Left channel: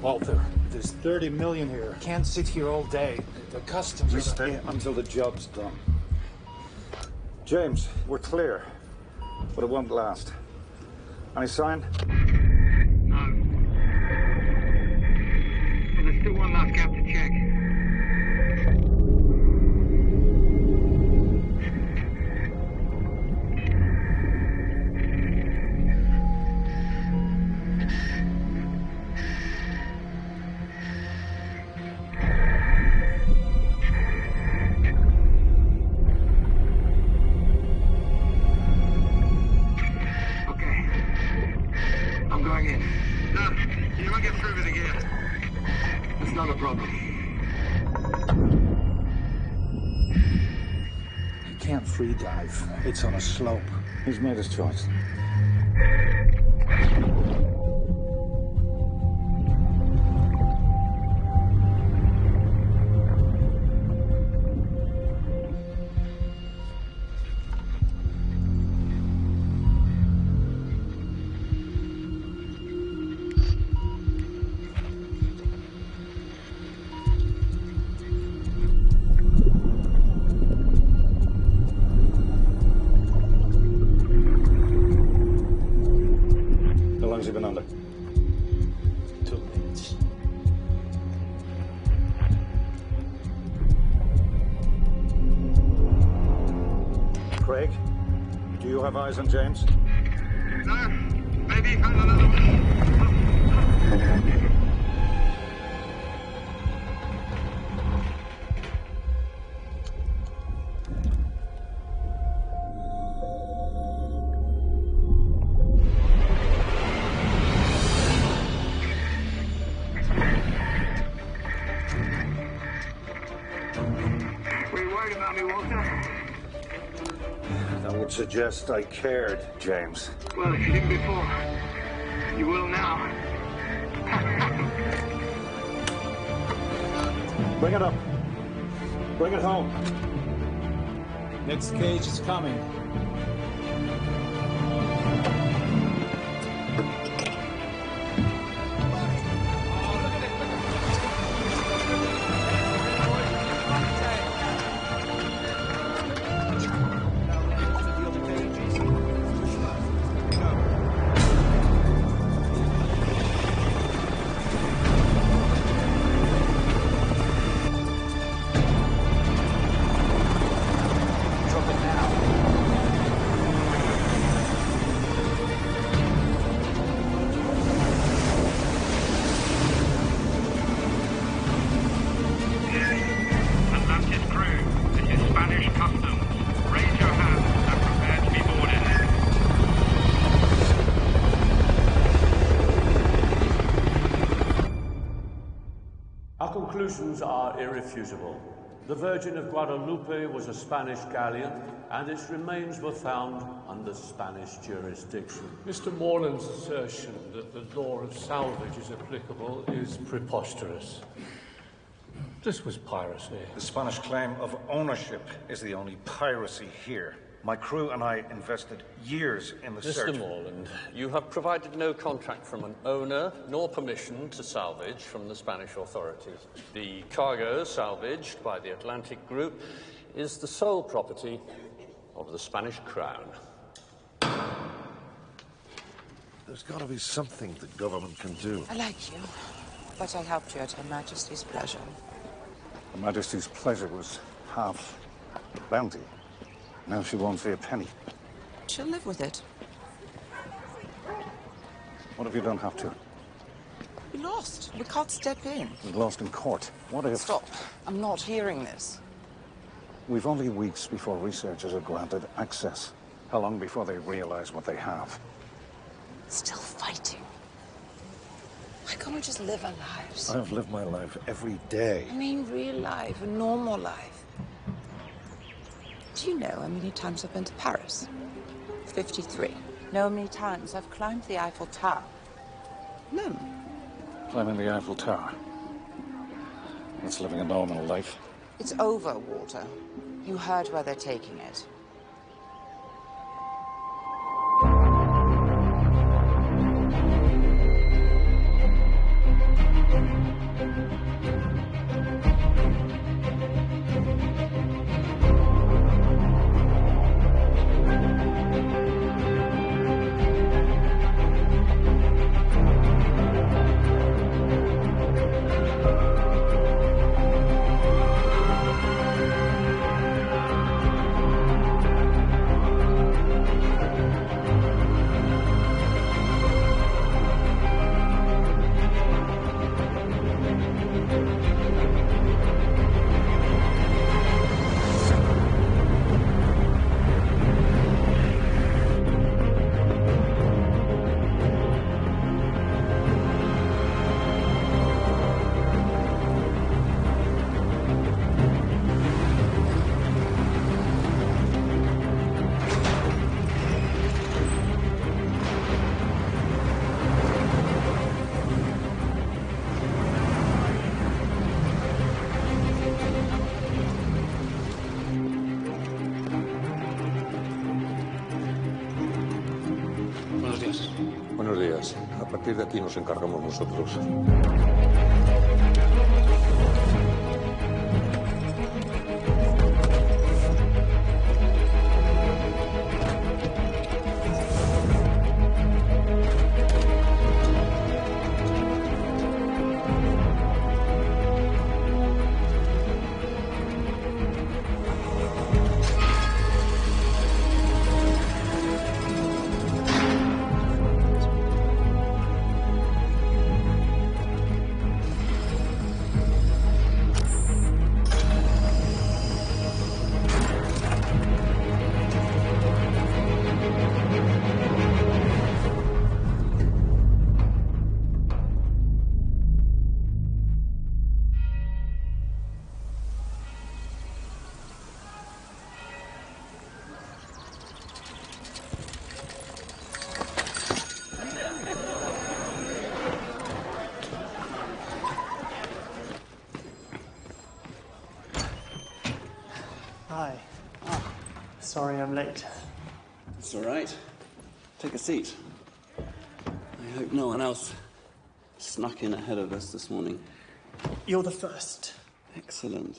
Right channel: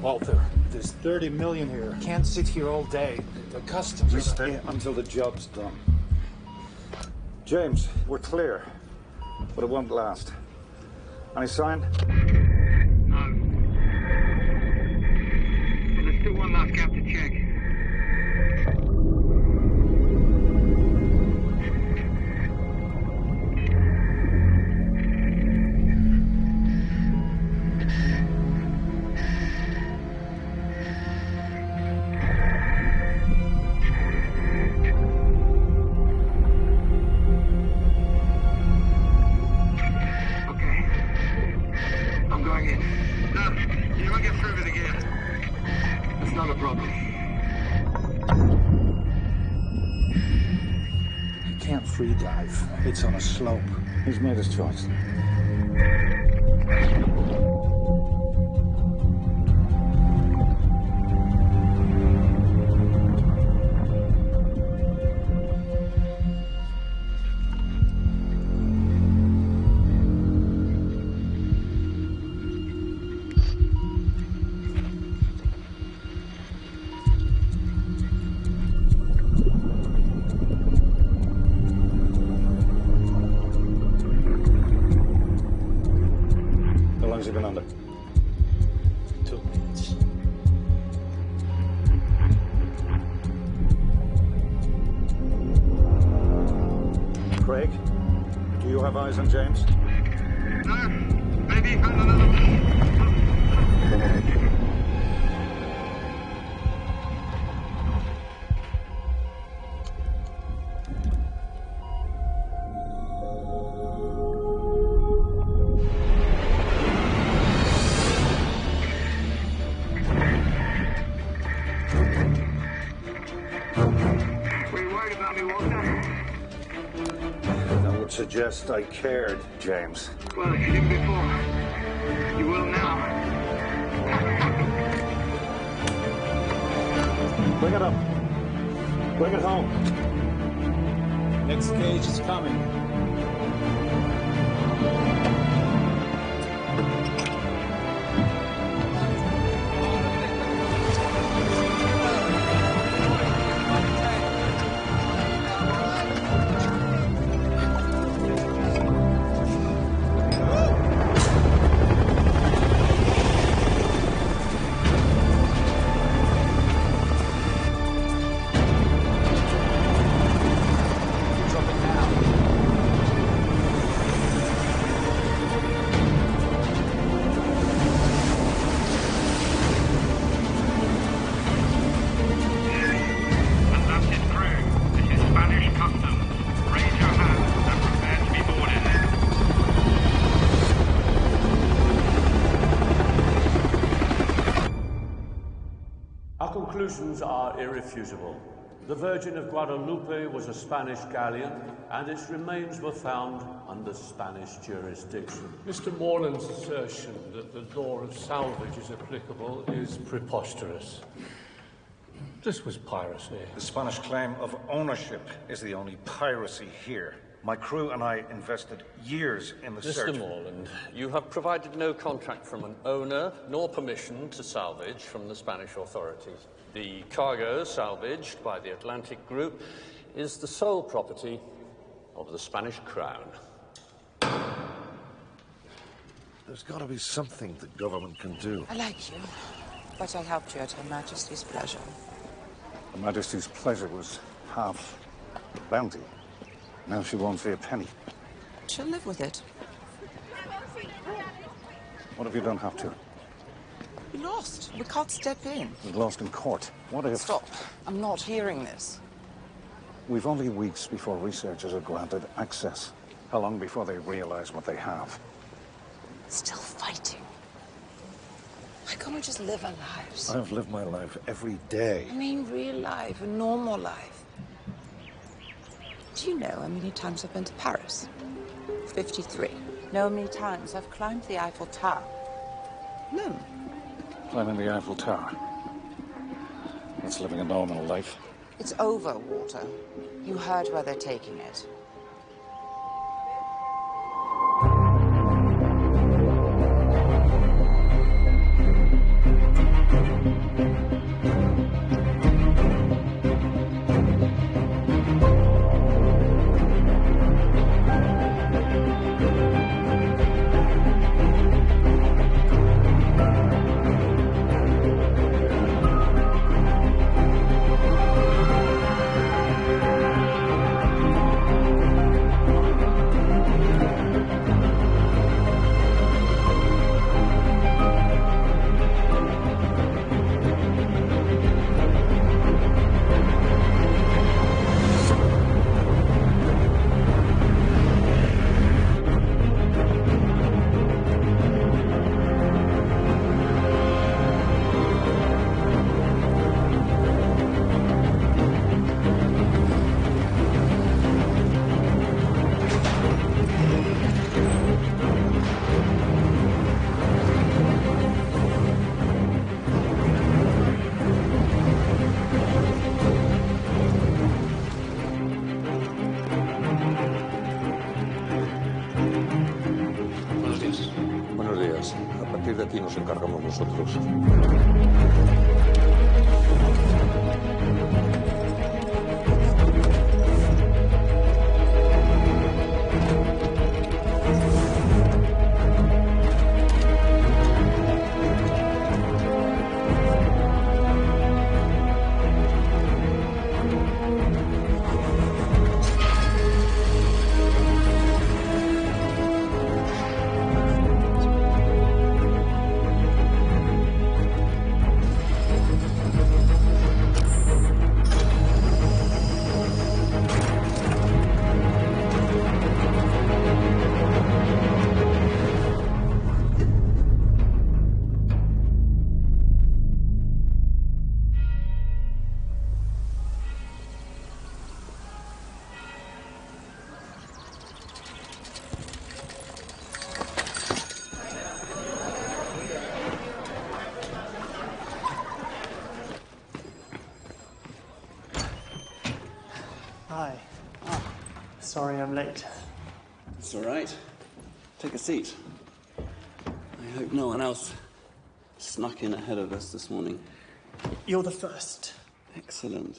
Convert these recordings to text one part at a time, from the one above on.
Walter, there's 30 million here. Can't sit here all day. The customs... We stay until the job's done. James, we're clear. But it won't last. Any sign? No. But there's still one last gap to check. Free dive. It's on a slope. He's made his choice. How long's he been under? 2 minutes. Craig, do you have eyes on James? No, maybe he found another one. That would suggest I cared, James. Well, if you didn't before, you will now. Bring it up. Bring it home. Next cage is coming. Our conclusions are irrefutable. The Virgin of Guadalupe was a Spanish galleon, and its remains were found under Spanish jurisdiction. Mr. Morland's assertion that the law of salvage is applicable is preposterous. This was piracy. The Spanish claim of ownership is the only piracy here. My crew and I invested years in the search. Mr. Morland, you have provided no contract from an owner, nor permission to salvage from the Spanish authorities. The cargo salvaged by the Atlantic Group is the sole property of the Spanish Crown. There's got to be something the government can do. I like you, but I helped you at Her Majesty's pleasure. Her Majesty's pleasure was half the bounty. Now she won't see a penny. She'll live with it. What if you don't have to? We lost. We can't step in. We lost in court. What if... Stop. I'm not hearing this. We've only weeks before researchers are granted access. How long before they realize what they have? Still fighting. Why can't we just live our lives? I've lived my life every day. I mean real life, a normal life. Do you know how many times I've been to Paris? 53. Know how many times I've climbed the Eiffel Tower? None. Climbing the Eiffel Tower. That's living a normal life. It's over, Walter. You heard where they're taking it. A partir de aquí nos encargamos nosotros. Hi. Sorry I'm late. It's all right. Take a seat. I hope no one else snuck in ahead of us this morning. You're the first. Excellent.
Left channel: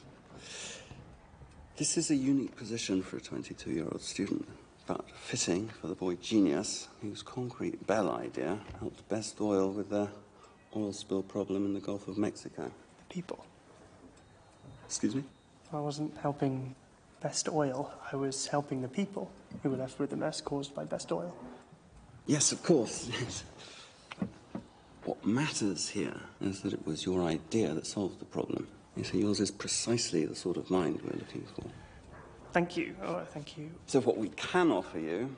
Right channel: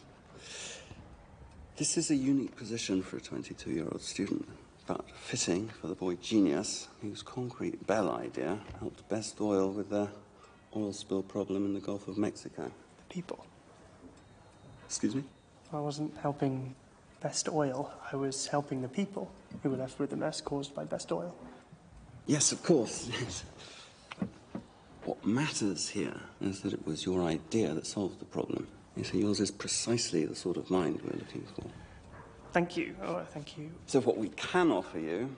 This is a unique position for a 22-year-old student, but fitting for the boy genius whose concrete bell idea helped Best Oil with their oil spill problem in the Gulf of Mexico. The people. Excuse me? I wasn't helping Best Oil. I was helping the people who were left with the mess caused by Best Oil. Yes, of course. Yes. What matters here is that it was your idea that solved the problem. You see, yours is precisely the sort of mind we're looking for. Thank you. Oh, thank you. So what we can offer you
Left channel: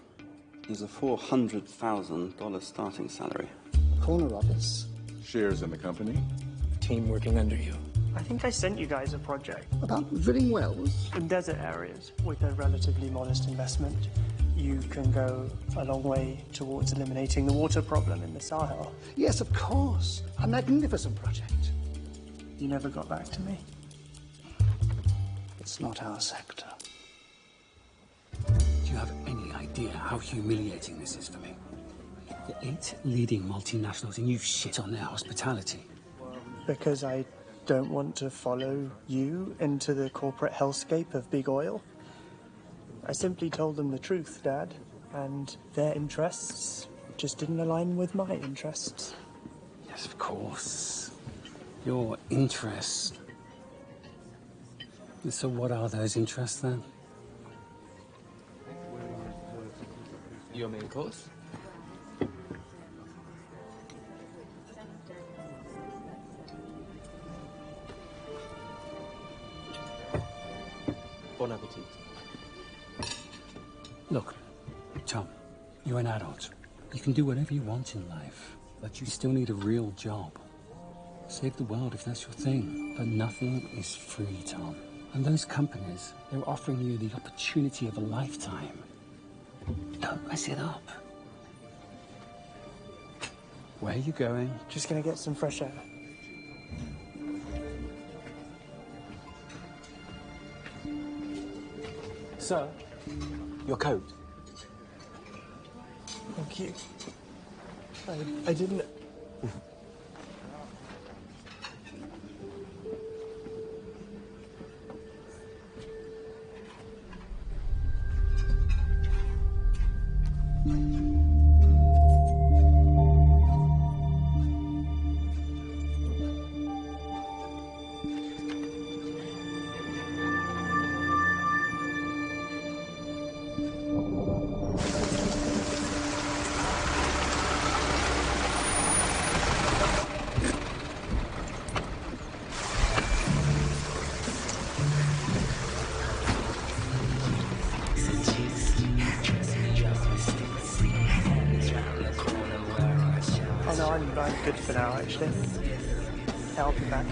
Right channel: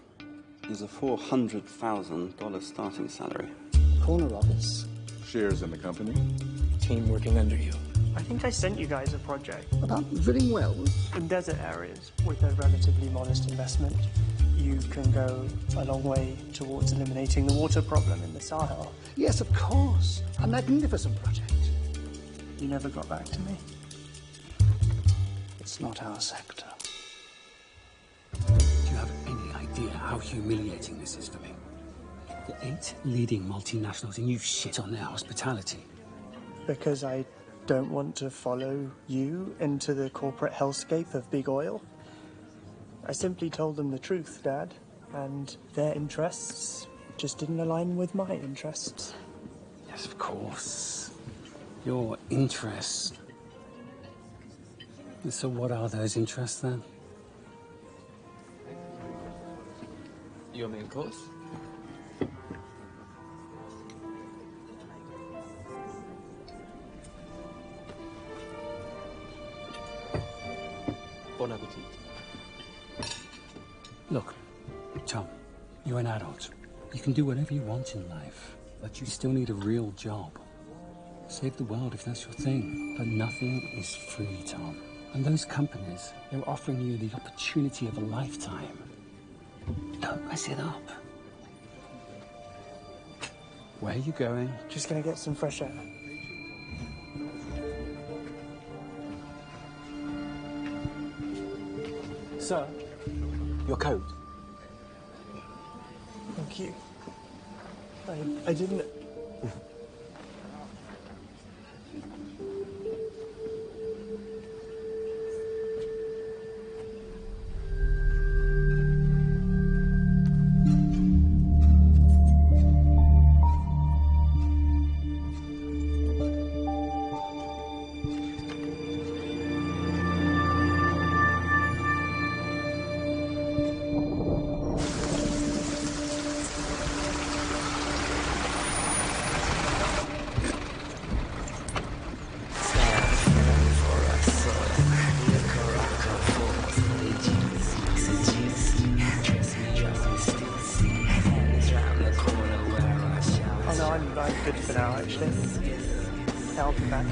is a $400,000 starting salary. Corner office. Shares in the company. Team working under you. I think I sent you guys a project. About drilling wells? In desert areas, with a relatively modest investment, you can go a long way towards eliminating the water problem in the Sahel. Yes, of course. A magnificent project. You never got back to me. It's not our sector. Do you have any idea how humiliating this is for me? The 8 leading multinationals, and you've shit on their hospitality. Because I don't want to follow you into the corporate hellscape of big oil. I simply told them the truth, Dad, and their interests just didn't align with my interests. Yes, of course. Your interests. So what are those interests, then? Your main course? Bon appetit. Look, Tom, you're an adult. You can do whatever you want in life, but you still need a real job. Save the world if that's your thing. But nothing is free, Tom. And those companies, they're offering you the opportunity of a lifetime. Don't mess it up. Where are you going? Just gonna get some fresh air. Sir, Your coat. thank you. I didn't... Oh no, I'm good for now, actually. I'll be back.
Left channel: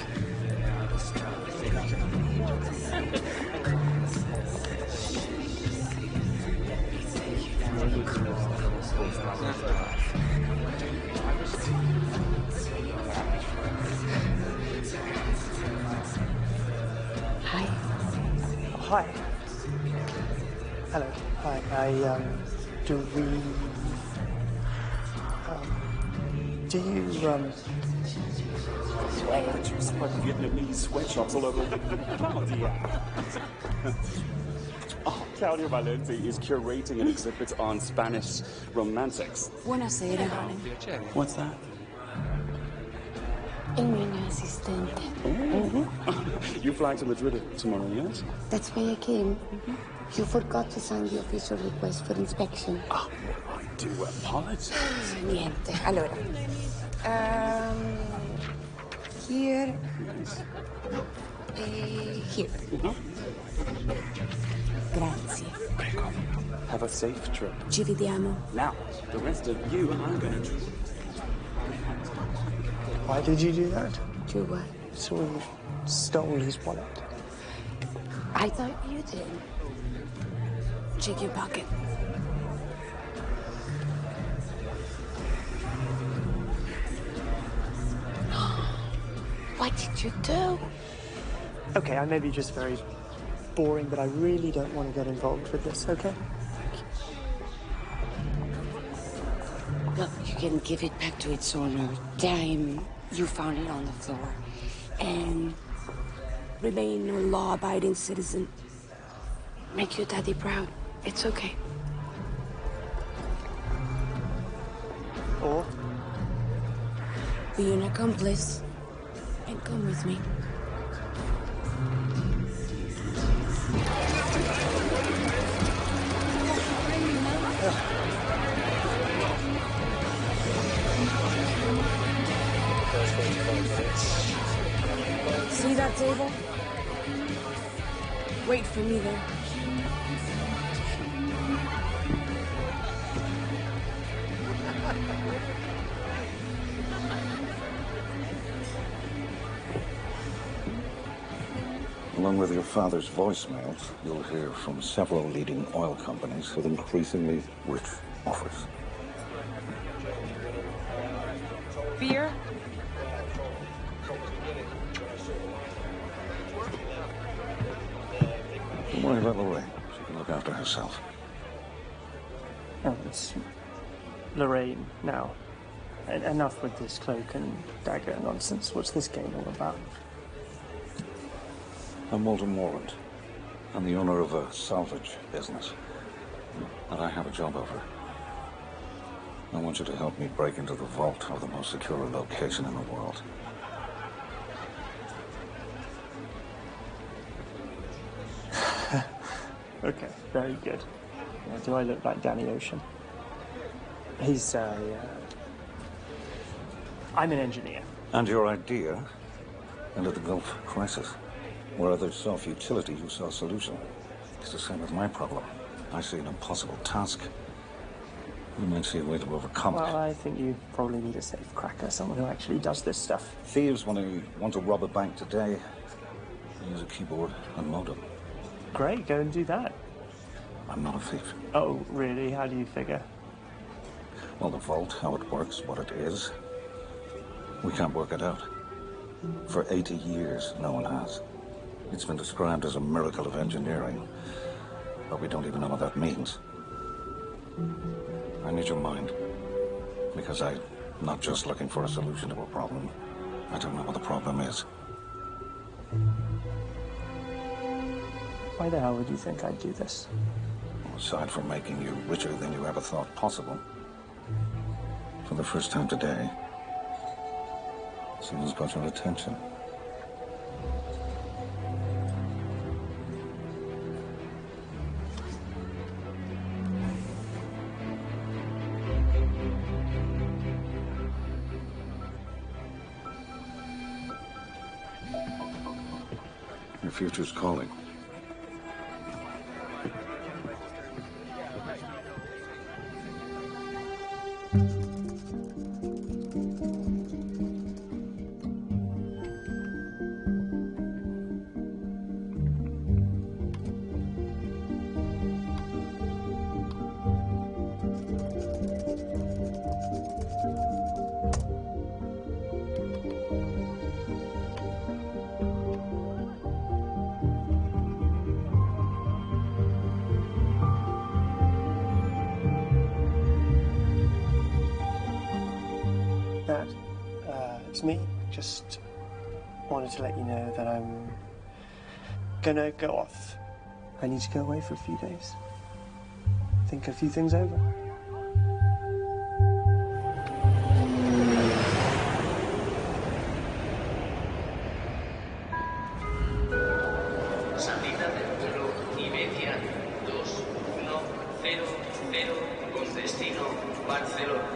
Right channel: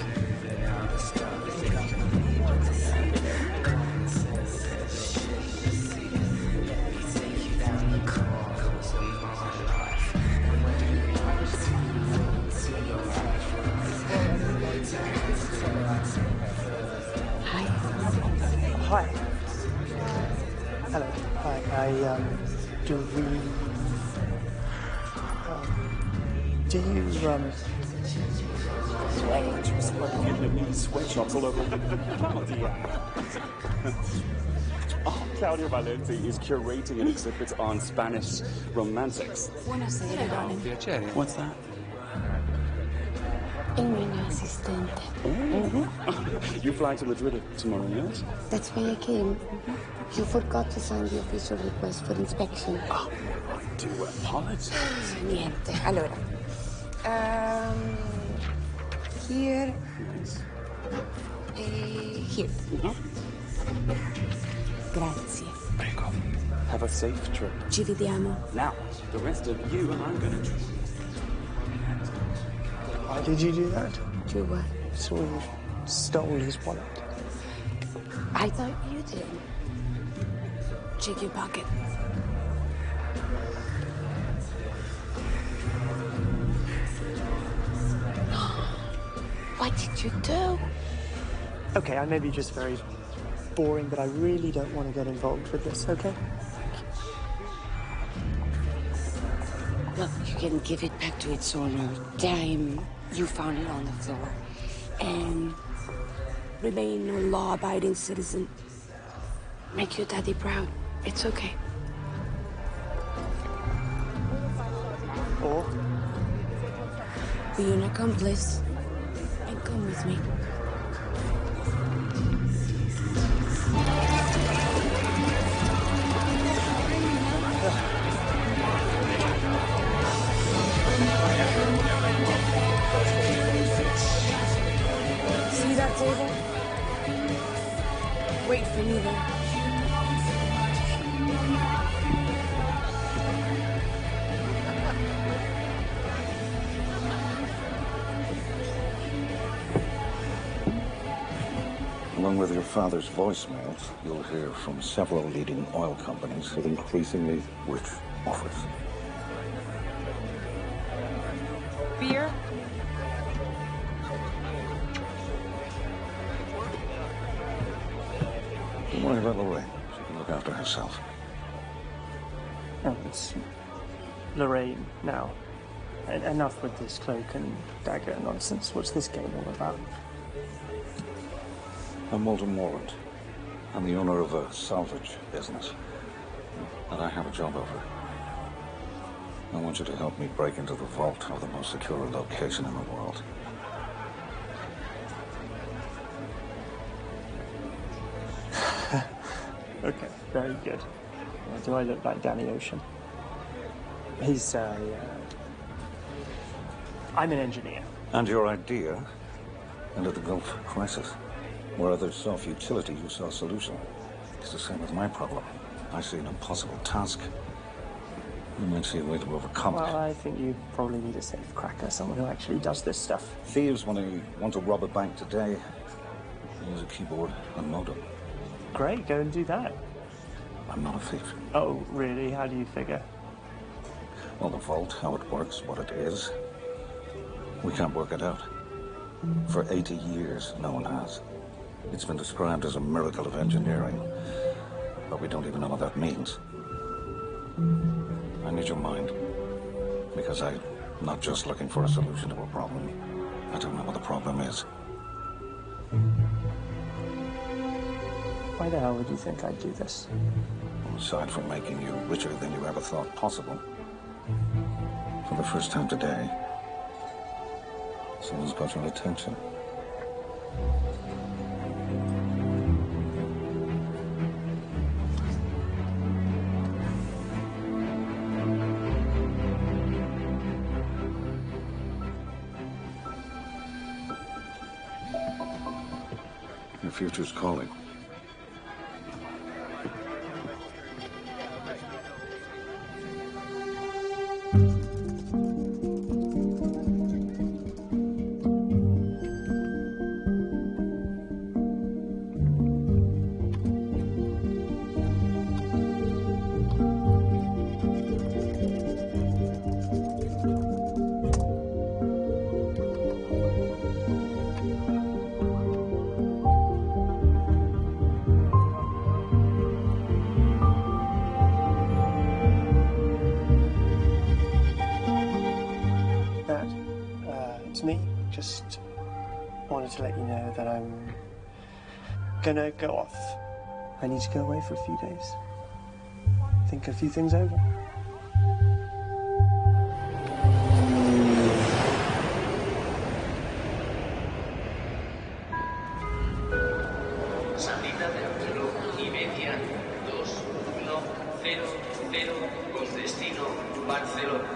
Hi. Hi. Hello. Hi. Do we... Do you, Vietnamese sweatshops all over. Claudia. Oh, Claudia Valente is curating an exhibit on Spanish romantics. Buonasera, darling. Piacere. What's that? Il mio assistente. You fly to Madrid tomorrow, yes? That's why I came. You forgot to sign the official request for inspection. Oh, I do apologize. Niente. Allora. Here. Here. Grazie. Prego. Have a safe trip. Ci vediamo. Now, the rest of you, I'm gonna treat. Why did you do that? Do what? So you stole his wallet. I thought you did. Check your pocket. What did you do? Okay, I may be just very boring, but I really don't want to get involved with this, okay? Look, you can give it back to its owner. Time you found it on the floor. And remain a law-abiding citizen. Make your daddy proud. It's okay. Or? Be an accomplice. And come with me. See that table? Wait for me there. Along with your father's voicemails, you'll hear from several leading oil companies with increasingly rich offers. Beer? Don't worry about Lorraine. She can look after herself. Oh, it's Lorraine now. Enough with this cloak and dagger nonsense. What's this game all about? I'm Walter Morland. I'm the owner of a salvage business. And I have a job offer. I want you to help me break into the vault of the most secure location in the world. Okay, very good. Do I look like Danny Ocean? He's, I'm an engineer. And your idea ended the Gulf crisis. Where others saw futility, you saw solution. It's the same with my problem. I see an impossible task. You might see a way to overcome Well, it. I think you probably need a safe cracker, someone who actually does this stuff. Thieves, when they want to rob a bank today, they use a keyboard and modem. Great, go and do that. I'm not a thief. Oh, really? How do you figure? Well, the vault, how it works, what it is, we can't work it out. For 80 years, no one has. It's been described as a miracle of engineering, but we don't even know what that means. I need your mind, because I'm not just looking for a solution to a problem. I don't know what the problem is. Why the hell would you think I'd do this? Aside from making you richer than you ever thought possible, for the first time today, someone's got your attention. Your future's calling. was me. Just wanted to let you know that I'm gonna go off. I need to go away for a few days. Think a few things over. Salida del vuelo Iberia 2100 con destino Barcelona.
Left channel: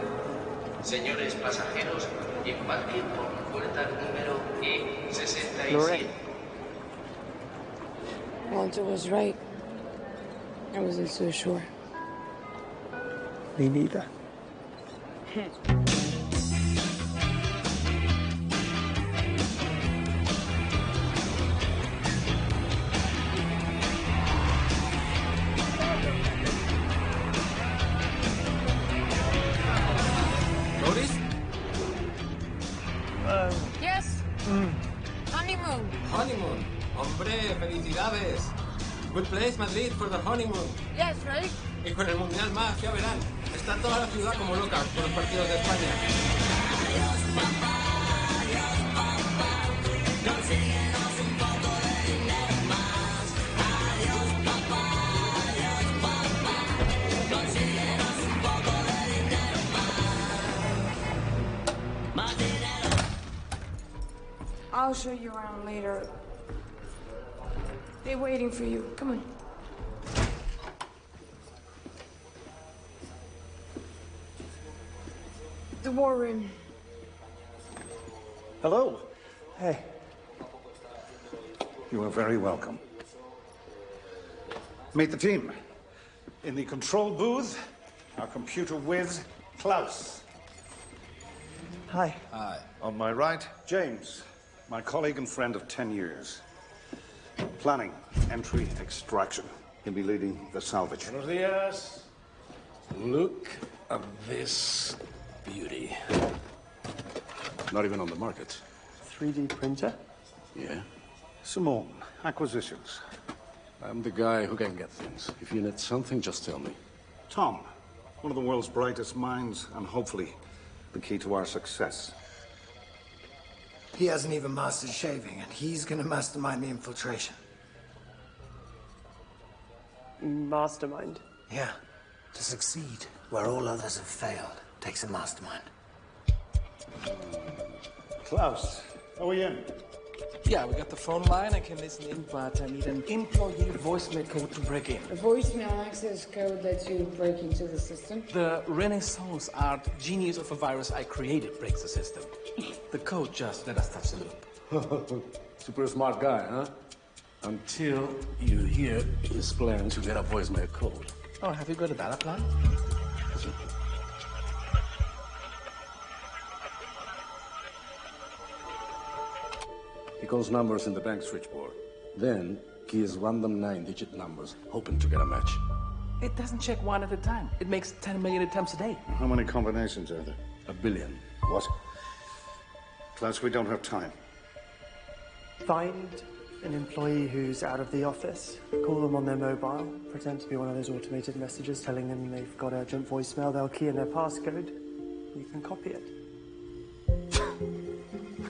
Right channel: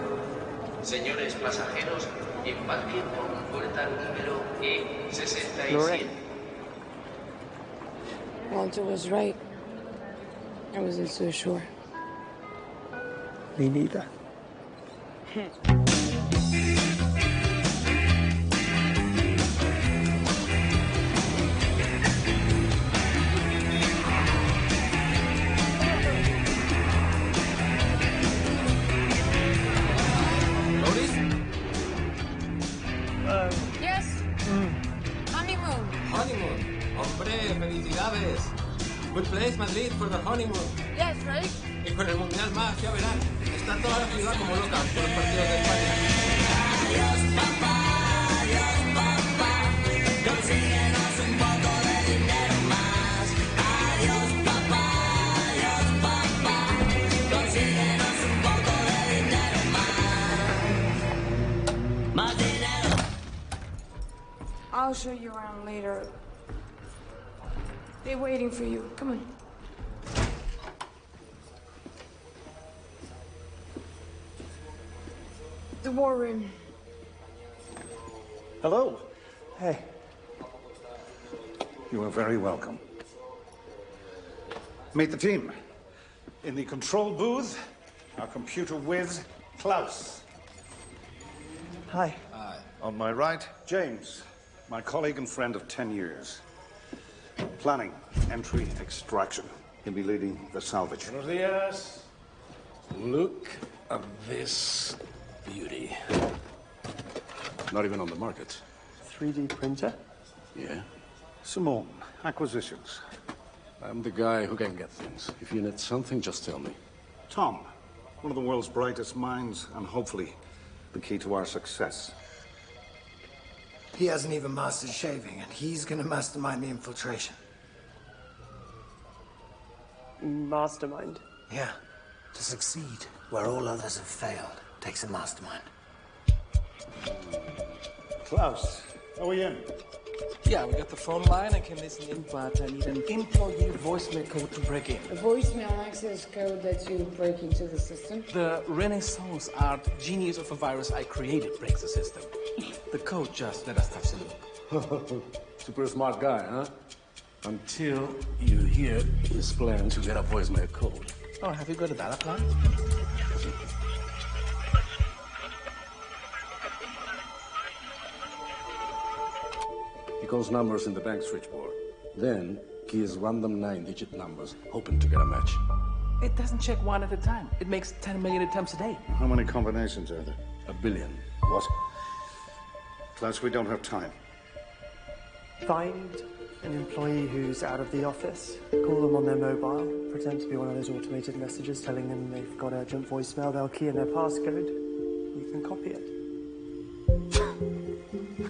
Señores pasajeros, embarquen por la puerta número E67. Walter was right. I wasn't so sure. Me neither. ¿Loris? Yes. Honeymoon. Honeymoon. Hombre, felicidades. Good place, Madrid, for the honeymoon. Yes, right? Y con el Mundial más, ya verán. Está toda la ciudad como loca por los partidos de España. Adiós, papá. Adiós, papá. Consíguenos un poco de dinero más. Adiós, papá. Adiós, papá. Consíguenos un poco de dinero más. Más dinero. I'll show you around later. They're waiting for you. Come on. The war room. Hello. Hey. You are very welcome. Meet the team. In the control booth, our computer whiz, Klaus. Hi. Hi. On my right, James, my colleague and friend of 10 years. Planning, entry, extraction. He'll be leading the salvage. Buenos días. Look at this beauty. Not even on the market. 3D printer? Yeah. Simone, acquisitions. I'm the guy who can get things. If you need something, just tell me. Tom, one of the world's brightest minds, and hopefully the key to our success. He hasn't even mastered shaving, and he's gonna mastermind the infiltration. Mastermind? Yeah. To succeed where all others have failed takes a mastermind. Klaus, are we in? Yeah, we got the phone line. I can listen in, but I need an employee voicemail code to break in. The voicemail access code lets you break into the system. The Renaissance art genius of a virus I created breaks the system. The code just let us touch the loop. Super smart guy, huh? Until you hear his plan to get a voicemail code. Oh, have you got a data plan? He calls numbers in the bank switchboard. Then, keys random 9-digit numbers, hoping to get a match. It doesn't check one at a time. It makes 10 million attempts a day. How many combinations are there? 1 billion. What? Klaus, we don't have time. Find an employee who's out of the office, call them on their mobile, pretend to be one of those automated messages telling them they've got urgent voicemail, they'll key in their passcode, you can copy it.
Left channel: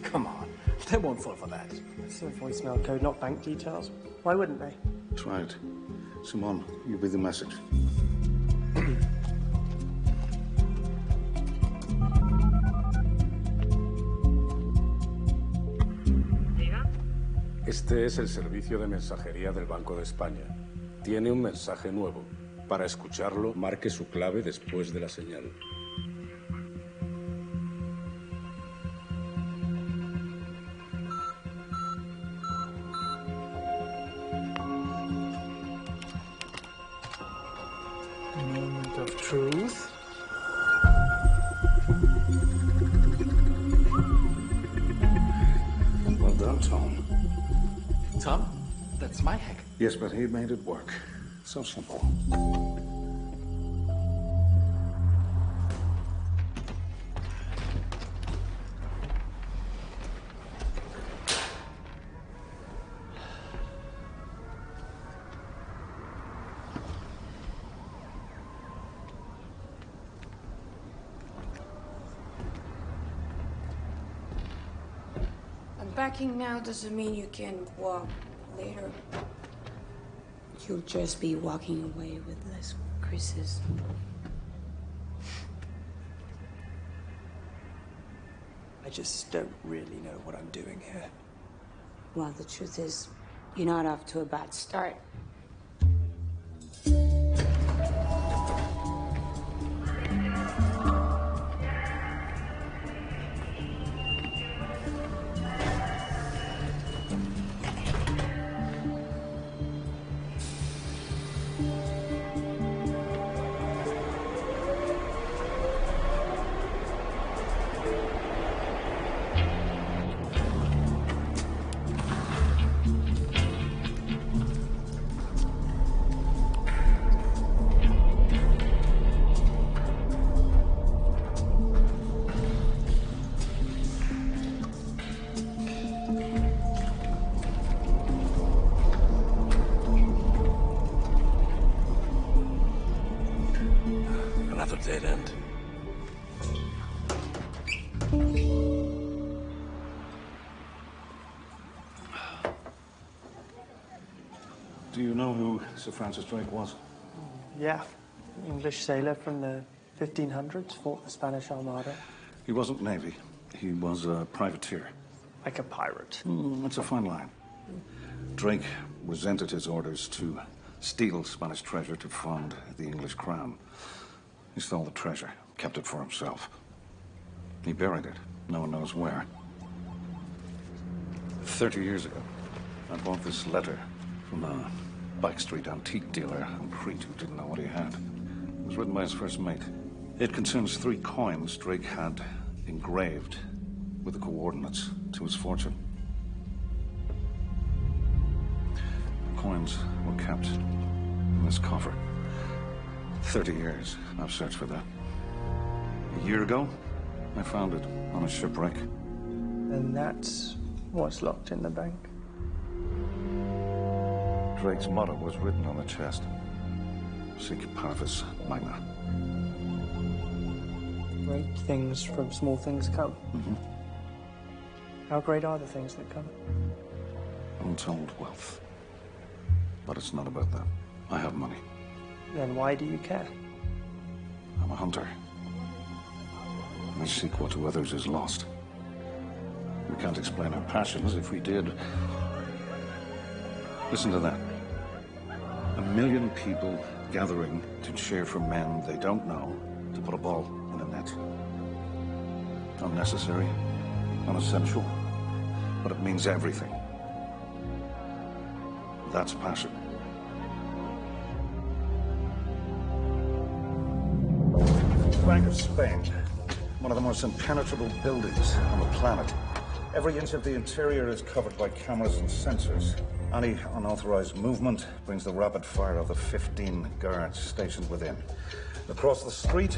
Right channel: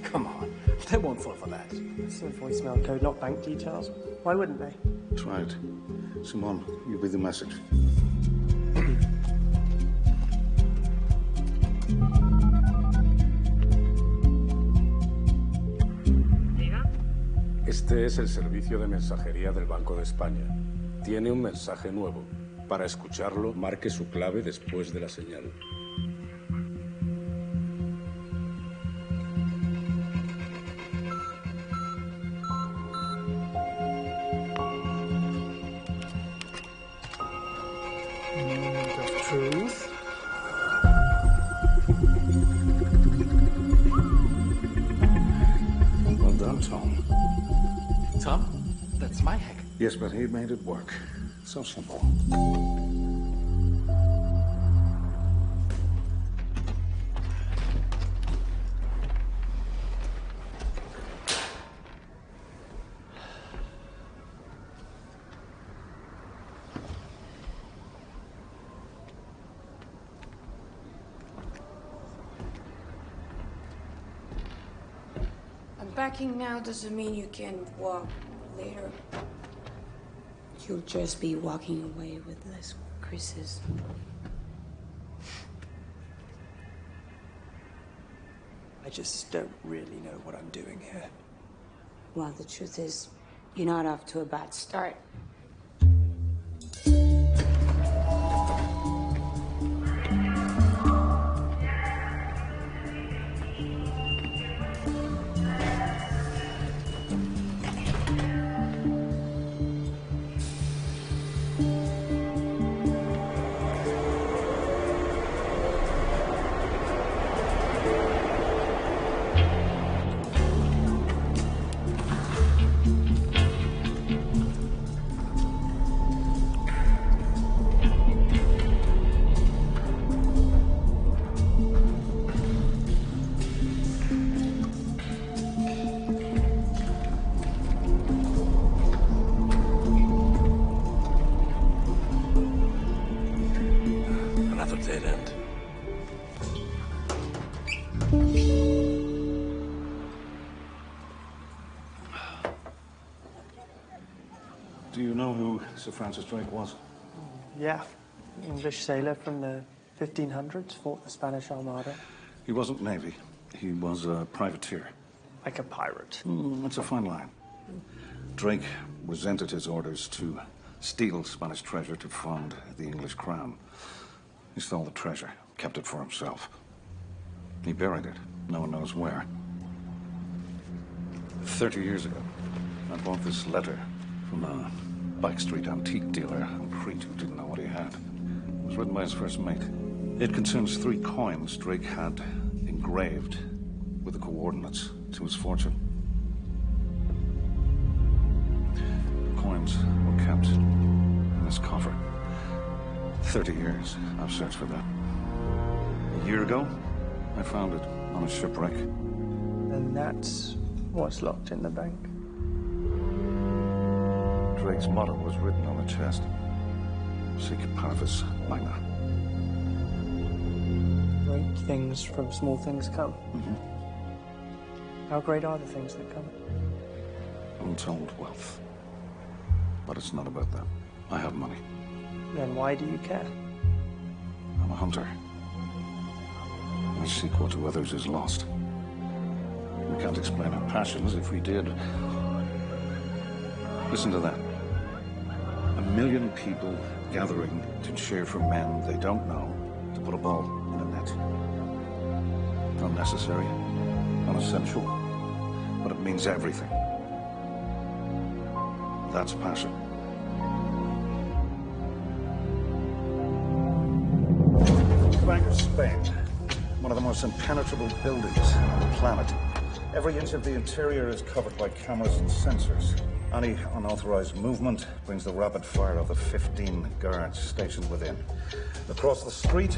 Come on, they won't fall for that. It's a voicemail code, not bank details. Why wouldn't they? Try it. Simone, you be the message. Este es el servicio de mensajería del Banco de España. Tiene un mensaje nuevo. Para escucharlo, marque su clave después de la señal. Moment of truth. Well done, Tom. Tom, that's my hack. Yes, but he made it work. So simple. backing now doesn't mean you can walk later. You'll just be walking away with less Chris's. I just don't really know what I'm doing here. Well, the truth is, you're not off to a bad start. Another dead end. Do you know who Sir Francis Drake was? Yeah, English sailor from the 1500s, fought the Spanish Armada. He wasn't Navy. He was a privateer. Like a pirate. That's a fine line. Drake resented his orders to steal Spanish treasure to fund the English crown. He stole the treasure, kept it for himself. He buried it. No one knows where. 30 years ago, I bought this letter from a Bike Street antique dealer in Crete who didn't know what he had. It was written by his first mate. It concerns 3 coins Drake had engraved with the coordinates to his fortune. The coins were kept in this coffer. 30 years I've searched for that. A year ago, I found it on a shipwreck. And that's what's locked in the bank. Drake's motto was written on the chest. Sic parvis magna. Great things from small things come. Mm-hmm. How great are the things that come? Untold wealth. But it's not about that. I have money. Then why do you care? I'm a hunter. I seek what to others is lost. We can't explain our passions. If we did... Listen to that. 1 million people gathering to cheer for men they don't know to put a ball in a net. Unnecessary, unessential, but it means everything. That's passion. Bank of Spain, one of the most impenetrable buildings on the planet. Every inch of the interior is covered by cameras and sensors. Any unauthorized movement brings the rapid fire of the 15 guards stationed within. Across the street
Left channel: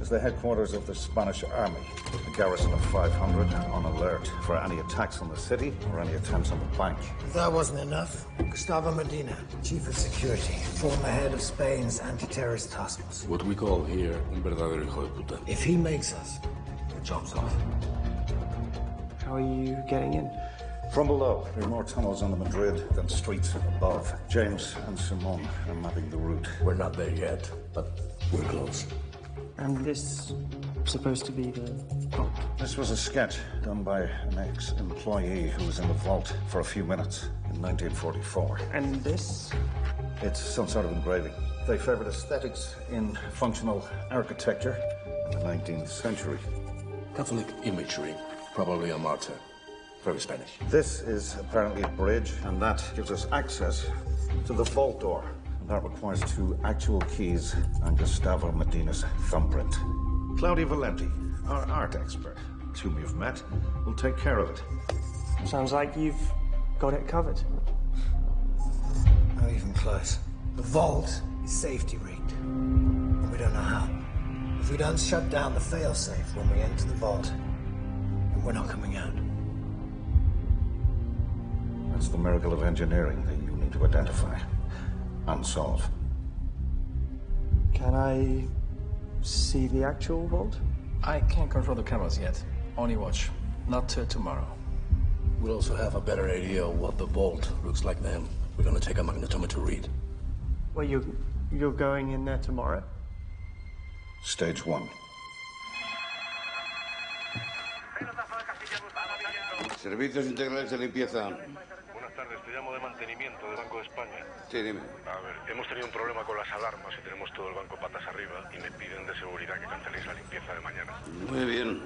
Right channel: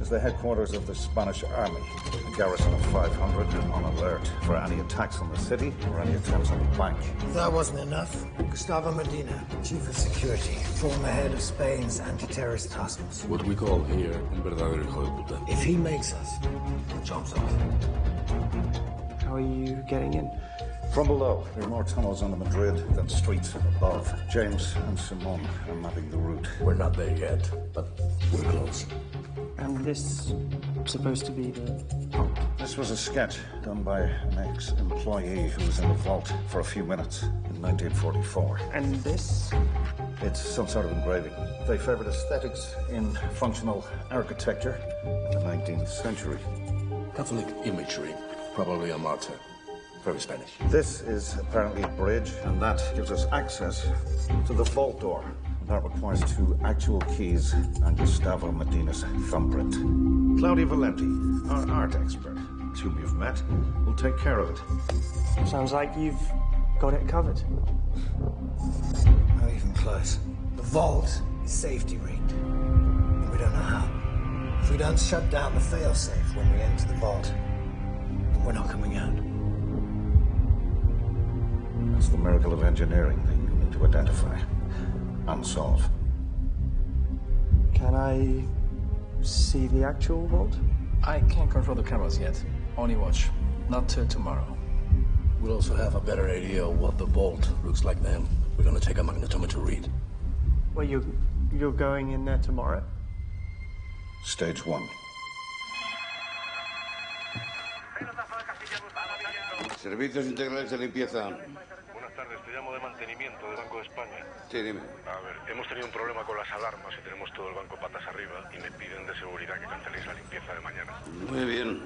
is the headquarters of the Spanish army, a garrison of 500 on alert for any attacks on the city or any attempts on the bank. If that wasn't enough, Gustavo Medina, Chief of Security, former head of Spain's anti-terrorist task force. What we call here un verdadero hijo de puta. If he makes us, the job's off. How are you getting in? From below, there are more tunnels under Madrid than streets above. James and Simone are mapping the route. We're not there yet, but we're close. And this supposed to be the vault? This was a sketch done by an ex-employee who was in the vault for a few minutes in 1944. And this? It's some sort of engraving. They favored aesthetics in functional architecture in the 19th century. Catholic imagery, probably a martyr. Very Spanish. This is apparently a bridge, and that gives us access to the vault door. That requires 2 actual keys and Gustavo Medina's thumbprint. Claudia Valenti, our art expert, whom you've met, will take care of it. Sounds like you've got it covered. Not even close. The vault is safety rigged. And we don't know how. If we don't shut down the failsafe when we enter the vault, then we're not coming out. That's the miracle of engineering that you need to identify and solve. Can I see the actual vault? I can't control the cameras yet. Only watch. Not till tomorrow. We'll also have a better idea of what the vault looks like then. We're gonna take a magnetometer read. Well, you're going in there tomorrow? Stage 1. Servicios integrales de limpieza. Buenas tardes, te llamo de mantenimiento del Banco de España. Sí, dime. A ver, hemos tenido un problema con las alarmas y tenemos todo el banco patas arriba y me piden de seguridad que canceléis la limpieza de mañana. Muy bien.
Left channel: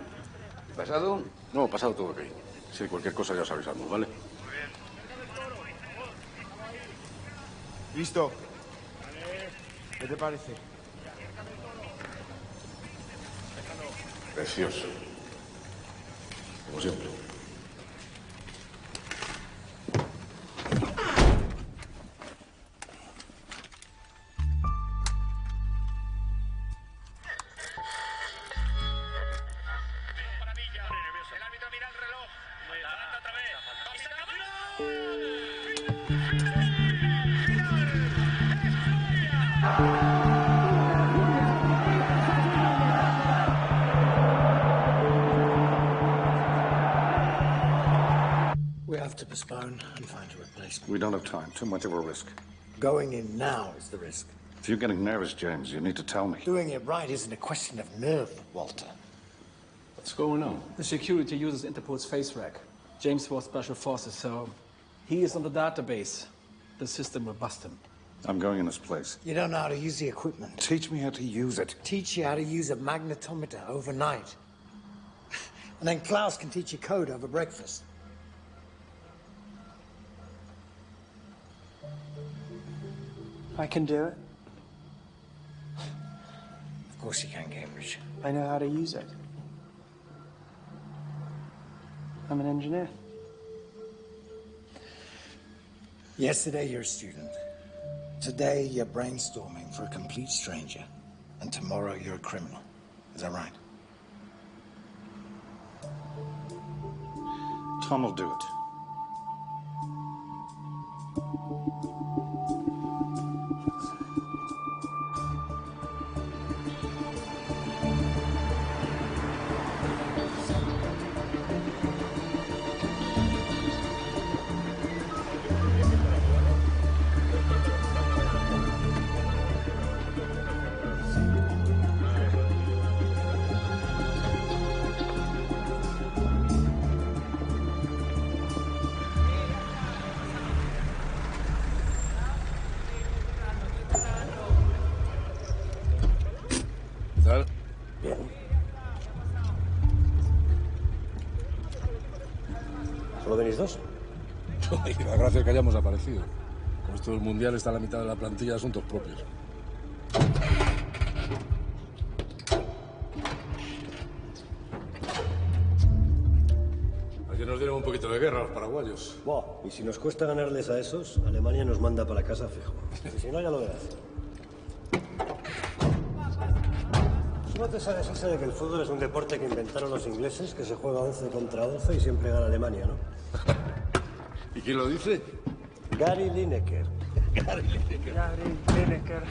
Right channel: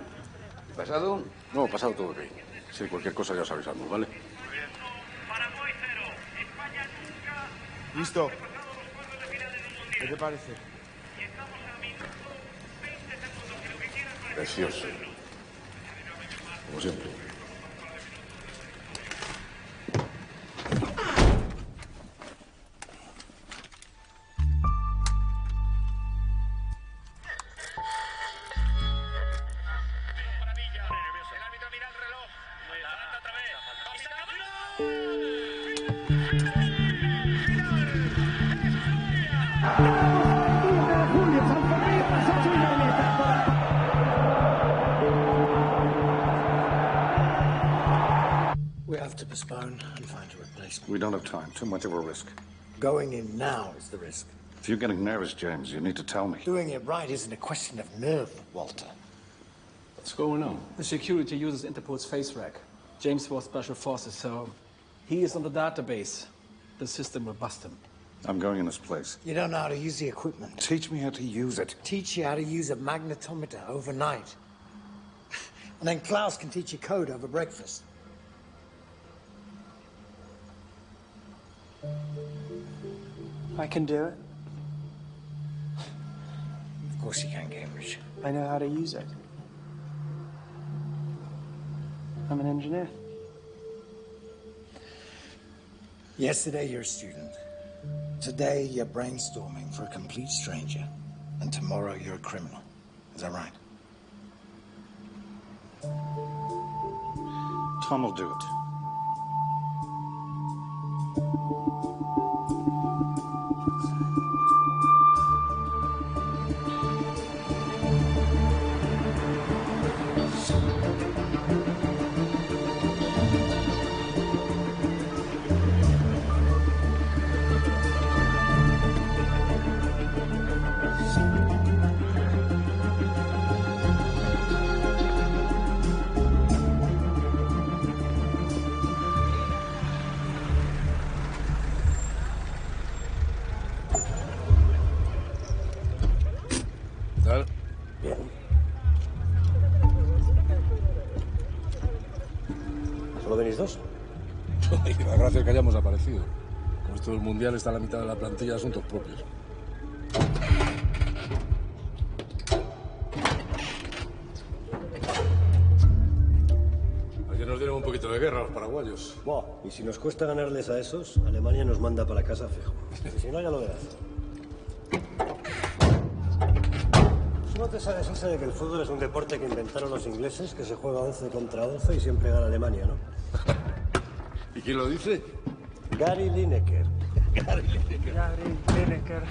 ¿Pasado? No, pasado todo ok. Si cualquier cosa ya os avisamos, ¿vale? Listo. ¿Qué te parece? Precioso. Como siempre. We have to postpone and find a replacement. We don't have time. Too much of a risk. Going in now is the risk. If you're getting nervous, James, you need to tell me. Doing it right isn't a question of nerve, Walter. What's going on? The security uses Interpol's face rack. James was Special Forces, so he is on the database. The system will bust him. I'm going in his place. You don't know how to use the equipment. Teach me how to use it. Teach you how to use a magnetometer overnight. And then Klaus can teach you code over breakfast. I can do it. Of course you can, Cambridge. I know how to use it. I'm an engineer. Yesterday you're a student. Today you're brainstorming for a complete stranger. And tomorrow you're a criminal. Is that right? Tom will do it. ¿Tal? Bien. ¿Solo venís dos? Y la gracia es que hayamos aparecido. Con esto del mundial está la mitad de la plantilla de asuntos propios. Ayer nos dieron un poquito de guerra a los paraguayos. Buah, y si nos cuesta ganarles a esos, Alemania nos manda para casa fijo. Y si no, ya lo verás. ¿Tú no te sabes esa de que el fútbol es un deporte que inventaron los ingleses, que se juega 11 contra 11 y siempre gana Alemania, ¿no? ¿Y quién lo dice? Gary Lineker. Gary Lineker.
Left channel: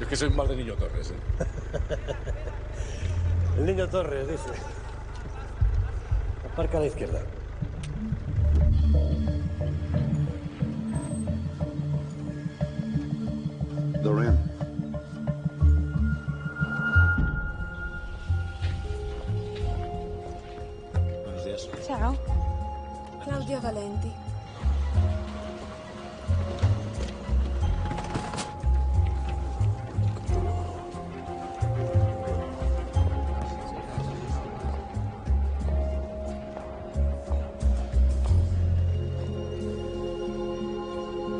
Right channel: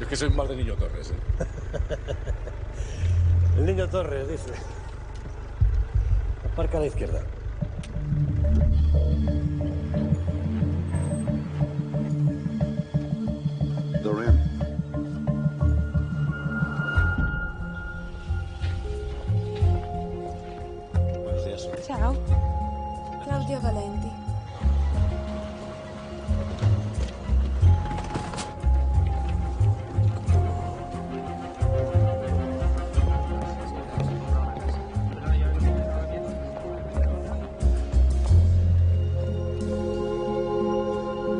Es que soy más de Niño Torres, ¿eh? El Niño Torres, dice. Aparca a la izquierda. Dorian. Buenos días. Ciao. Claudia Valenti.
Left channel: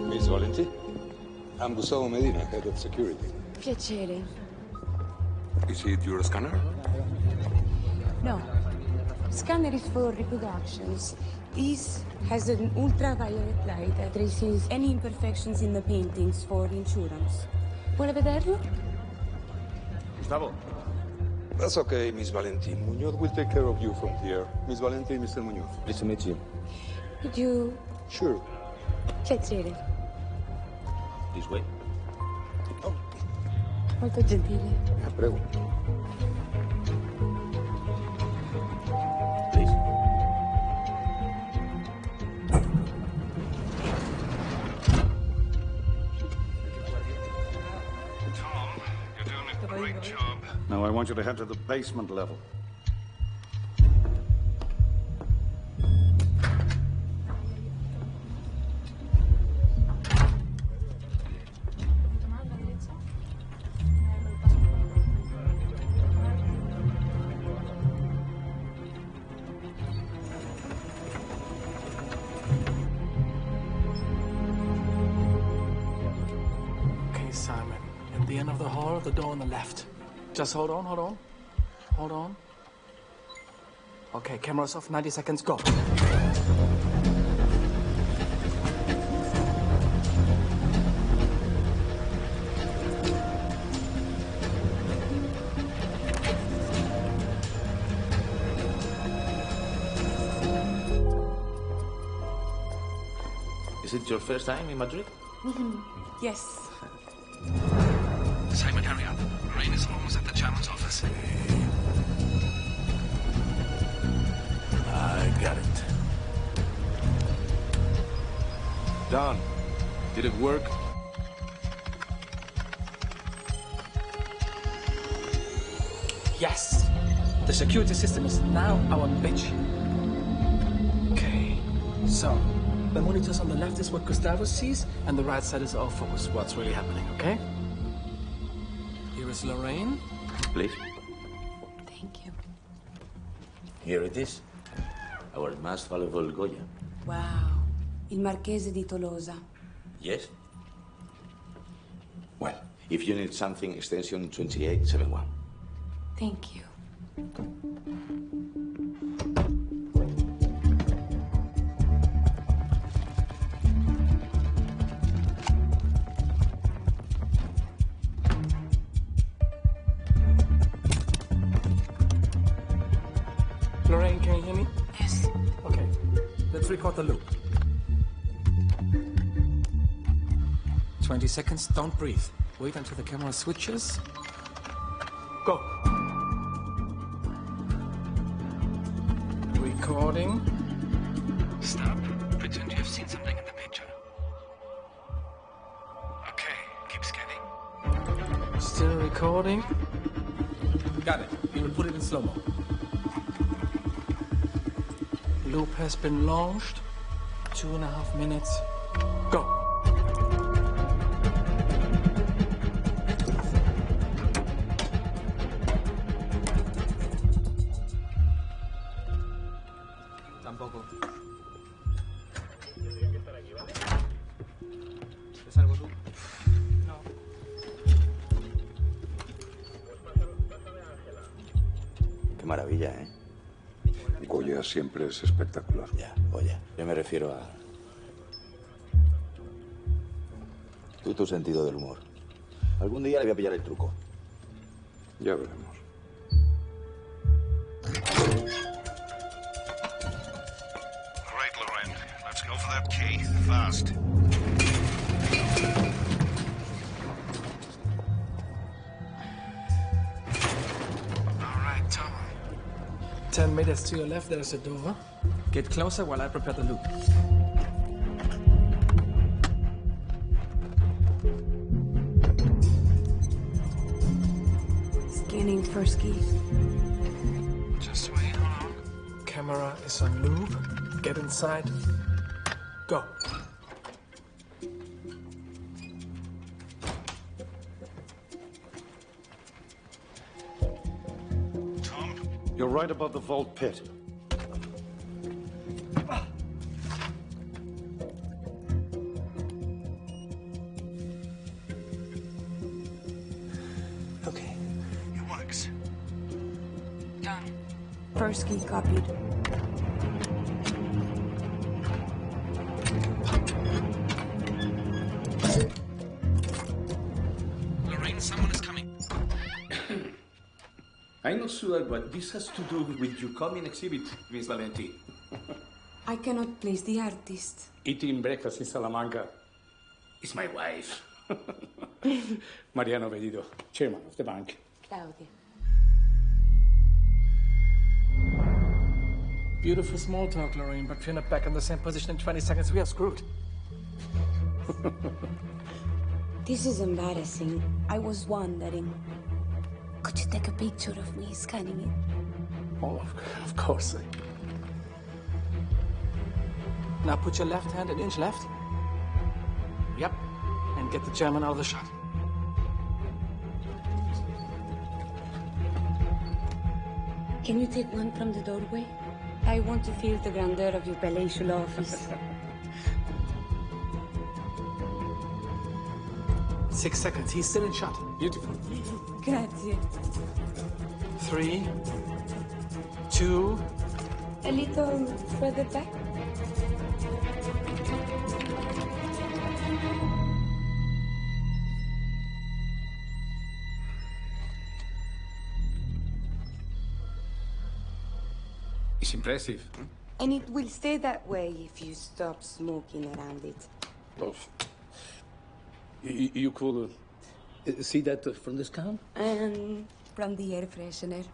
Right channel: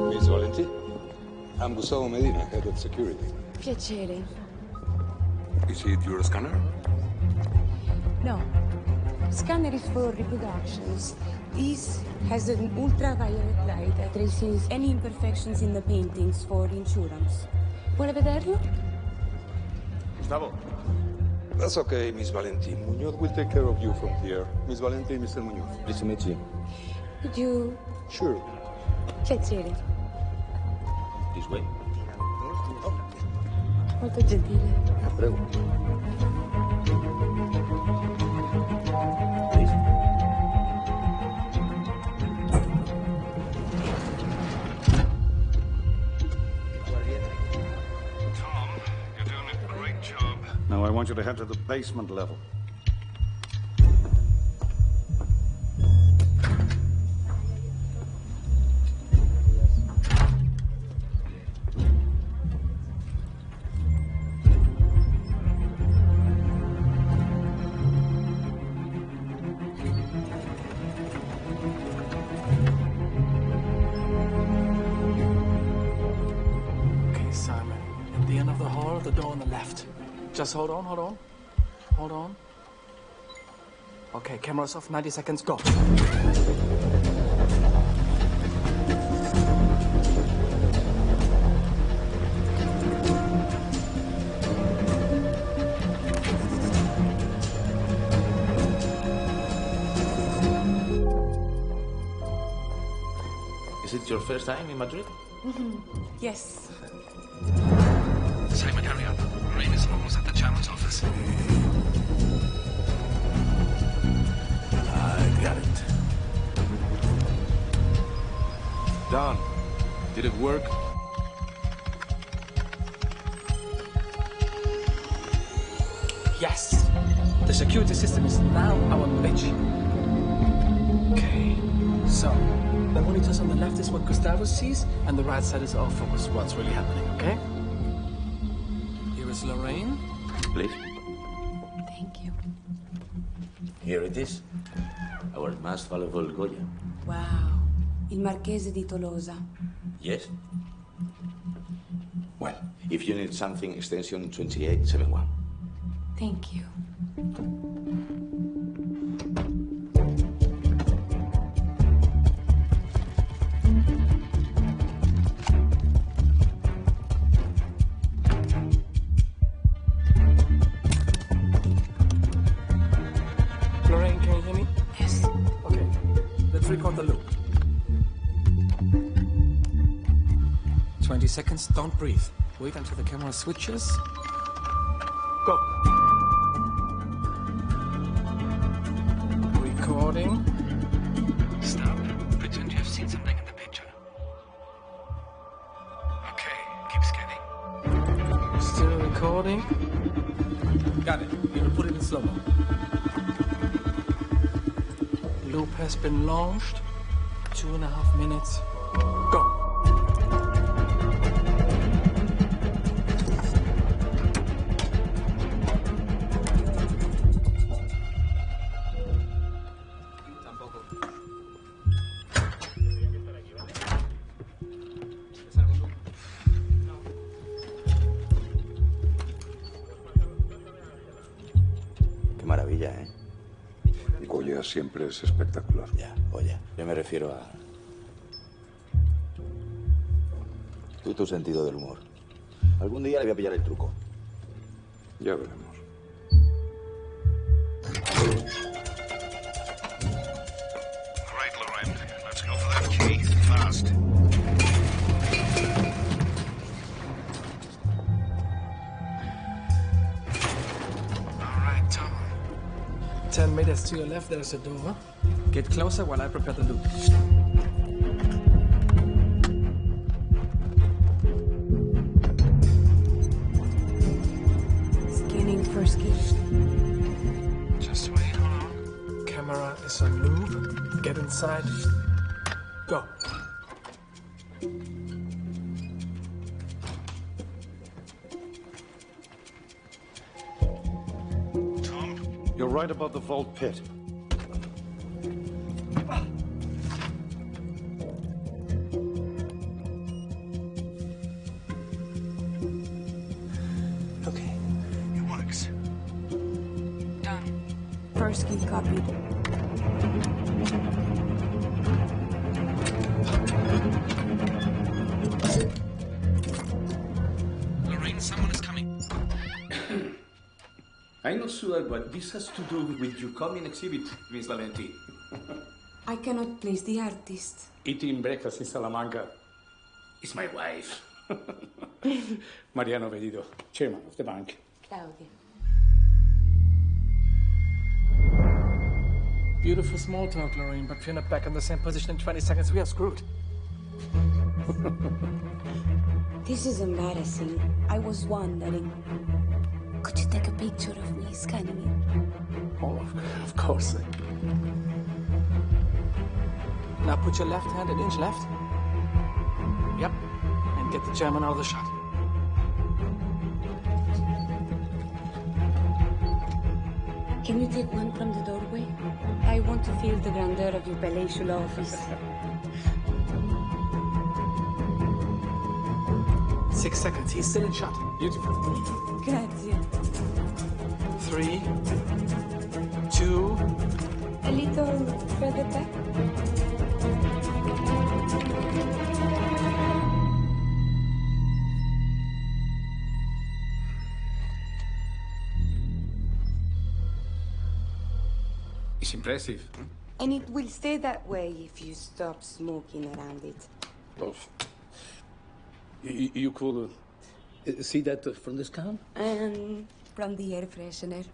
Miss Valenti? I'm Gustavo Medina, head of security. Piacere. Is it your scanner? No. Scanner is for reproductions. This has an ultraviolet light that traces any imperfections in the paintings for insurance. Vuole vederlo? Gustavo. That's okay, Miss Valenti. Muñoz will take care of you from here. Miss Valenti, Mr. Muñoz. Pleased to meet you. Could you... Sure. Piacere. This way. Molto gentile. Prego. Please. job. Now I want you to head to the basement level. Okay, Simon. At the end of the hall, the door on the left. Just hold on, hold on. Hold on. Okay, cameras off, 90 seconds, go. Is it your first time in Madrid? Yes. Simon, hurry up. Lorraine is almost at the Chairman's office. I got it. Don, did it work? Yes. The security system is now our bitch. Okay. So, the monitors on the left is what Gustavo sees, and the right side is our focus, what's really happening, okay? Here is Lorraine. Please. Thank you. Here it is. Our most valuable Goya. Wow. Il Marchese di Tolosa. Yes? Well, if you need something, extension 2871. Thank you. Lorraine, can you hear me? Yes. Okay. Let's record the loop. 20 seconds, don't breathe. Wait until the camera switches. Go. Recording. Stop. Pretend you have seen something in the picture. Okay, keep scanning. Still recording. Got it. We will put it in slow-mo. Loop has been launched. 2.5 minutes. Go. Tampoco. ¿Es algo tú? No. Qué maravilla, ¿eh? Goya siempre es espectacular. Ya, oye, yo me refiero a... Tú y tu sentido del humor. Algún día le voy a pillar el truco. Ya veremos. All right, Lorraine. Let's go for that key. Fast. All right, Tom. 10 meters to your left, there's a door. Get closer while I prepare the loop. Scanning first key. Just wait, hold on. Camera is on loop. Get inside. Go. You're right above the vault pit. Okay. It works. Done. First key copied. Lorraine, someone is coming. I'm not sure what this has to do with your coming exhibit, Miss Valenti. I cannot place the artist. Eating breakfast in Salamanca is my wife. Mariano Bellido, chairman of the bank. Claudia. Beautiful small talk, Lorraine, but if you're not back in the same position in 20 seconds, we are screwed. This is embarrassing. I was wondering. Could you take a picture of me scanning it? Oh, of course. Now put your left hand an inch left. Yep. And get the German out of the shot. Can you take one from the doorway? I want to feel the grandeur of your palatial office. 6 seconds. He's still in shot. Beautiful. Grazie. 3, 2. A little further back. It's impressive. And it will stay that way if you stop smoking around it. Oh. You could see that from this can? And from the air freshener.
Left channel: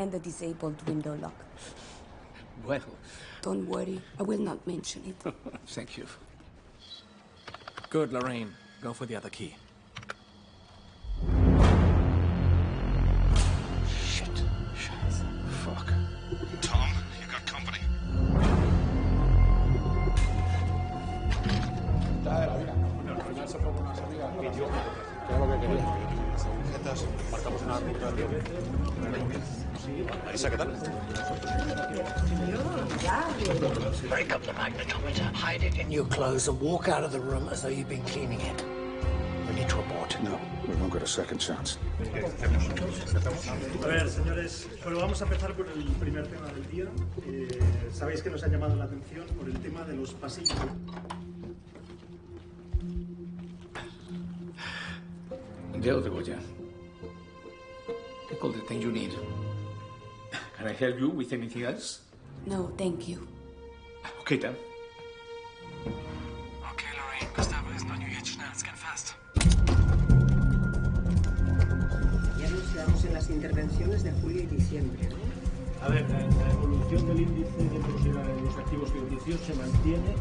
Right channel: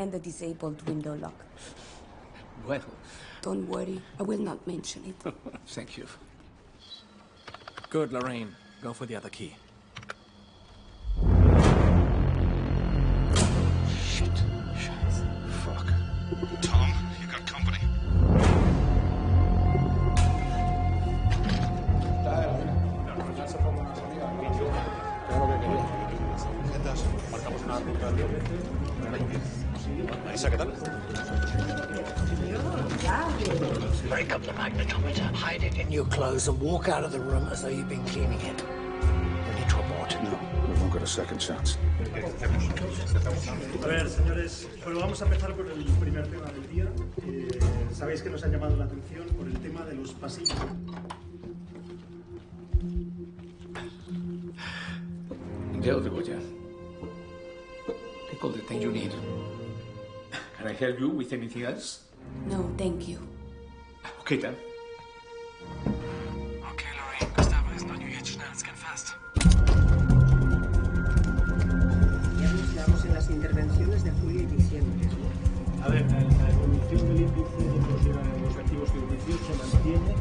And the disabled window lock. Well. Don't worry, I will not mention it. Thank you. Good, Lorraine. Go for the other key. Shit. Fuck. Tom, you got company. Marcamos una ruta de... Marisa, ¿qué tal? Break up the magnetometer, hide it in your clothes, and walk out of the room as though you've been cleaning it. We need to abort. No, we won't get a second chance. A ver, señores, bueno, vamos a empezar por el primer tema del día. Sabéis que nos ha llamado la atención por el tema de los pasillos. Ya lo tengo ya. Take all the time you need. Can I help you with anything else? No, thank you. Okay, then. Okay, Lorraine. Gustavo isn't on you yet. Schnell, scan fast. Ya nos quedamos en las intervenciones de julio y diciembre. A ver, la evolución del índice de los activos crediticios se mantiene.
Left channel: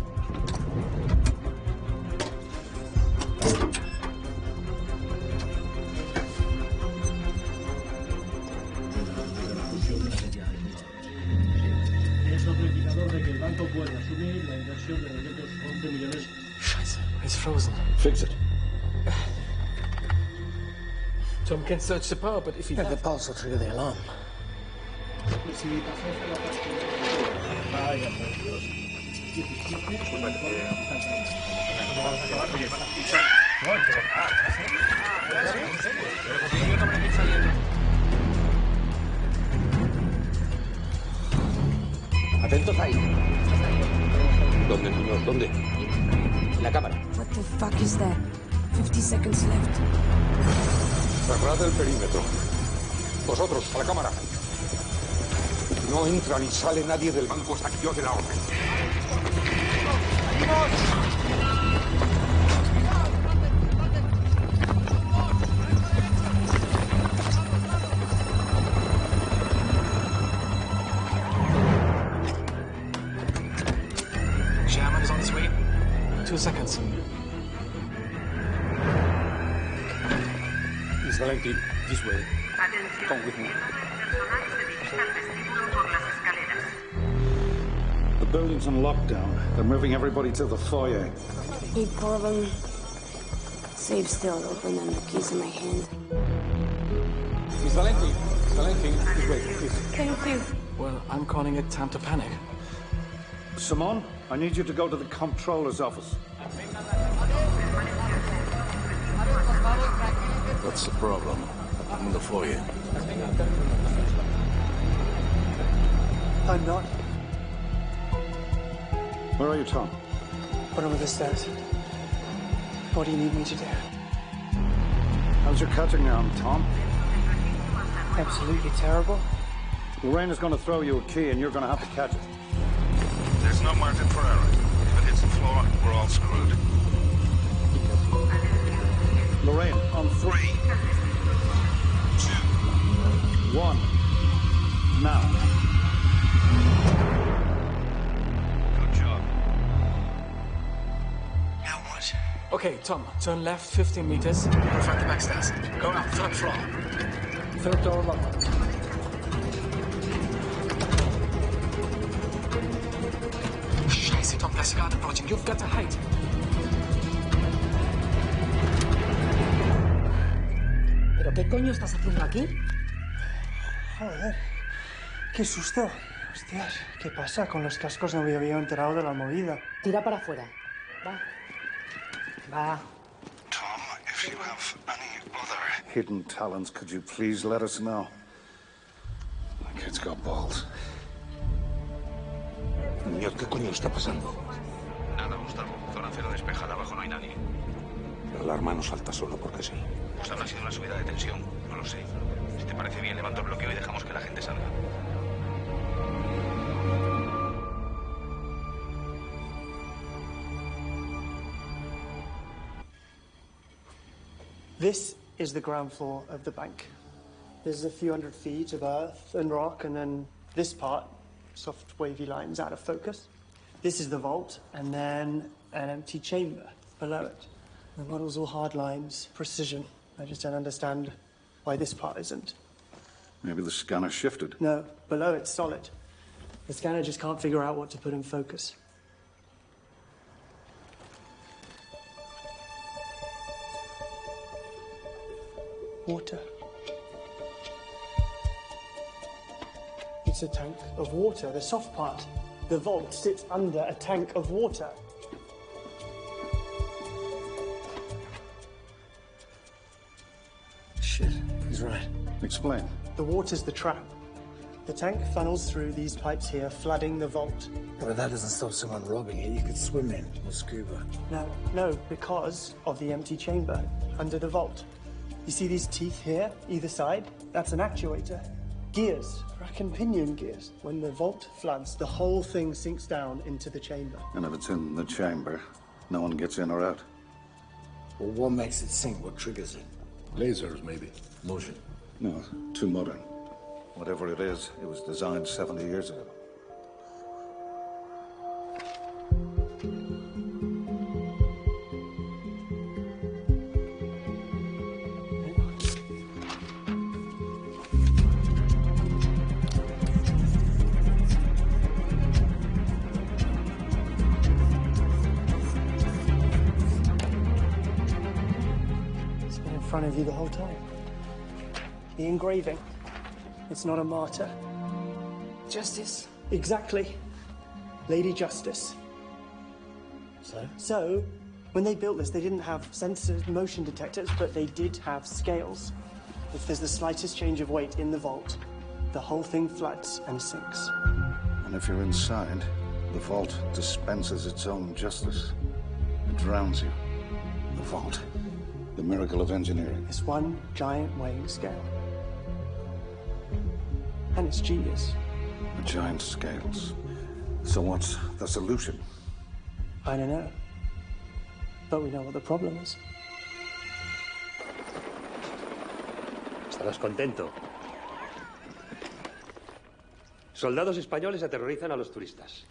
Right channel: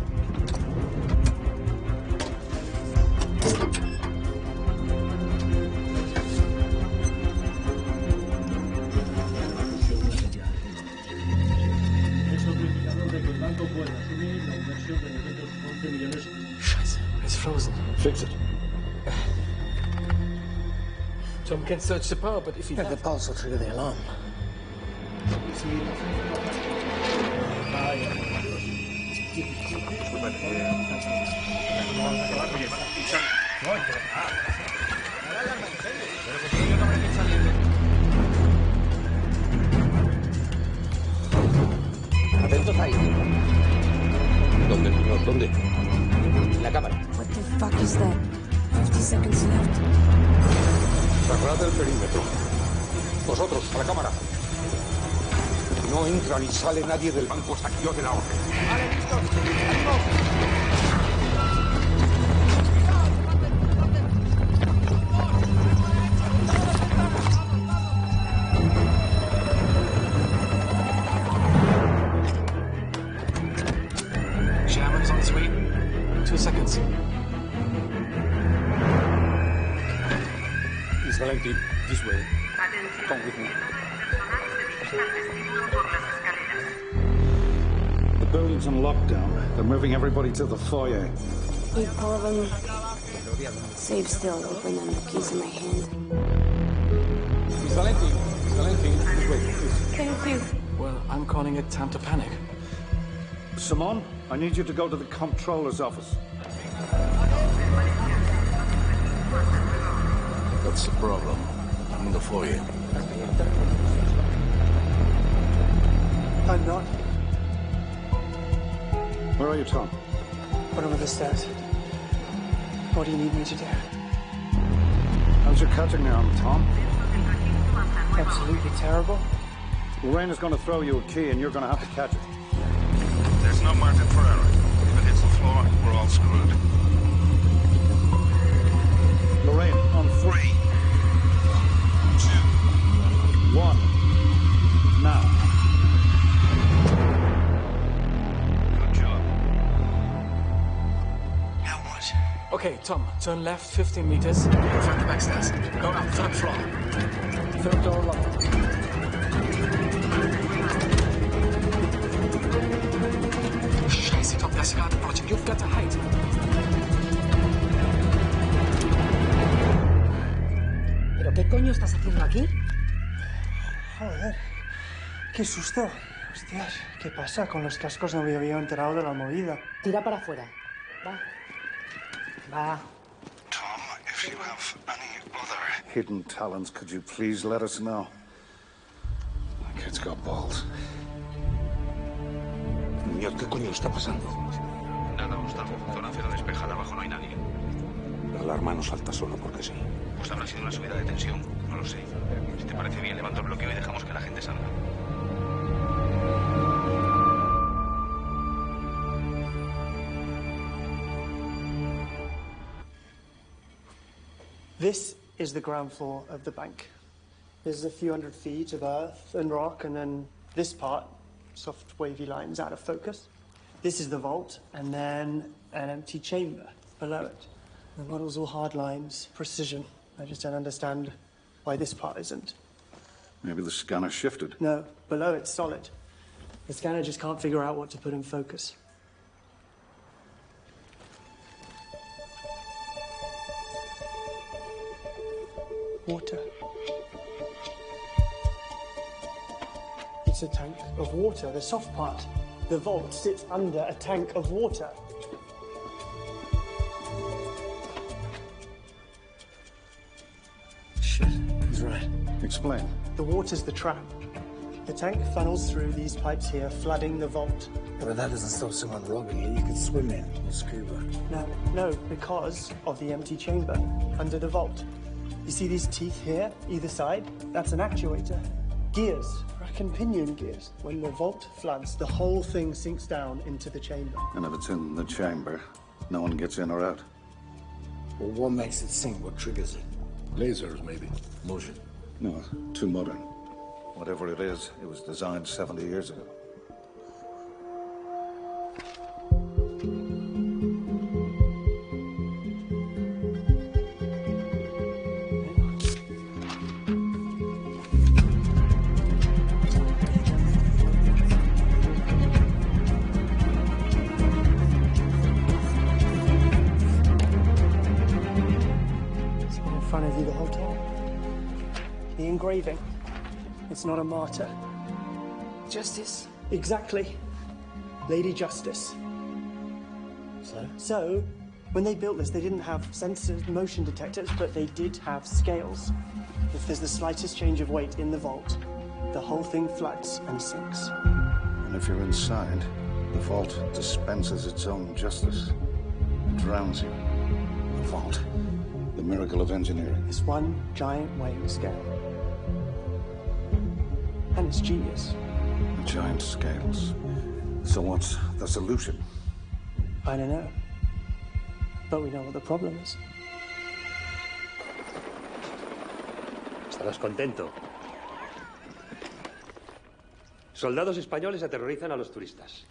Es otro indicador de que el banco puede asumir la inversión de 911 millones. It's frozen. Fix it. Tom can search the power, but if he... The pulse will trigger the alarm. Y si pasamos por la parte... Vaya, por Dios. 17. Atentos ahí. ¿Dónde, señor? ¿Dónde? La cámara. What the fuck is that? 50 seconds left. Cerrad el perímetro. Vosotros, a la cámara. No entra ni sale nadie del banco hasta que yo dé la orden. Vale, listo. German is on his way. 2 seconds. Miss Valentine, this way. Come with me. The building's on lockdown. They're moving everybody to the foyer. Big problem. Safe still open and the keys in my hand. Miss Valentine, this way, please. Thank you. Well, I'm calling it time to panic. Simone, I need you to go to the comptroller's office. That's the problem. I'm in the foyer. I'm not. Where are you, Tom? Bottom of the stairs. What do you need me to do? How's your cutting arm, Tom? Absolutely terrible. Lorraine is going to throw you a key and you're going to have to catch it. There's no margin for error. If it hits the floor, we're all screwed. Lorraine, on 3, 2, 1. Now. Good job. Now what? Okay, Tom, turn left 15 meters. Confront the back stairs. Go up, third floor. Third door locked. Scheiße, Tom, das Garden Project. You've got to hide. ¿Pero qué coño estás haciendo aquí? Joder, qué susto. Hostias, ¿qué pasa? Con los cascos no me había enterado de la movida. Tira para afuera. Va. Va. Tom, if you have any other hidden talents, could you please let us know? The kid's got balls. Muñoz, ¿qué coño está pasando? Nada, Gustavo. Zona cero despejada, abajo no hay nadie. La alarma no salta solo porque sí. Pues habrá sido una subida de tensión. No lo sé. Si te parece bien, levanto el bloqueo y dejamos que la gente salga. This is the ground floor of the bank. There's a few hundred feet of earth and rock, and then this part, soft wavy lines out of focus. This is the vault, and then an empty chamber below it. The model's all hard lines, precision. I just don't understand why this part isn't. Maybe the scanner shifted. No, below it's solid. The scanner just can't figure out what to put in focus. Water. It's a tank of water, the soft part. The vault sits under a tank of water. Shit, he's right. Explain. The water's the trap. The tank funnels through these pipes here, flooding the vault. Yeah, but that doesn't stop someone robbing it. You could swim in or scuba. No, because of the empty chamber under the vault. You see these teeth here, either side? That's an actuator. Gears, rack and pinion gears. When the vault floods, the whole thing sinks down into the chamber. And if it's in the chamber, no one gets in or out. Well, what makes it sink? What triggers it? Lasers, maybe. Motion. No, too modern. Whatever it is, it was designed 70 years ago. It's been in front of you the whole time. The engraving. It's not a martyr. Justice. Exactly. Lady Justice. So, when they built this, they didn't have sensors, motion detectors, but they did have scales. If there's the slightest change of weight in the vault, the whole thing floods and sinks. And if you're inside, the vault dispenses its own justice. It drowns you. The vault. The miracle of engineering. It's one giant weighing scale. And it's genius. The giant scales. So what's the solution? I don't know. But we know what the problem is. Estarás contento. Soldados españoles aterrorizan a los turistas.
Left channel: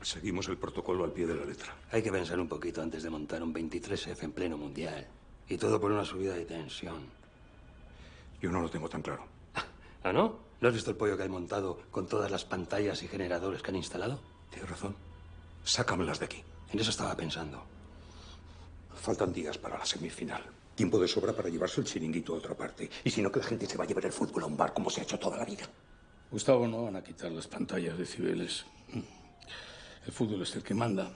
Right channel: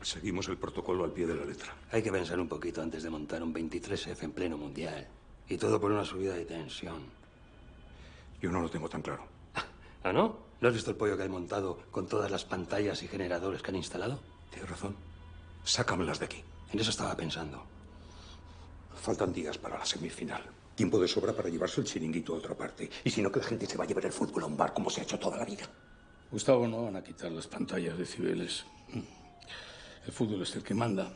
Seguimos el protocolo al pie de la letra. Hay que pensar un poquito antes de montar un 23F en pleno mundial. Y todo por una subida de tensión. Yo no lo tengo tan claro. ¿Ah, no? ¿No has visto el pollo que hay montado con todas las pantallas y generadores que han instalado? Tienes razón. Sácamelas de aquí. En eso estaba pensando. Faltan días para la semifinal. Tiempo de sobra para llevarse el chiringuito a otra parte. Y si no, que la gente se va a llevar el fútbol a un bar como se ha hecho toda la vida. Gustavo, no van a quitar las pantallas de Cibeles. El fútbol es el que manda.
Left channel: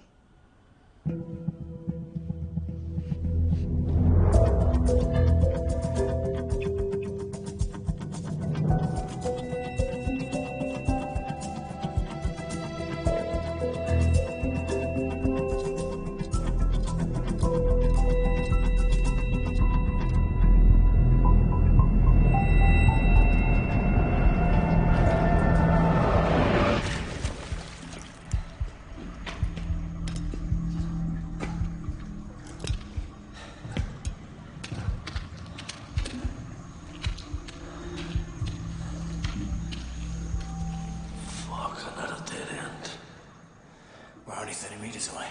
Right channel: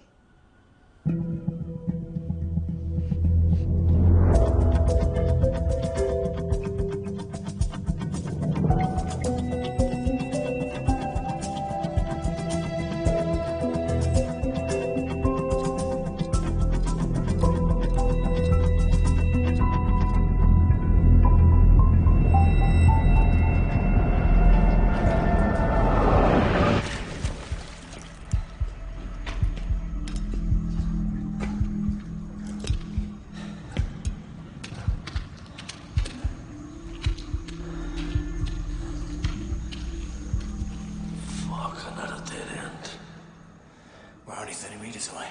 We're only 30 meters away.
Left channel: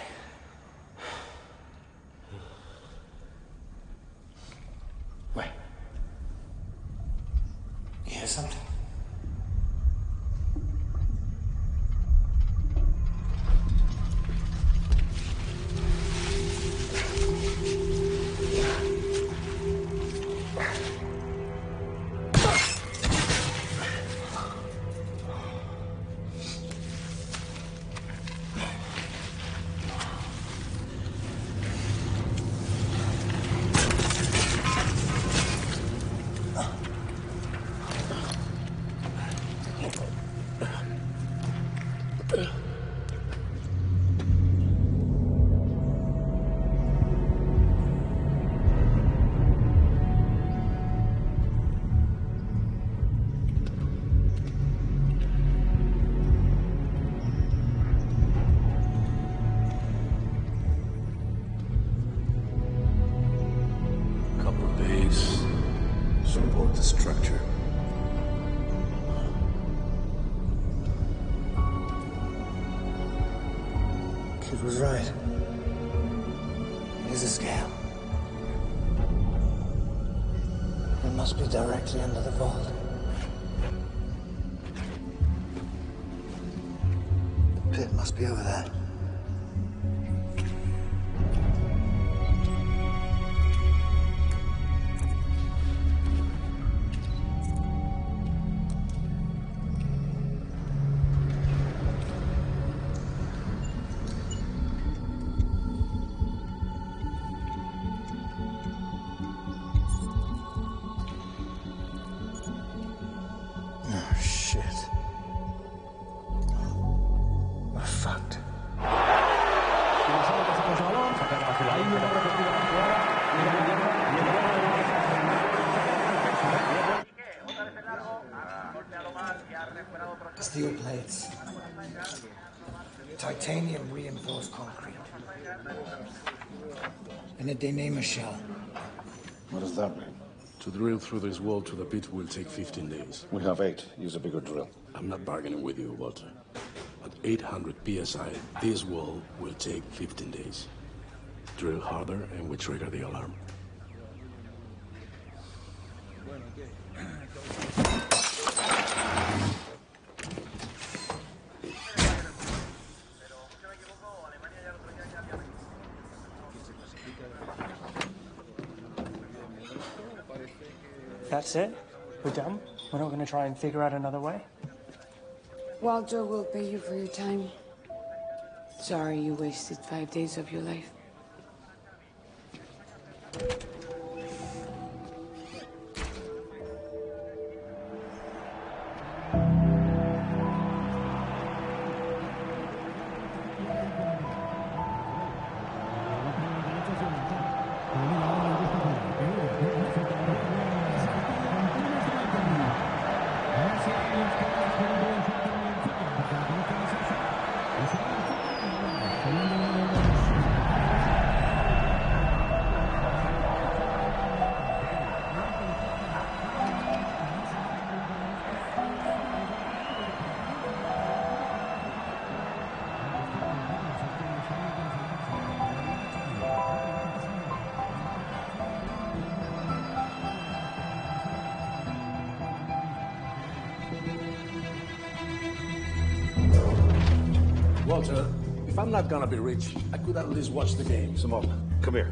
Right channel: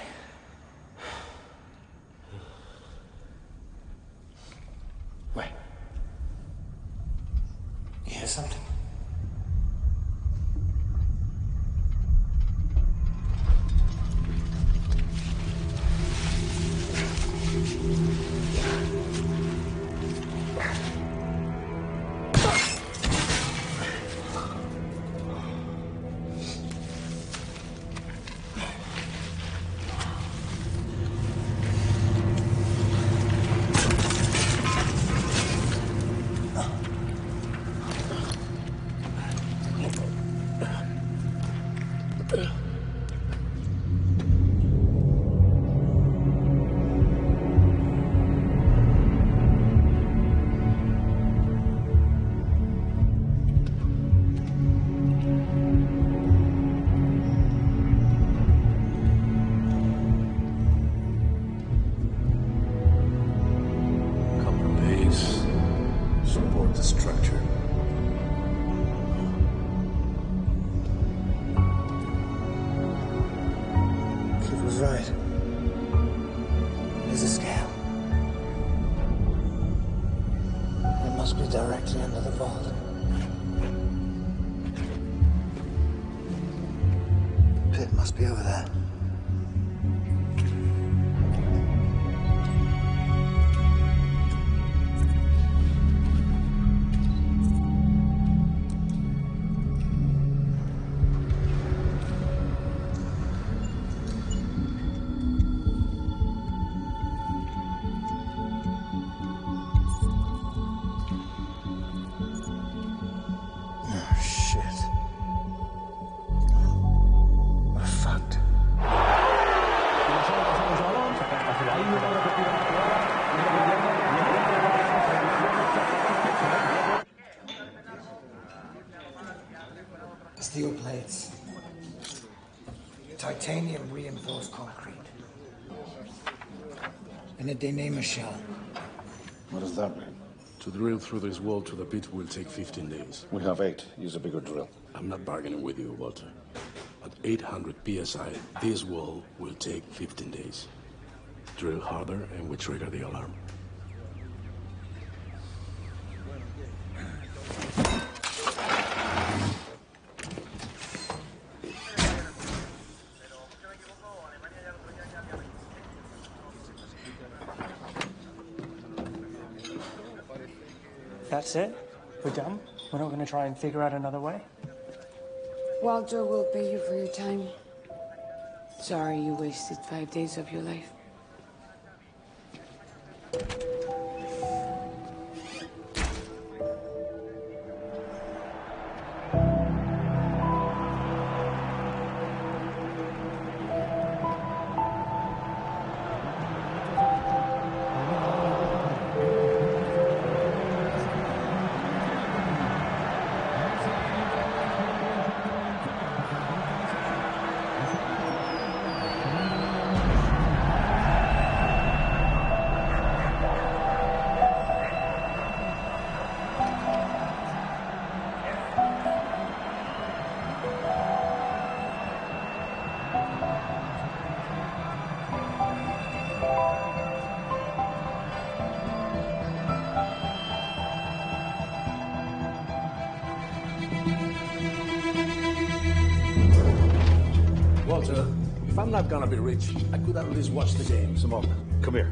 Wait. something? Support the structure. Kid was right. Here's a scale. It must be directly under the vault. The pit must be over there. Steel plates. Titanium reinforced concrete. And a denema shell. What does that mean? To drill through this wall to the pit will take 15 days. We have 8. Use a bigger drill. I'm not bargaining with you, Walter. At 800 psi, this wall will take 15 days. Drill harder and we trigger the alarm. That's it? We're done? We're not going to try and figure out another way? Walter will pay you for your time. Sorry you wasted 5 days of your life. Walter, if I'm not gonna be rich, I could at least watch the game. Simone, come here.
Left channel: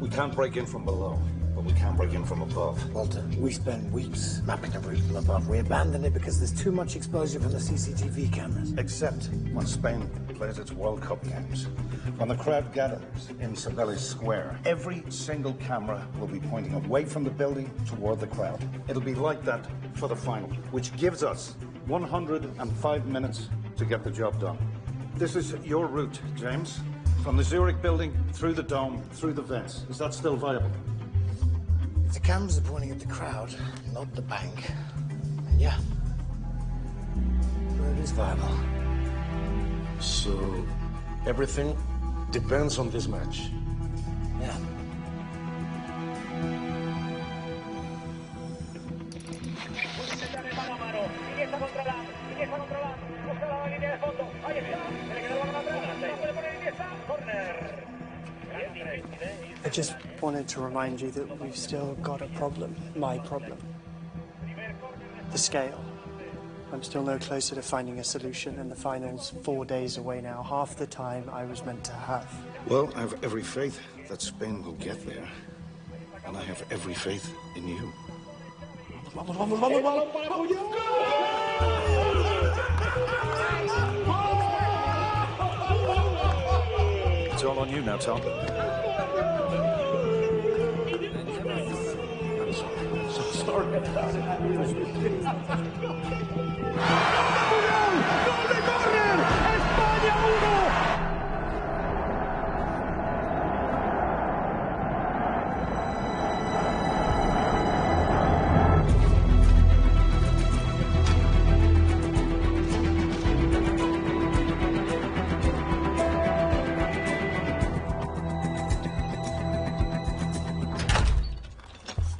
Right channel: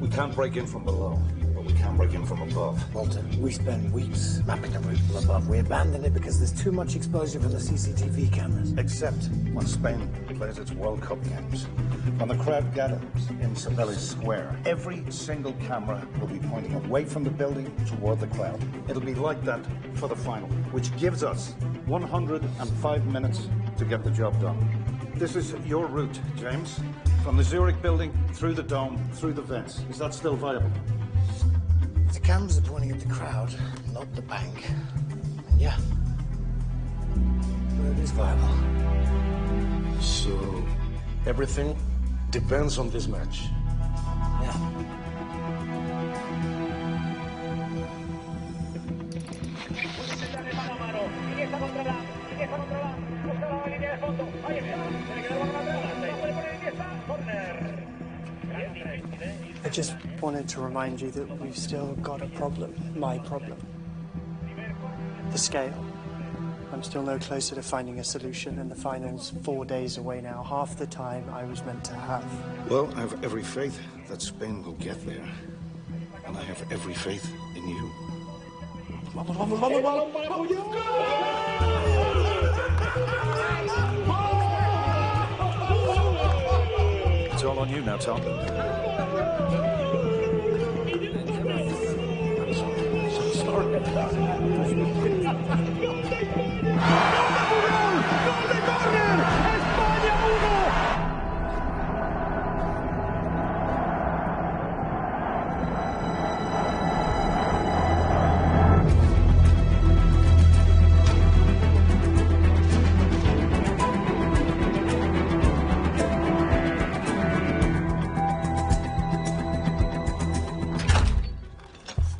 We can't break in from below, but we can break in from above. Walter, we spend weeks mapping the route from above. We abandon it because there's too much exposure from the CCTV cameras. Except when Spain plays its World Cup games. When the crowd gathers in Cibeles Square, every single camera will be pointing away from the building toward the crowd. It'll be like that for the final, which gives us 105 minutes to get the job done. This is your route, James. From the Zurich building, through the dome, through the vents. Is that still viable? The cameras are pointing at the crowd, not the bank. And yeah, it is viable. So, everything depends on this match. Yeah. I just wanted to remind you that we've still got a problem. My problem. the scale. I'm still no closer to finding a solution, and the final's 4 days away now, half the time I was meant to have. Well, I have every faith that Spain will get there. And I have every faith in you. Vamos, vamos, vamos, vamos, vamos. It's all on you now, Tom.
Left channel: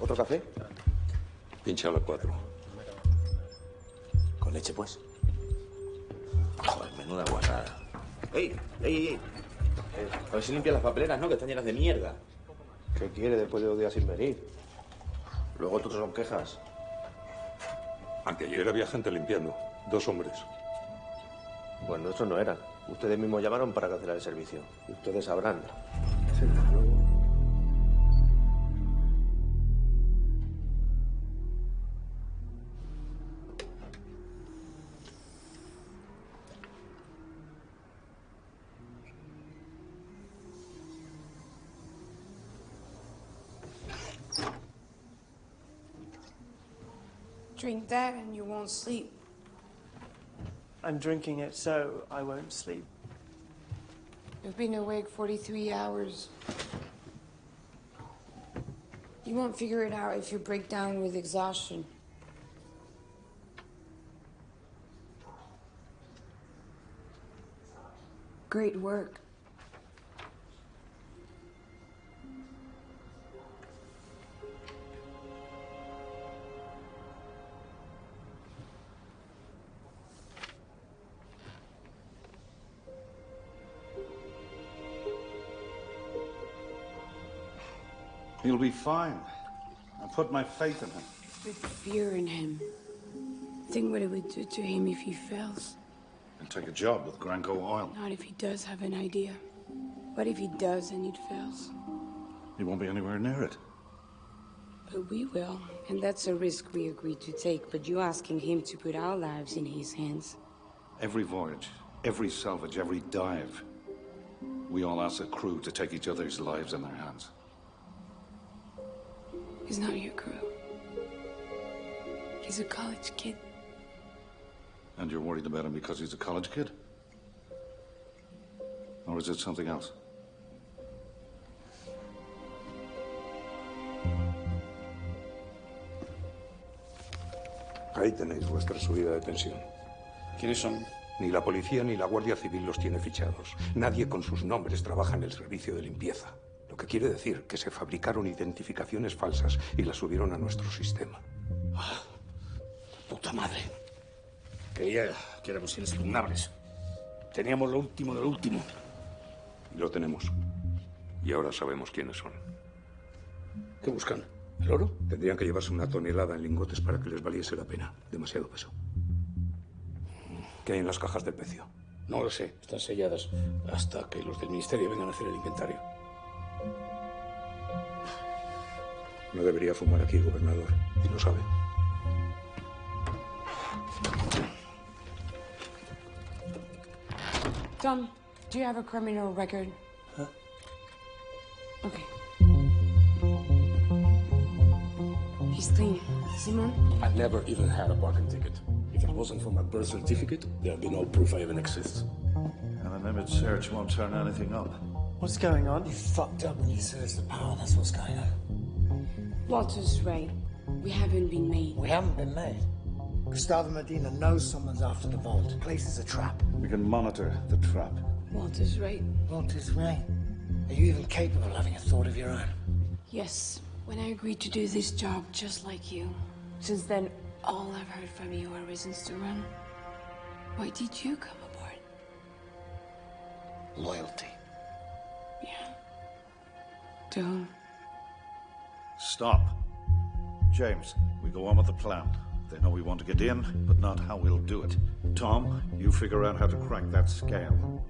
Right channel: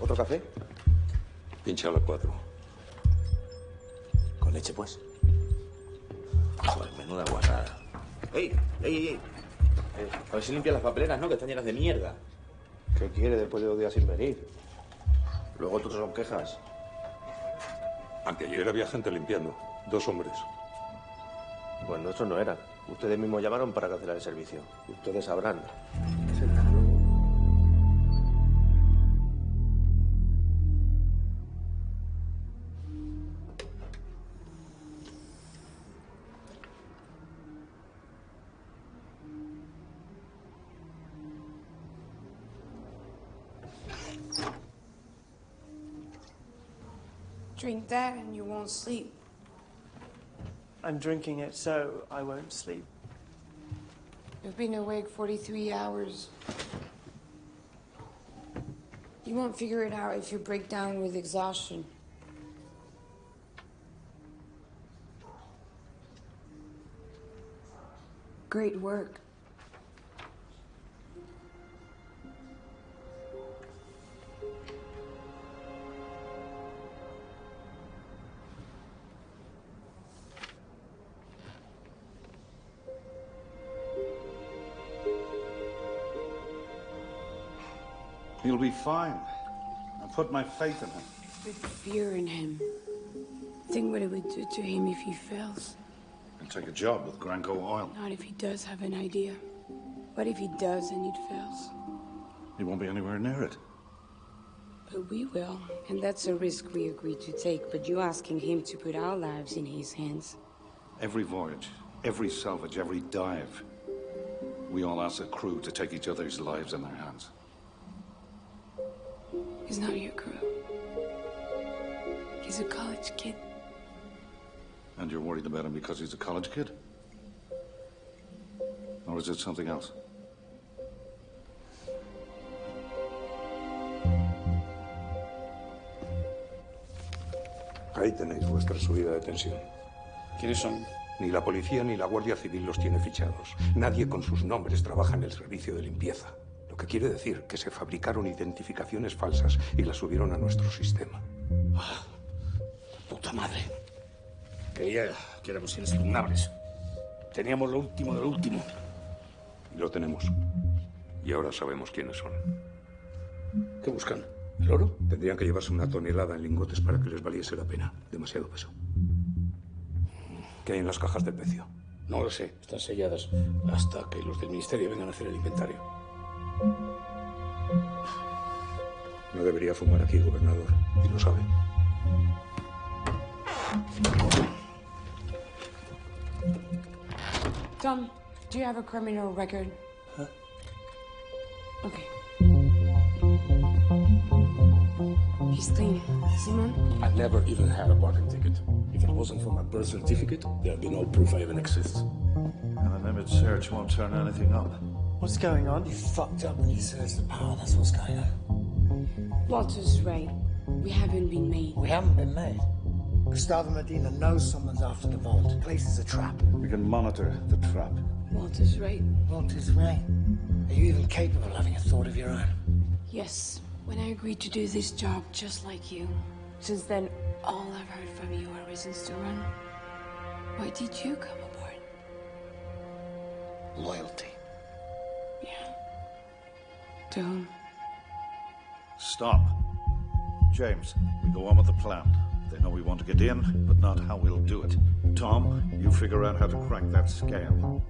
¿Otro café? Pincha a las 4. Con leche, pues. Joder, menuda guarrada. ¡Ey! ¡Ey, ey! A ver si limpias las papeleras, ¿no? Que están llenas de mierda. ¿Qué quiere después de 2 días sin venir? Luego otros son quejas. Anteayer había gente limpiando. 2 hombres. Pues nuestros no eran. Ustedes mismos llamaron para cancelar el servicio. Y ustedes sabrán. Drink that and you won't sleep. I'm drinking it so I won't sleep. You've been awake 43 hours. You won't figure it out if you break down with exhaustion. Great work. He'll be fine. I put my faith in him. With fear in him. Think what it would do to him if he fails. And take a job with Granco Oil. Not if he does have an idea. What if he does and it fails? He won't be anywhere near it. But we will. And that's a risk we agreed to take. But you asking him to put our lives in his hands. Every voyage, every salvage, every dive, we all ask a crew to take each other's lives in their hands. He's not your crew. He's a college kid. And you're worried about him because he's a college kid? Or is it something else? Ahí tenéis vuestra subida de tensión. ¿Quiénes son? Ni la policía ni la Guardia Civil los tiene fichados. Nadie con sus nombres trabaja en el servicio de limpieza. Lo que quiere decir que se fabricaron identificaciones falsas y las subieron a nuestro sistema. Ah, puta madre. Creía que éramos inexpugnables. Teníamos lo último de lo último. Y lo tenemos. Y ahora sabemos quiénes son. ¿Qué buscan? ¿El oro? Tendrían que llevarse 1 tonelada en lingotes para que les valiese la pena. Demasiado peso. ¿Qué hay en las cajas del pecio? No lo sé. Están selladas hasta que los del ministerio vengan a hacer el inventario. No debería fumar aquí, gobernador. Y lo sabe. Tom, do you have a criminal record? Huh? Okay. He's clean. Simon? I've never even had a parking ticket. If it wasn't for my birth certificate, there'd be no proof I even exist. And an image search won't turn anything up. What's going on? You fucked up when you searched the power, that's what's going on. Walter's right. We haven't been made. We haven't been made. Gustavo Medina knows someone's after the vault. The place is a trap. We can monitor the trap. Walter's right. Walter's right. Are you even capable of having a thought of your own? Yes. When I agreed to do this job just like you. Since then, all I've heard from you are reasons to run. Why did you come aboard? Loyalty. Yeah. To whom? Stop. James, we go on with the plan. They know we want to get in, but not how we'll do it. Tom, you figure out how to crack that scale.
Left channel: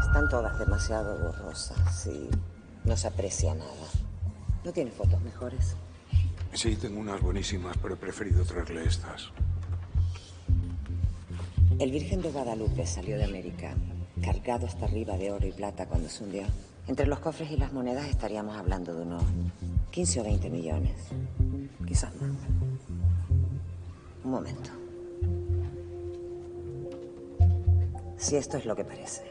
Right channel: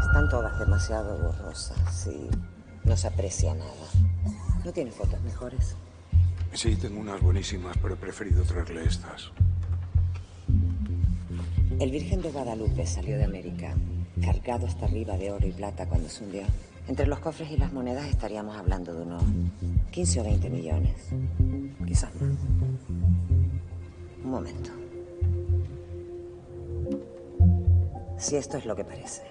Están todas demasiado borrosas y no se aprecia nada. ¿No tiene fotos mejores? Sí, tengo unas buenísimas, pero he preferido traerle estas. El Virgen de Guadalupe salió de América, cargado hasta arriba de oro y plata cuando se hundió. Entre los cofres y las monedas estaríamos hablando de unos 15 o 20 millones. Quizás más. Un momento. Si esto es lo que parece,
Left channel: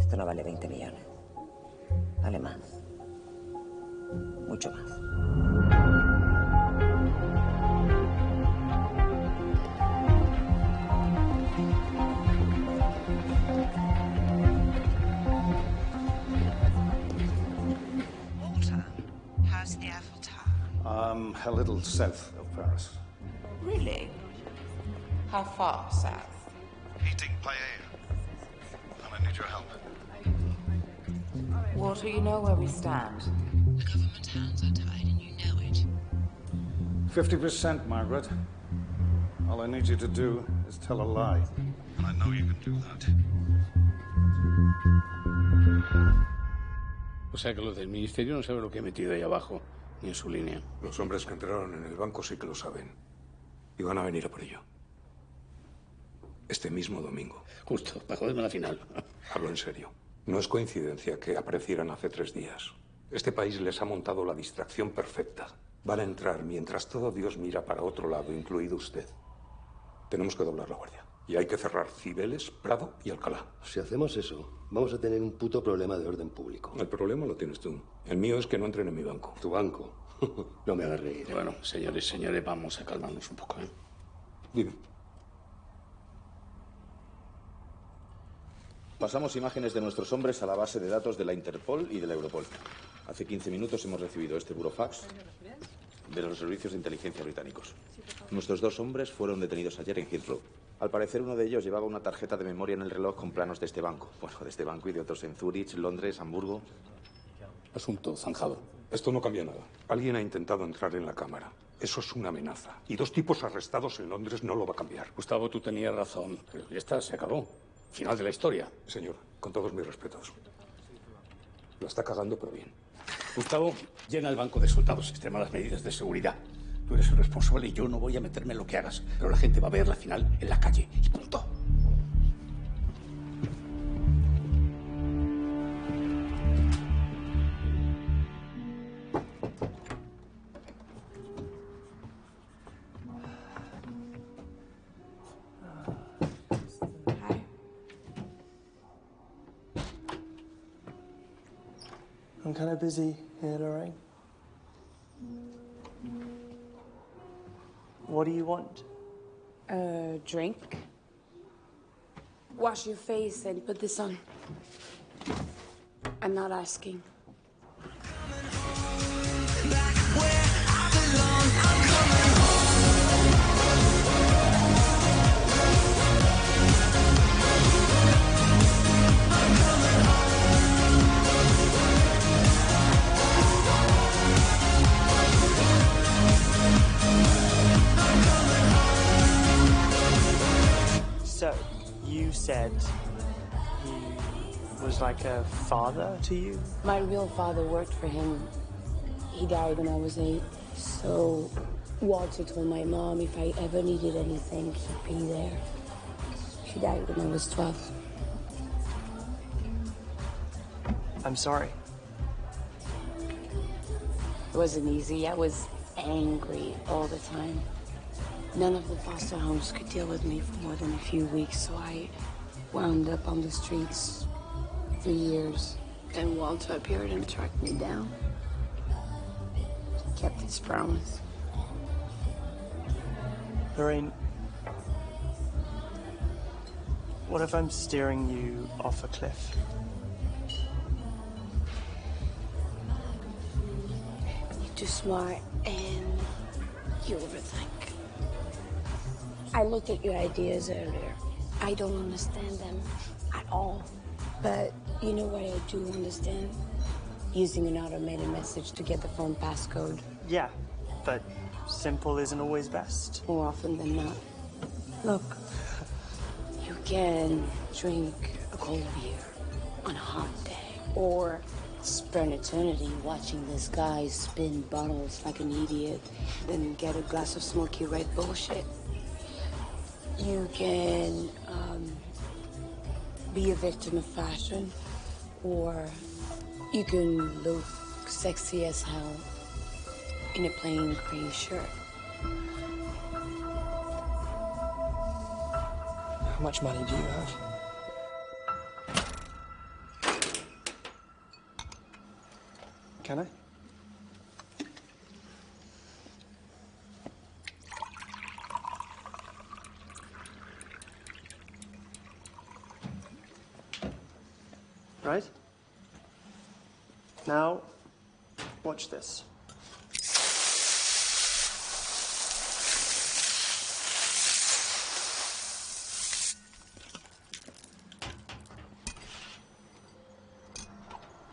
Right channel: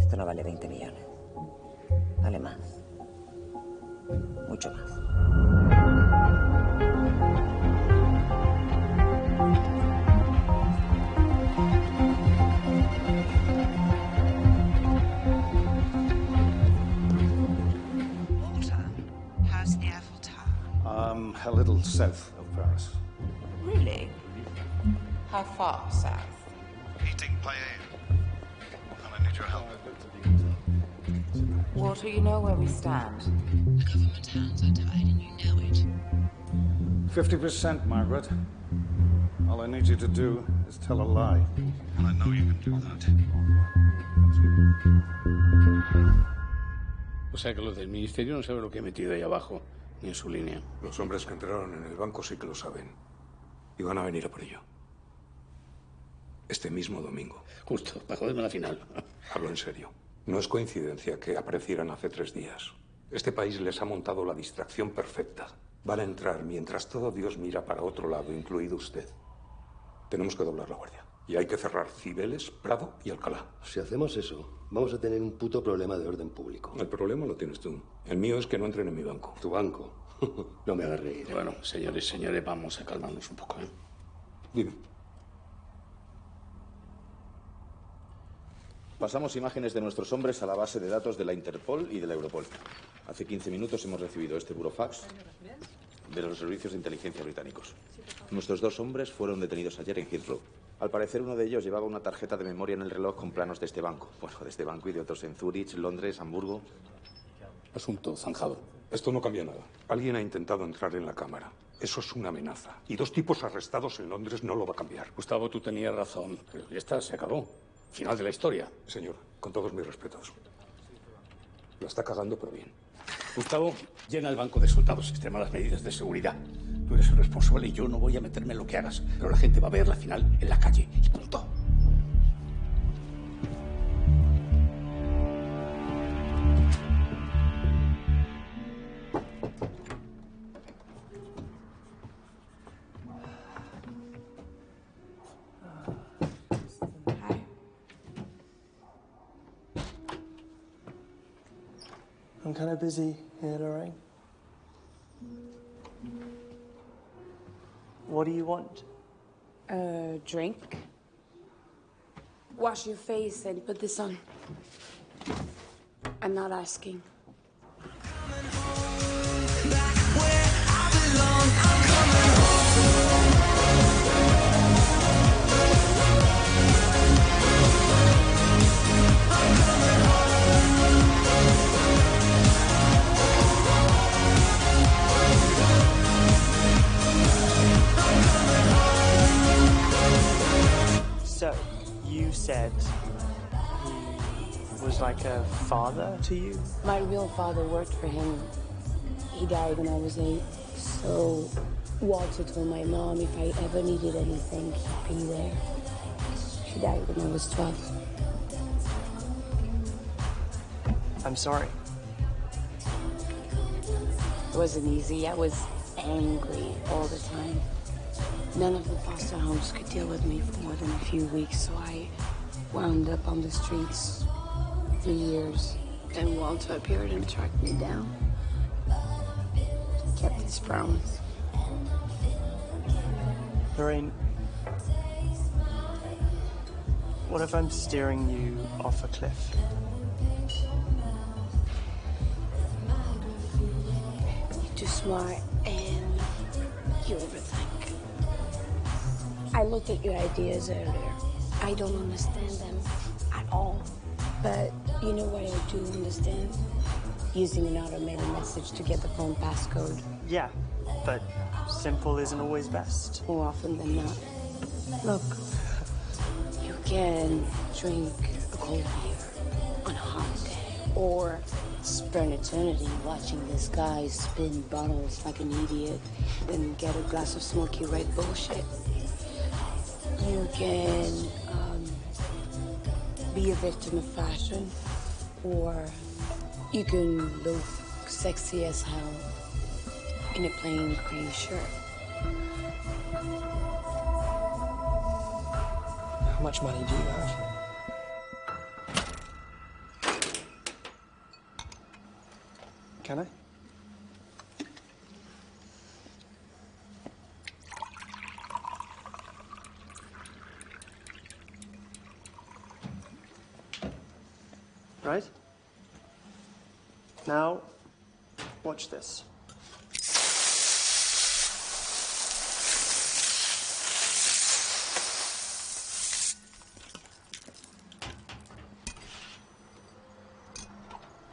esto no vale 20 millones. Vale más. Mucho más. How's the Eiffel Tower? A little south of Paris. Really? How far south? Heating paella. And I need your help. Walter, you know where we stand. The government hands are tied and you know it. 50%, Margaret. All I need you to do is tell a lie. And I know you can do that. O sea que los del ministerio no saben lo que he metido ahí abajo, ni en su línea. Los hombres que entraron en el banco sí que lo saben. Y van a venir a por ello. Este mismo domingo. Justo, para joderme la final. Hablo en serio. No es coincidencia que aparecieran hace 3 días. Este país les ha montado la distracción perfecta. Van a entrar mientras todo Dios mira para otro lado, incluido usted. Tenemos que doblar la guardia. Y hay que cerrar Cibeles, Prado y Alcalá. Si hacemos eso, vamos a tener un puto problema de orden público. El problema lo tienes tú. El mío es que no entren en mi banco. ¿Tu banco? No me hagas reír. Bueno, señores, vamos a calmarnos un poco, ¿eh? Dime. Pasamos imágenes de nuestros hombres a la base de datos de la Interpol y de la Europol. Hace 15 minutos hemos recibido este burofax de los servicios de inteligencia británicos. Nuestros 2 hombres fueron detenidos ayer en Heathrow. Al parecer, uno de ellos llevaba una tarjeta de memoria en el reloj con planos de este banco. Bueno, de este banco y de otros en Zúrich, Londres, Hamburgo. Asunto zanjado. Esto no cambia nada. Alguien ha intentado entrar en la cámara. Eso es una amenaza. Y 2 tipos arrestados en Londres no lo va a cambiar. Gustavo, tú tenías razón. Pero ya está, se acabó. Final de la historia. Señor, con todos mis respetos. La está cagando, pero bien. Gustavo, llena el banco de soldados, extrema las medidas de seguridad. Tú eres el responsable y yo no voy a meterme en lo que hagas. Pero la gente va a ver la final en la calle. Y punto. I'm kind of busy here, Lorraine. What do you want? Drink. Wash your face and put this on. I'm not asking. So, you said he was like a father to you? My real father worked for him. He died when I was 8. So Walter told my mom if I ever needed anything, he'd be there. She died when I was 12. I'm sorry. It wasn't easy. I was angry all the time. None of the foster homes could deal with me for more than a few weeks, so I wound up on the streets for years. Then Walter appeared and tracked me down. He kept his promise. Lorraine, what if I'm steering you off a cliff? You're too smart and you overthink. I looked at your ideas earlier. I don't understand them at all. But you know what I do understand? Using an automated message to get the phone passcode. Yeah, But simple isn't always best. More often than not. Look, you can drink a cold beer on a hot day, or spend eternity watching this guy spin bottles like an idiot, then get a glass of smoky red bullshit. You can be a victim of fashion, or you can look sexy as hell in a plain gray shirt. How much money do you have? Can I? Right? Now, watch this.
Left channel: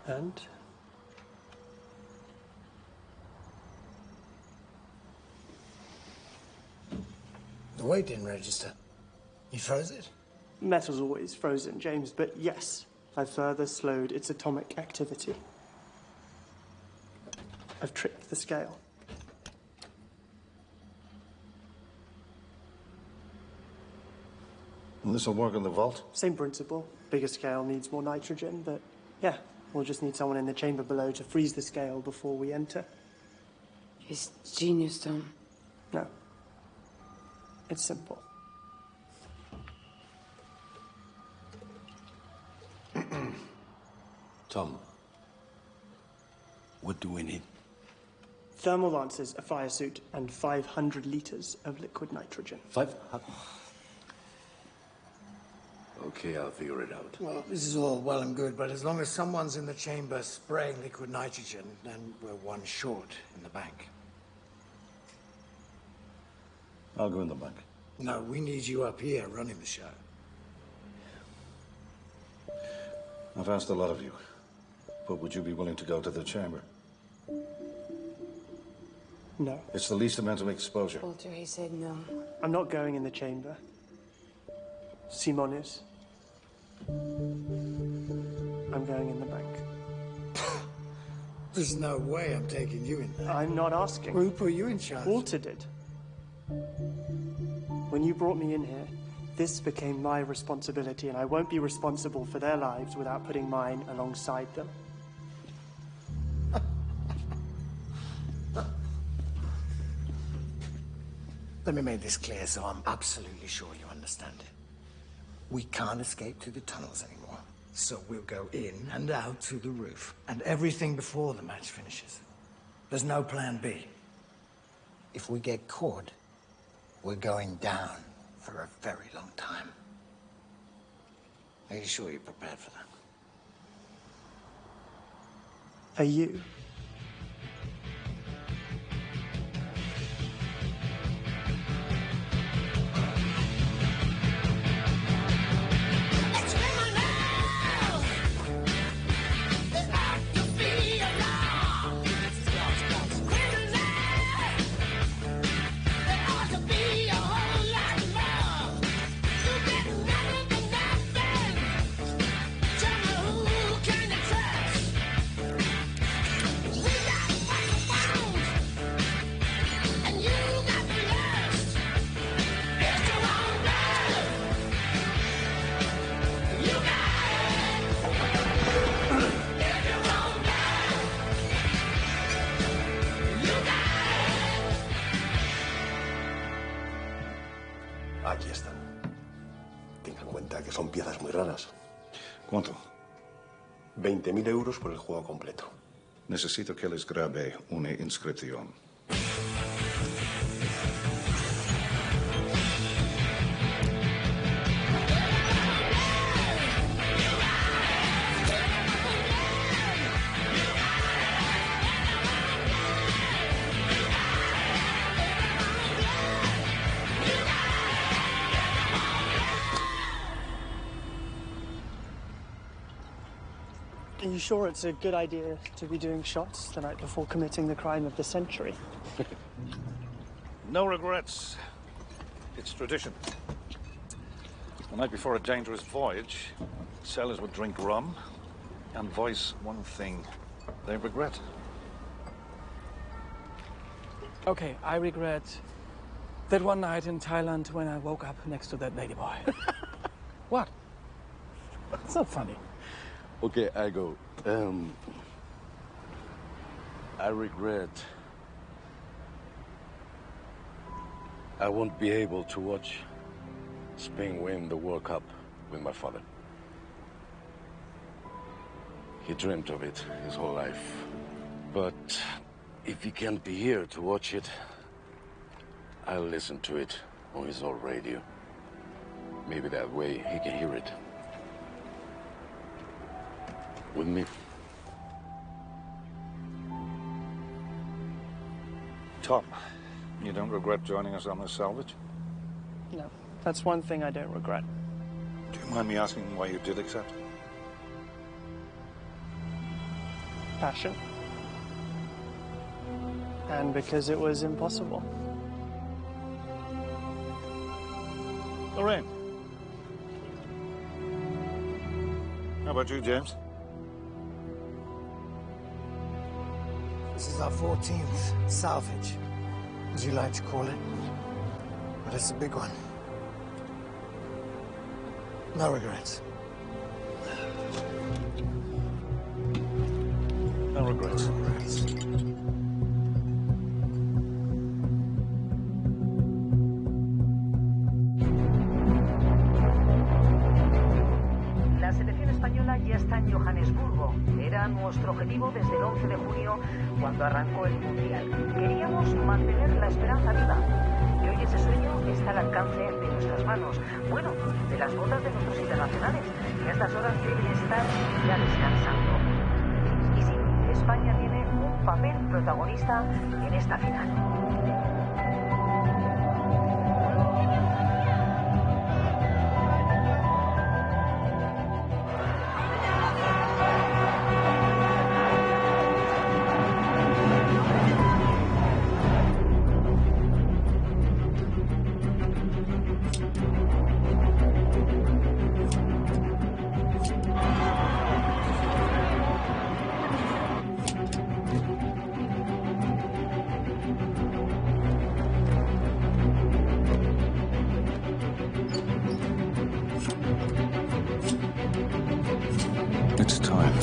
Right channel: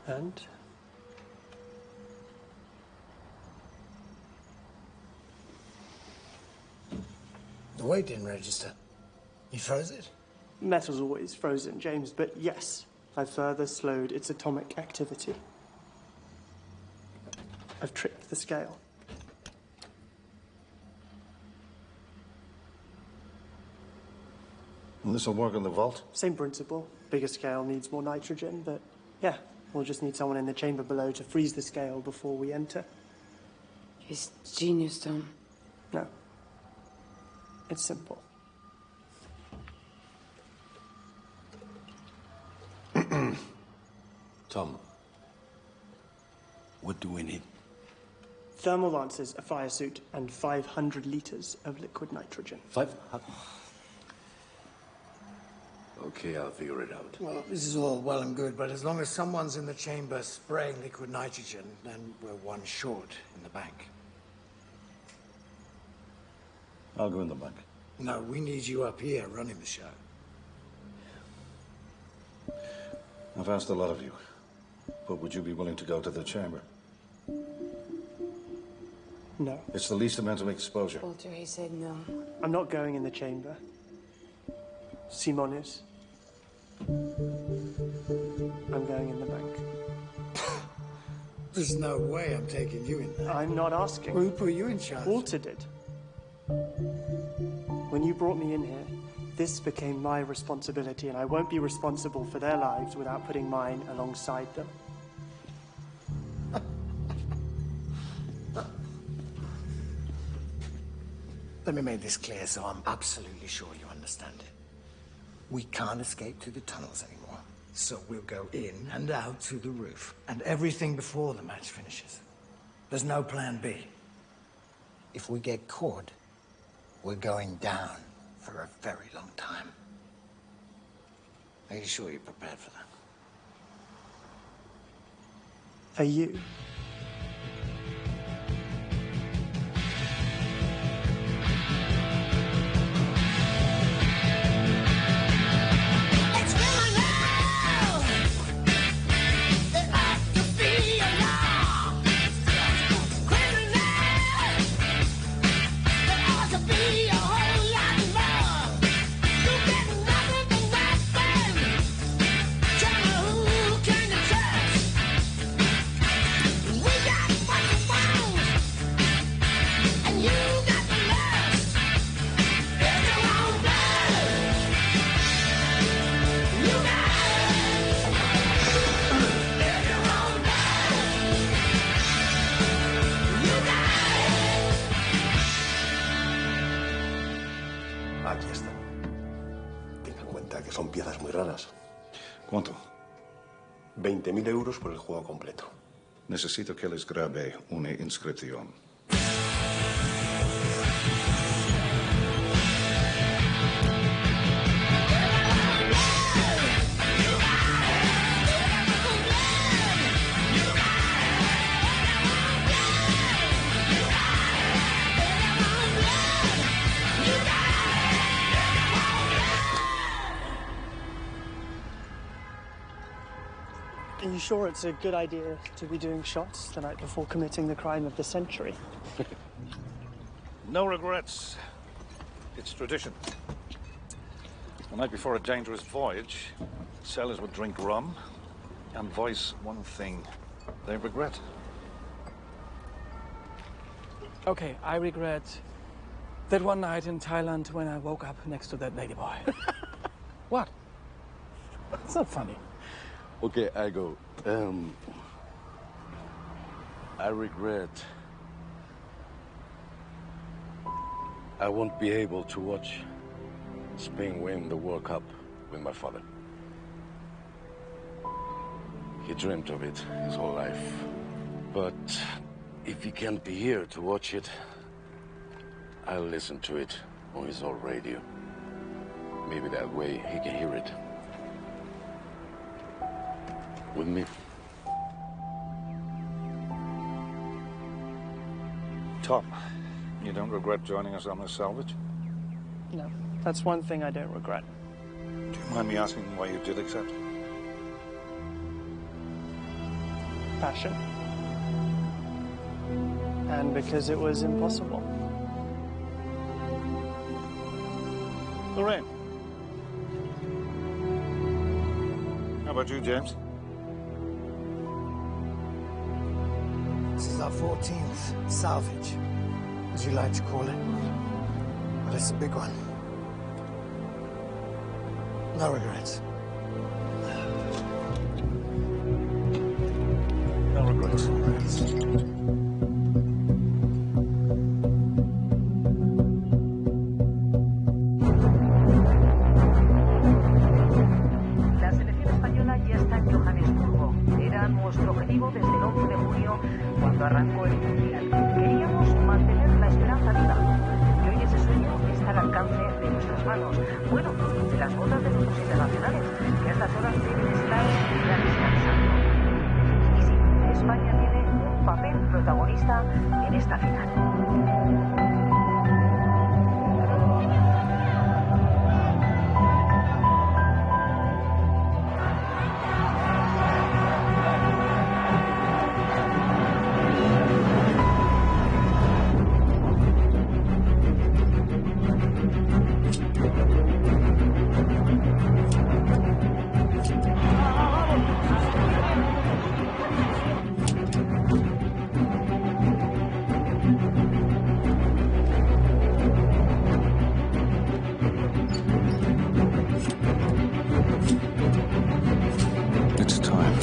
And the weight didn't register. You froze it? Metal's always frozen, James, but yes, I've further slowed its atomic activity. I've tricked the scale. And this will work in the vault? Same principle. Bigger scale needs more nitrogen, but yeah, we'll just need someone in the chamber below to freeze the scale before we enter. It's genius, Tom. No. It's simple. Tom, what do we need? Thermal lances, a fire suit, and 500 liters of liquid nitrogen. 500? Okay, I'll figure it out. Well, this is all well and good, but as long as someone's in the chamber spraying liquid nitrogen, then we're one short in the bank. I'll go in the bank. No, we need you up here running the show. I've asked a lot of you, but would you be willing to go to the chamber? No. It's the least amount of exposure. Walter, he said no. I'm not going in the chamber. Simon is. I'm going in the bank. There's no way I'm taking you in there. I'm not asking. Who put you in charge? Walter did. When you brought me in here, this became my responsibility, and I won't be responsible for their lives without putting mine alongside them. Let me make this clear so I'm absolutely sure you understand it. We can't escape through the tunnels anymore. So we'll go in and out through the roof, and everything before the match finishes. There's no plan B. If we get caught, we're going down for a very long time. Are you sure you're prepared for that? Are you? Aquí están. Tenga en cuenta que son piezas muy raras. ¿Cuánto? 20.000 euros por el juego completo. Necesito que les grabe una inscripción. Are you sure it's a good idea to be doing shots the night before committing the crime of the century? No regrets. It's tradition. The night before a dangerous voyage, sailors would drink rum and voice one thing they regret. Okay, I regret that one night in Thailand when I woke up next to that ladyboy. What? It's not funny. Okay, I go. I regret I won't be able to watch Spain win the World Cup with my father. He dreamt of it his whole life. But if he can't be here to watch it, I'll listen to it on his old radio. Maybe that way he can hear it. With me. Tom, you don't regret joining us on this salvage? No, that's one thing I don't regret. Do you mind me asking why you did accept? Passion. And because it was impossible. Lorraine. How about you, James? This is our 14th salvage, as you like to call it. But it's a big one. No regrets. No regrets. La selección española ya está en Johannesburgo. Era nuestro objetivo desde el 11 de junio, cuando arrancó el Mundial. Queríamos mantener la esperanza viva. Y hoy ese sueño está al alcance de nuestras manos. Bueno, de las botas de nuestros internacionales, que a estas horas deben estar ya descansando. Y sí, España tiene un papel protagonista en esta final. It's time.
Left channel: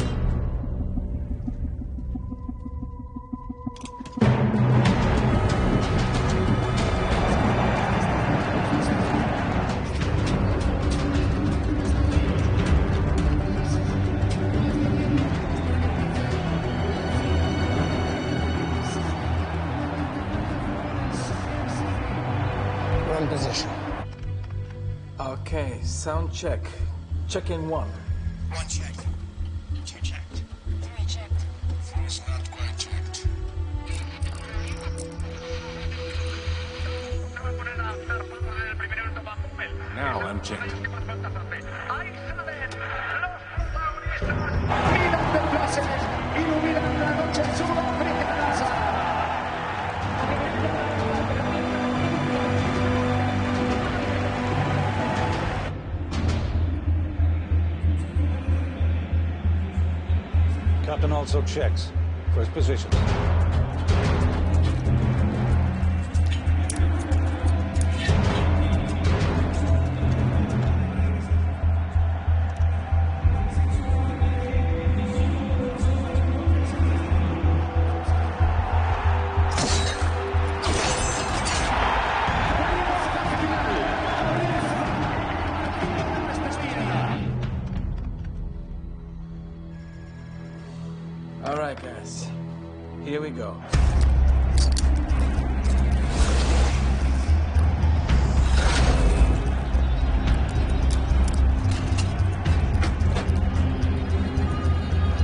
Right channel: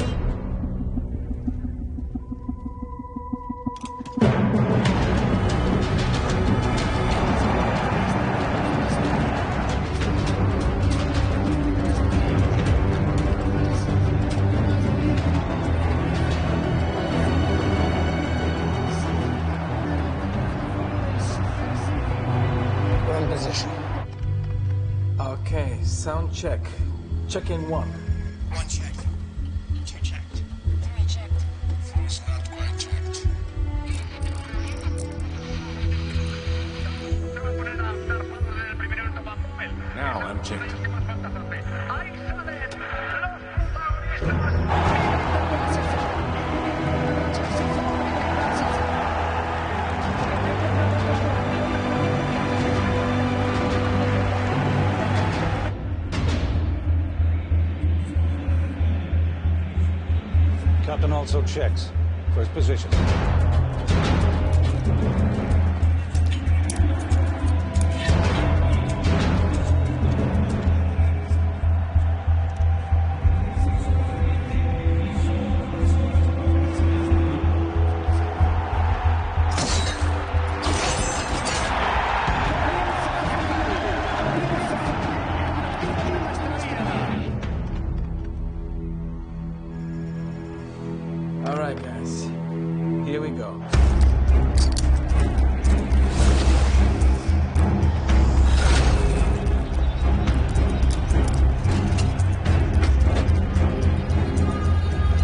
We're in position. Okay, sound check. Check in one. One checked. Two checked. Three checked. Four's not quite checked. Now I'm checked. Captain also checks. First position. All right, guys. Here we go.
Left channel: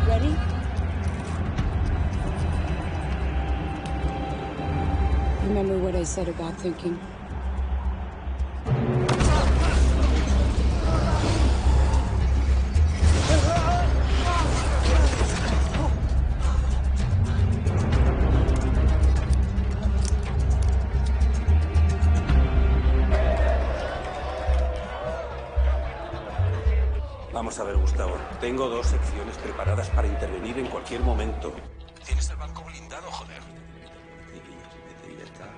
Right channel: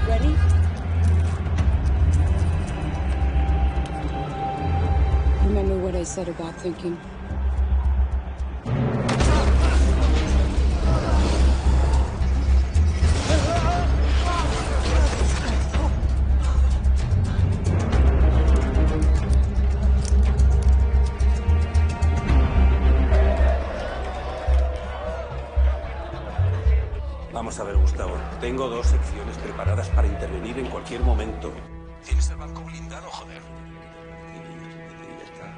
Ready? Remember what I said about thinking? Tengo 2 secciones preparadas para intervenir en cualquier momento. Tienes el barco blindado, joder. Y ya está.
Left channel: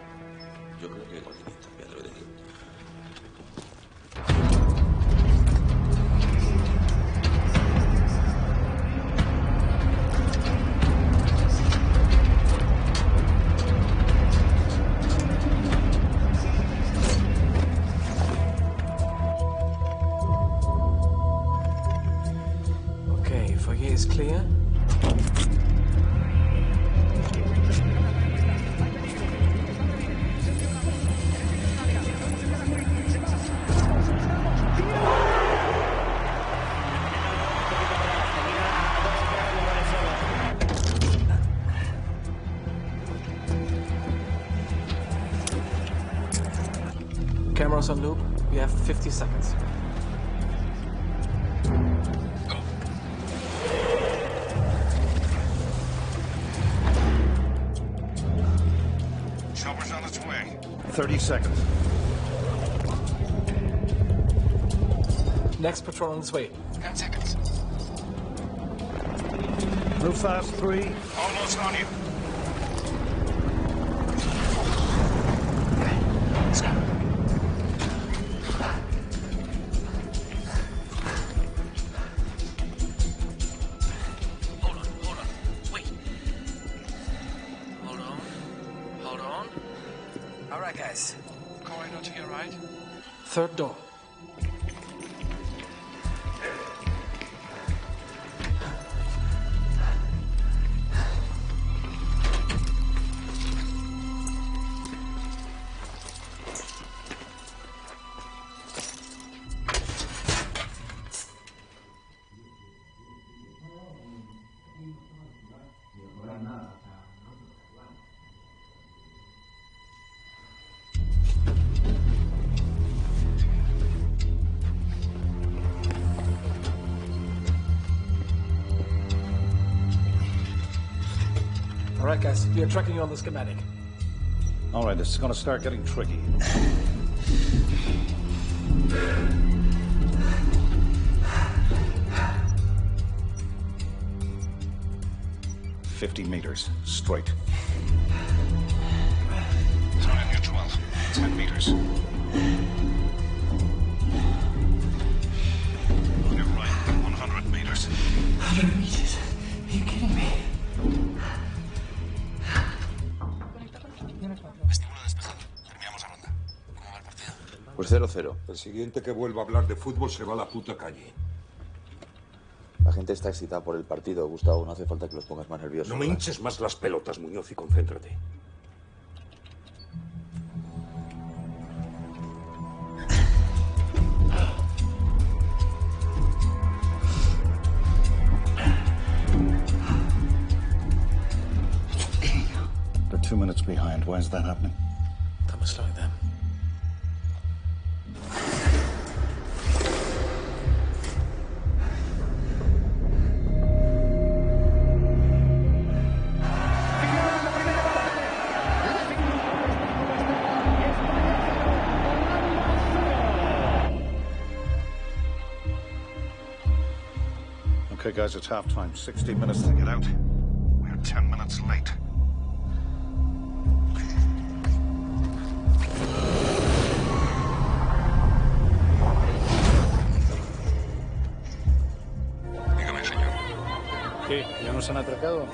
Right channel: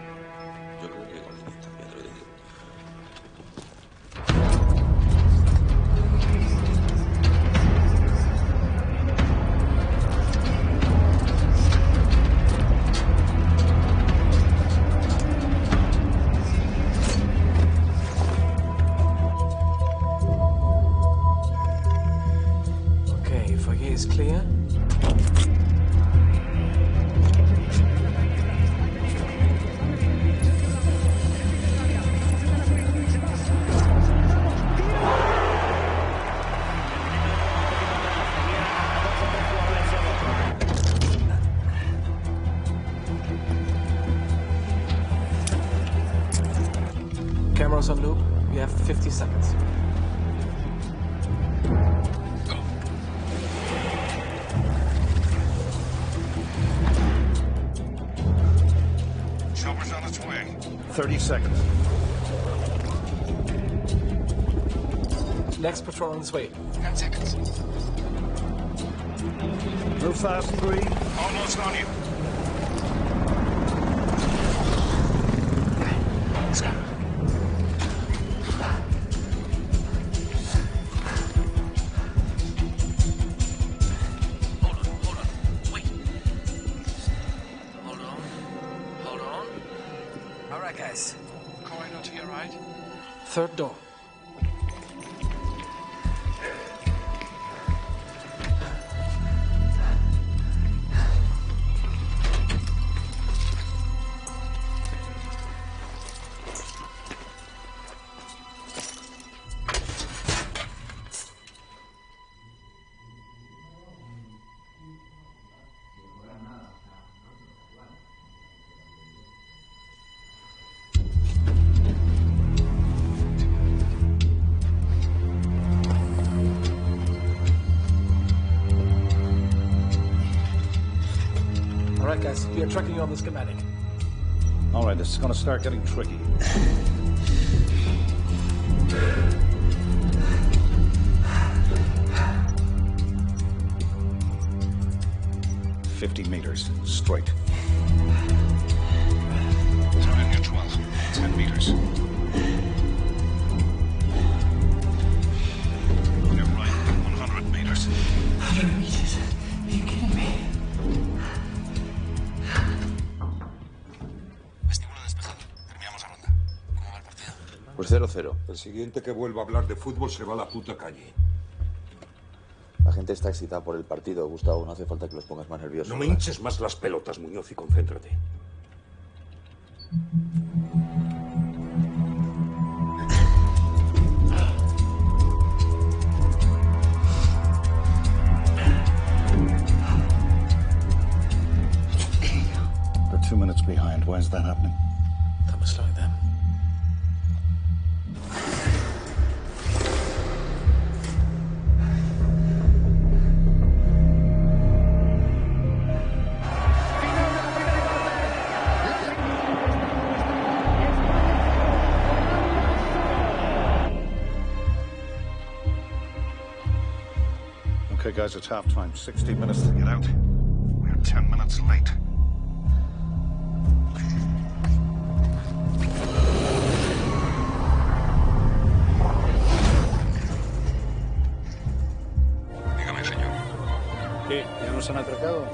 Yo creo que con línea, ya te lo digo. Okay, foyer is clear. Cameras on loop. We have 50 seconds. Chopper's on its way. 30 seconds. Next patrol on its way. 10 seconds. Move fast, 3. Almost on you. Let's go. All right, guys. Corridor to your right. Third door. All right, guys. We are tracking you on the schematic. All right, this is going to start getting tricky. $50 meters, straight. Turn in your 12. 10 meters. On your right, 100 meters. 100 meters? Are you kidding me? Pues 0-0. El siguiente que vuelva a hablar de fútbol se va a la puta calle. La gente está excitada por el partido, Gustavo. No hace falta que los pongas más nerviosos. No me hinches más las pelotas, Muñoz, y concéntrate. They're 2 minutes behind. Why is that happening? That was slowing them. Okay, guys, it's halftime. 60 minutes to get out. We're 10 minutes late. Dígame, señor. ¿Qué? ¿Ya nos han atracado?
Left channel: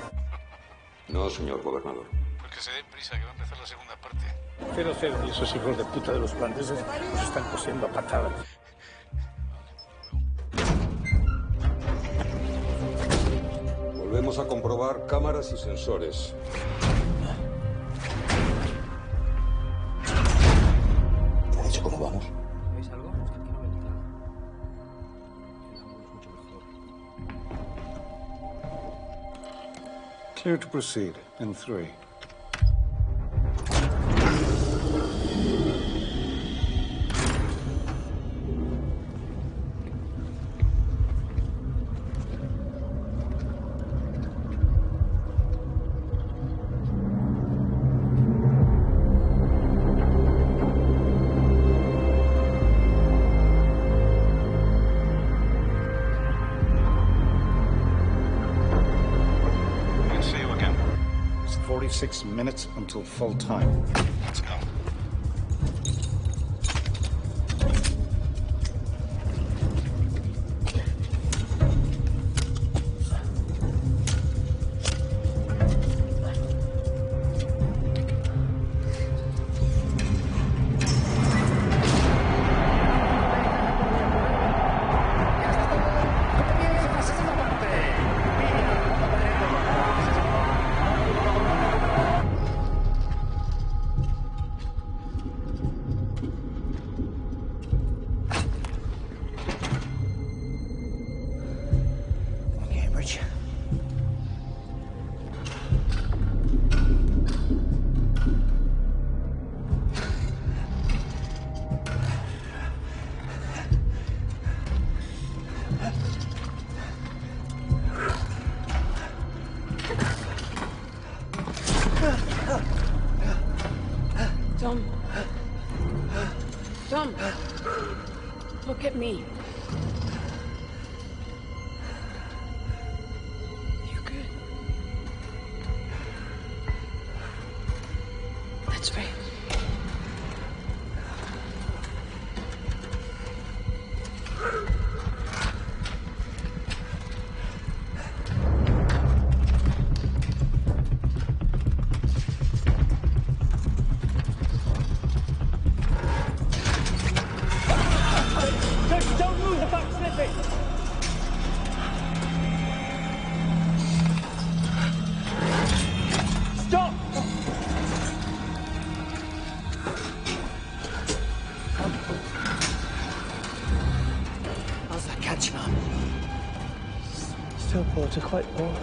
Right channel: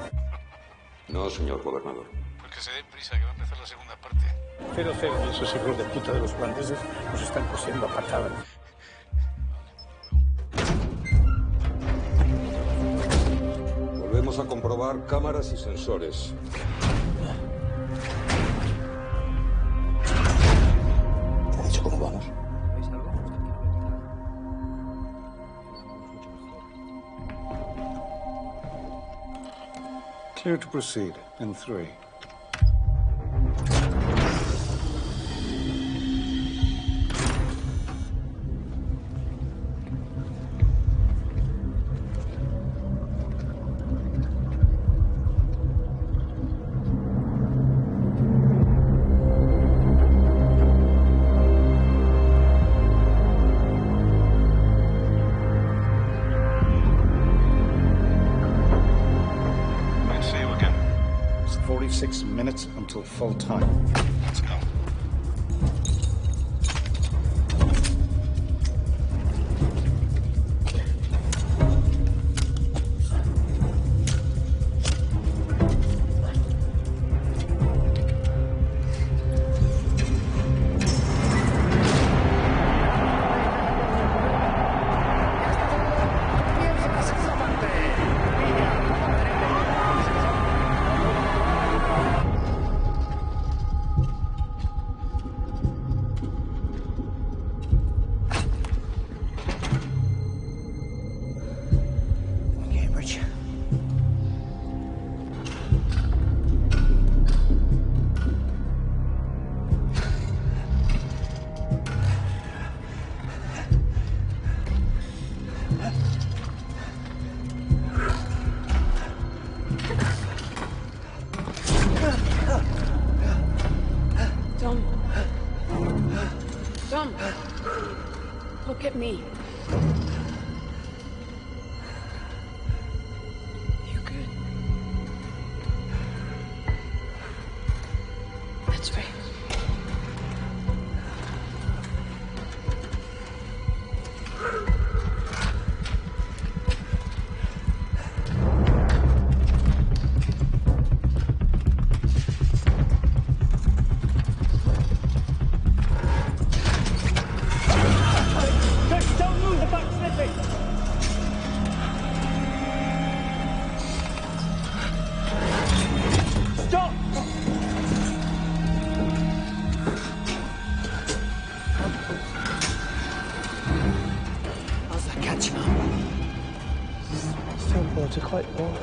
No, señor gobernador. Pues que se den prisa, que va a empezar la segunda parte. 0-0. Y esos hijos de puta de los holandeses nos están cosiendo a patadas. Volvemos a comprobar cámaras y sensores. ¿Te ha dicho cómo vamos? ¿Veis algo? Clear to proceed in 3. 46 minutes until full time. Let's go. Tom, look at me. You good? That's right. Still water quite warm.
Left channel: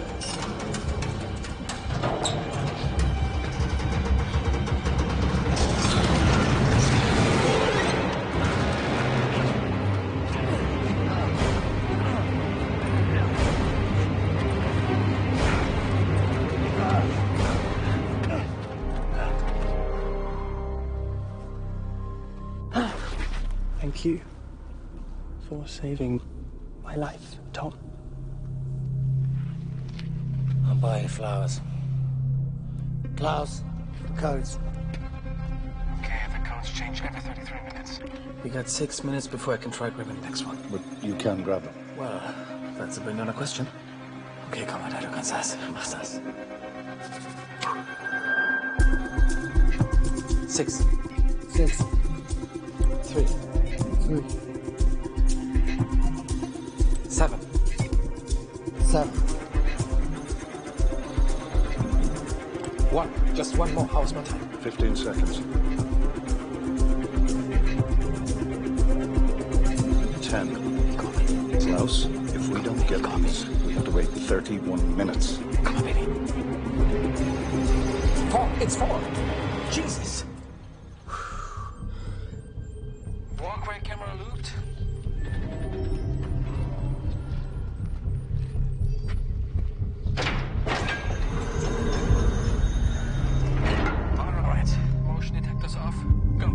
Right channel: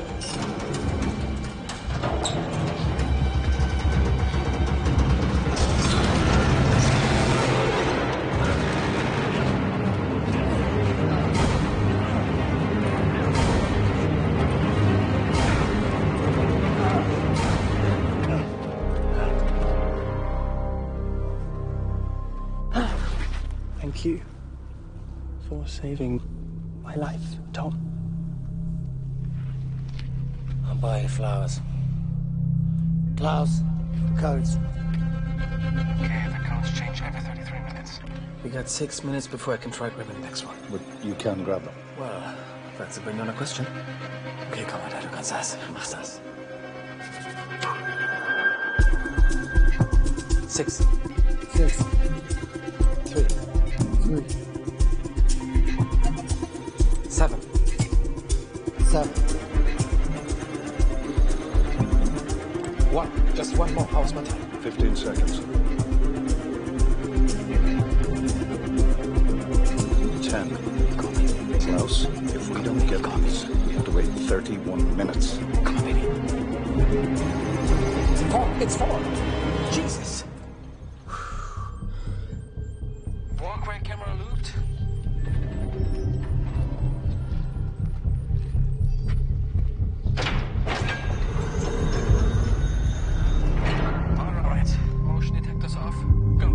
Thank you for saving my life, Tom. I'll buy you flowers. Klaus, the codes. Okay, the codes change every 33 minutes. We got 6 minutes before I can try grabbing the next one. But you can grab them. Well, that's a bring on a question. Okay, komm weiter, du kannst das. Mach das. 6. 6. 3. 3. 7. 7. 1. Just one more. How's my time? 15 seconds. 10. Klaus, if we don't get these, we have to wait 31 minutes. Come on, baby. 4. It's 4. Jesus. Walkway camera looped. All right. Motion detectors off. Go.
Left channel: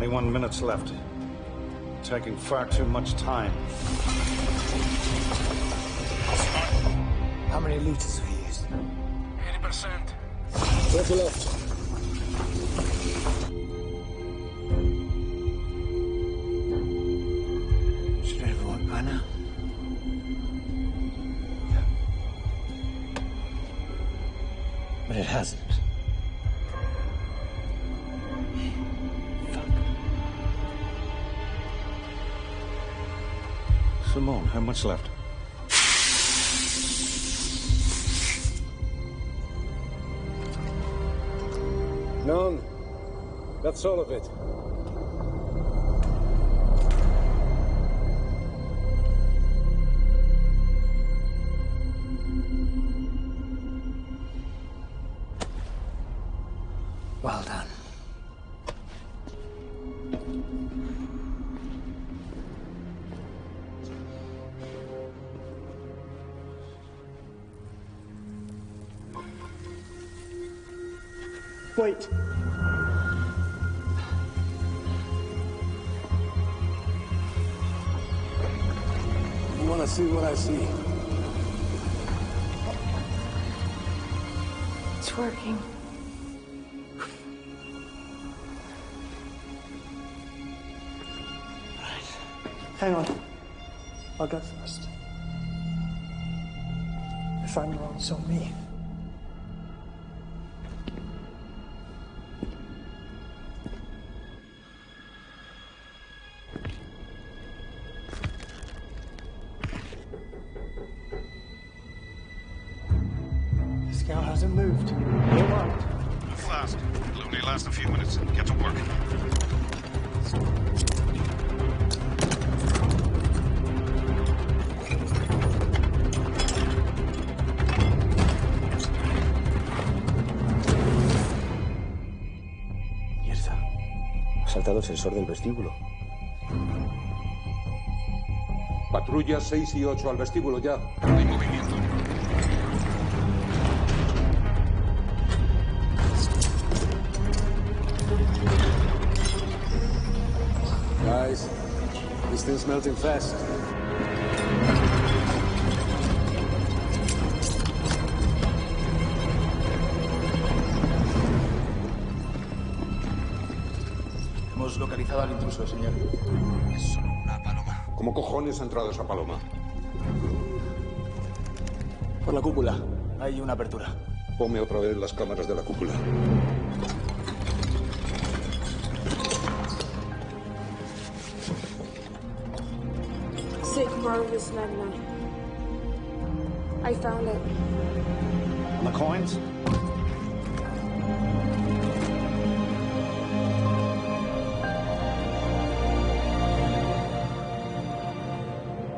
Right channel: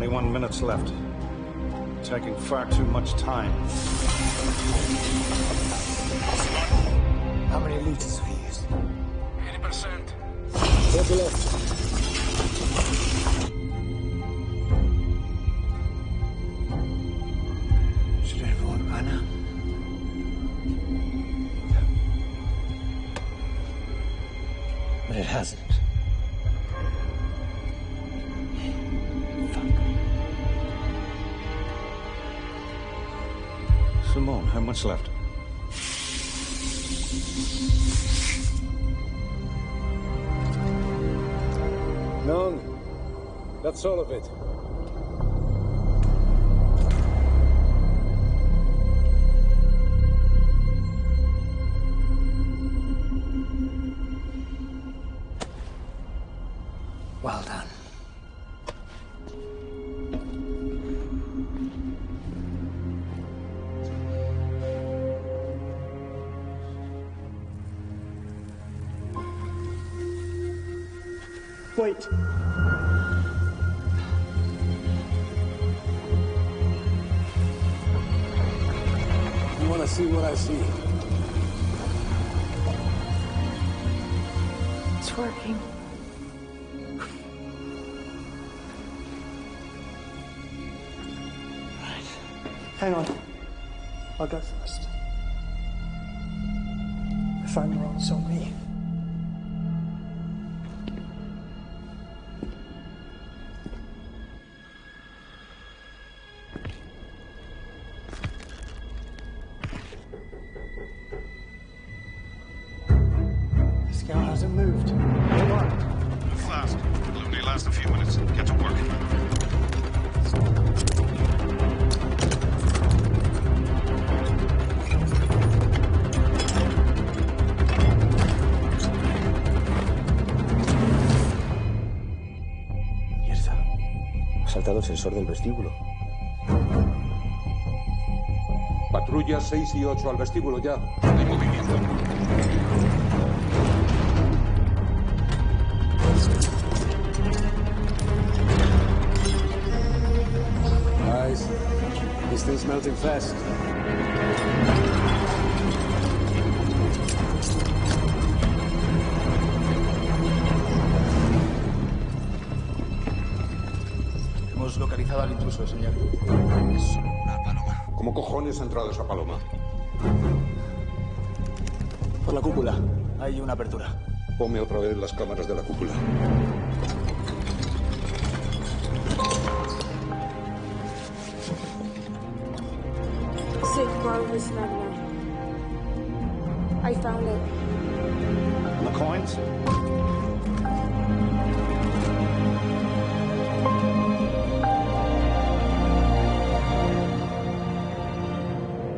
21 minutes left. Taking far too much time. How many liters have you used? 80%. 30 left. Should have worked by now. But it hasn't. Simone, how much left? None. That's all of it. Well done. Wait. You want to see what I see? It's working. Hang on. I'll go first. If I'm wrong, it's on me. The scout hasn't moved. Go on. Move fast. It'll only last a few minutes. Get to work. Ha saltado el sensor del vestíbulo. Patrulla 6 y 8 al vestíbulo ya. Hay movimiento. Guys, this thing's melting fast. Hemos localizado al intruso, señor. Es solo una paloma. ¿Cómo cojones ha entrado esa paloma? Por la cúpula. Hay una apertura. Ponme otra vez las cámaras de la cúpula. Marvelous 99. I found it. And the coins?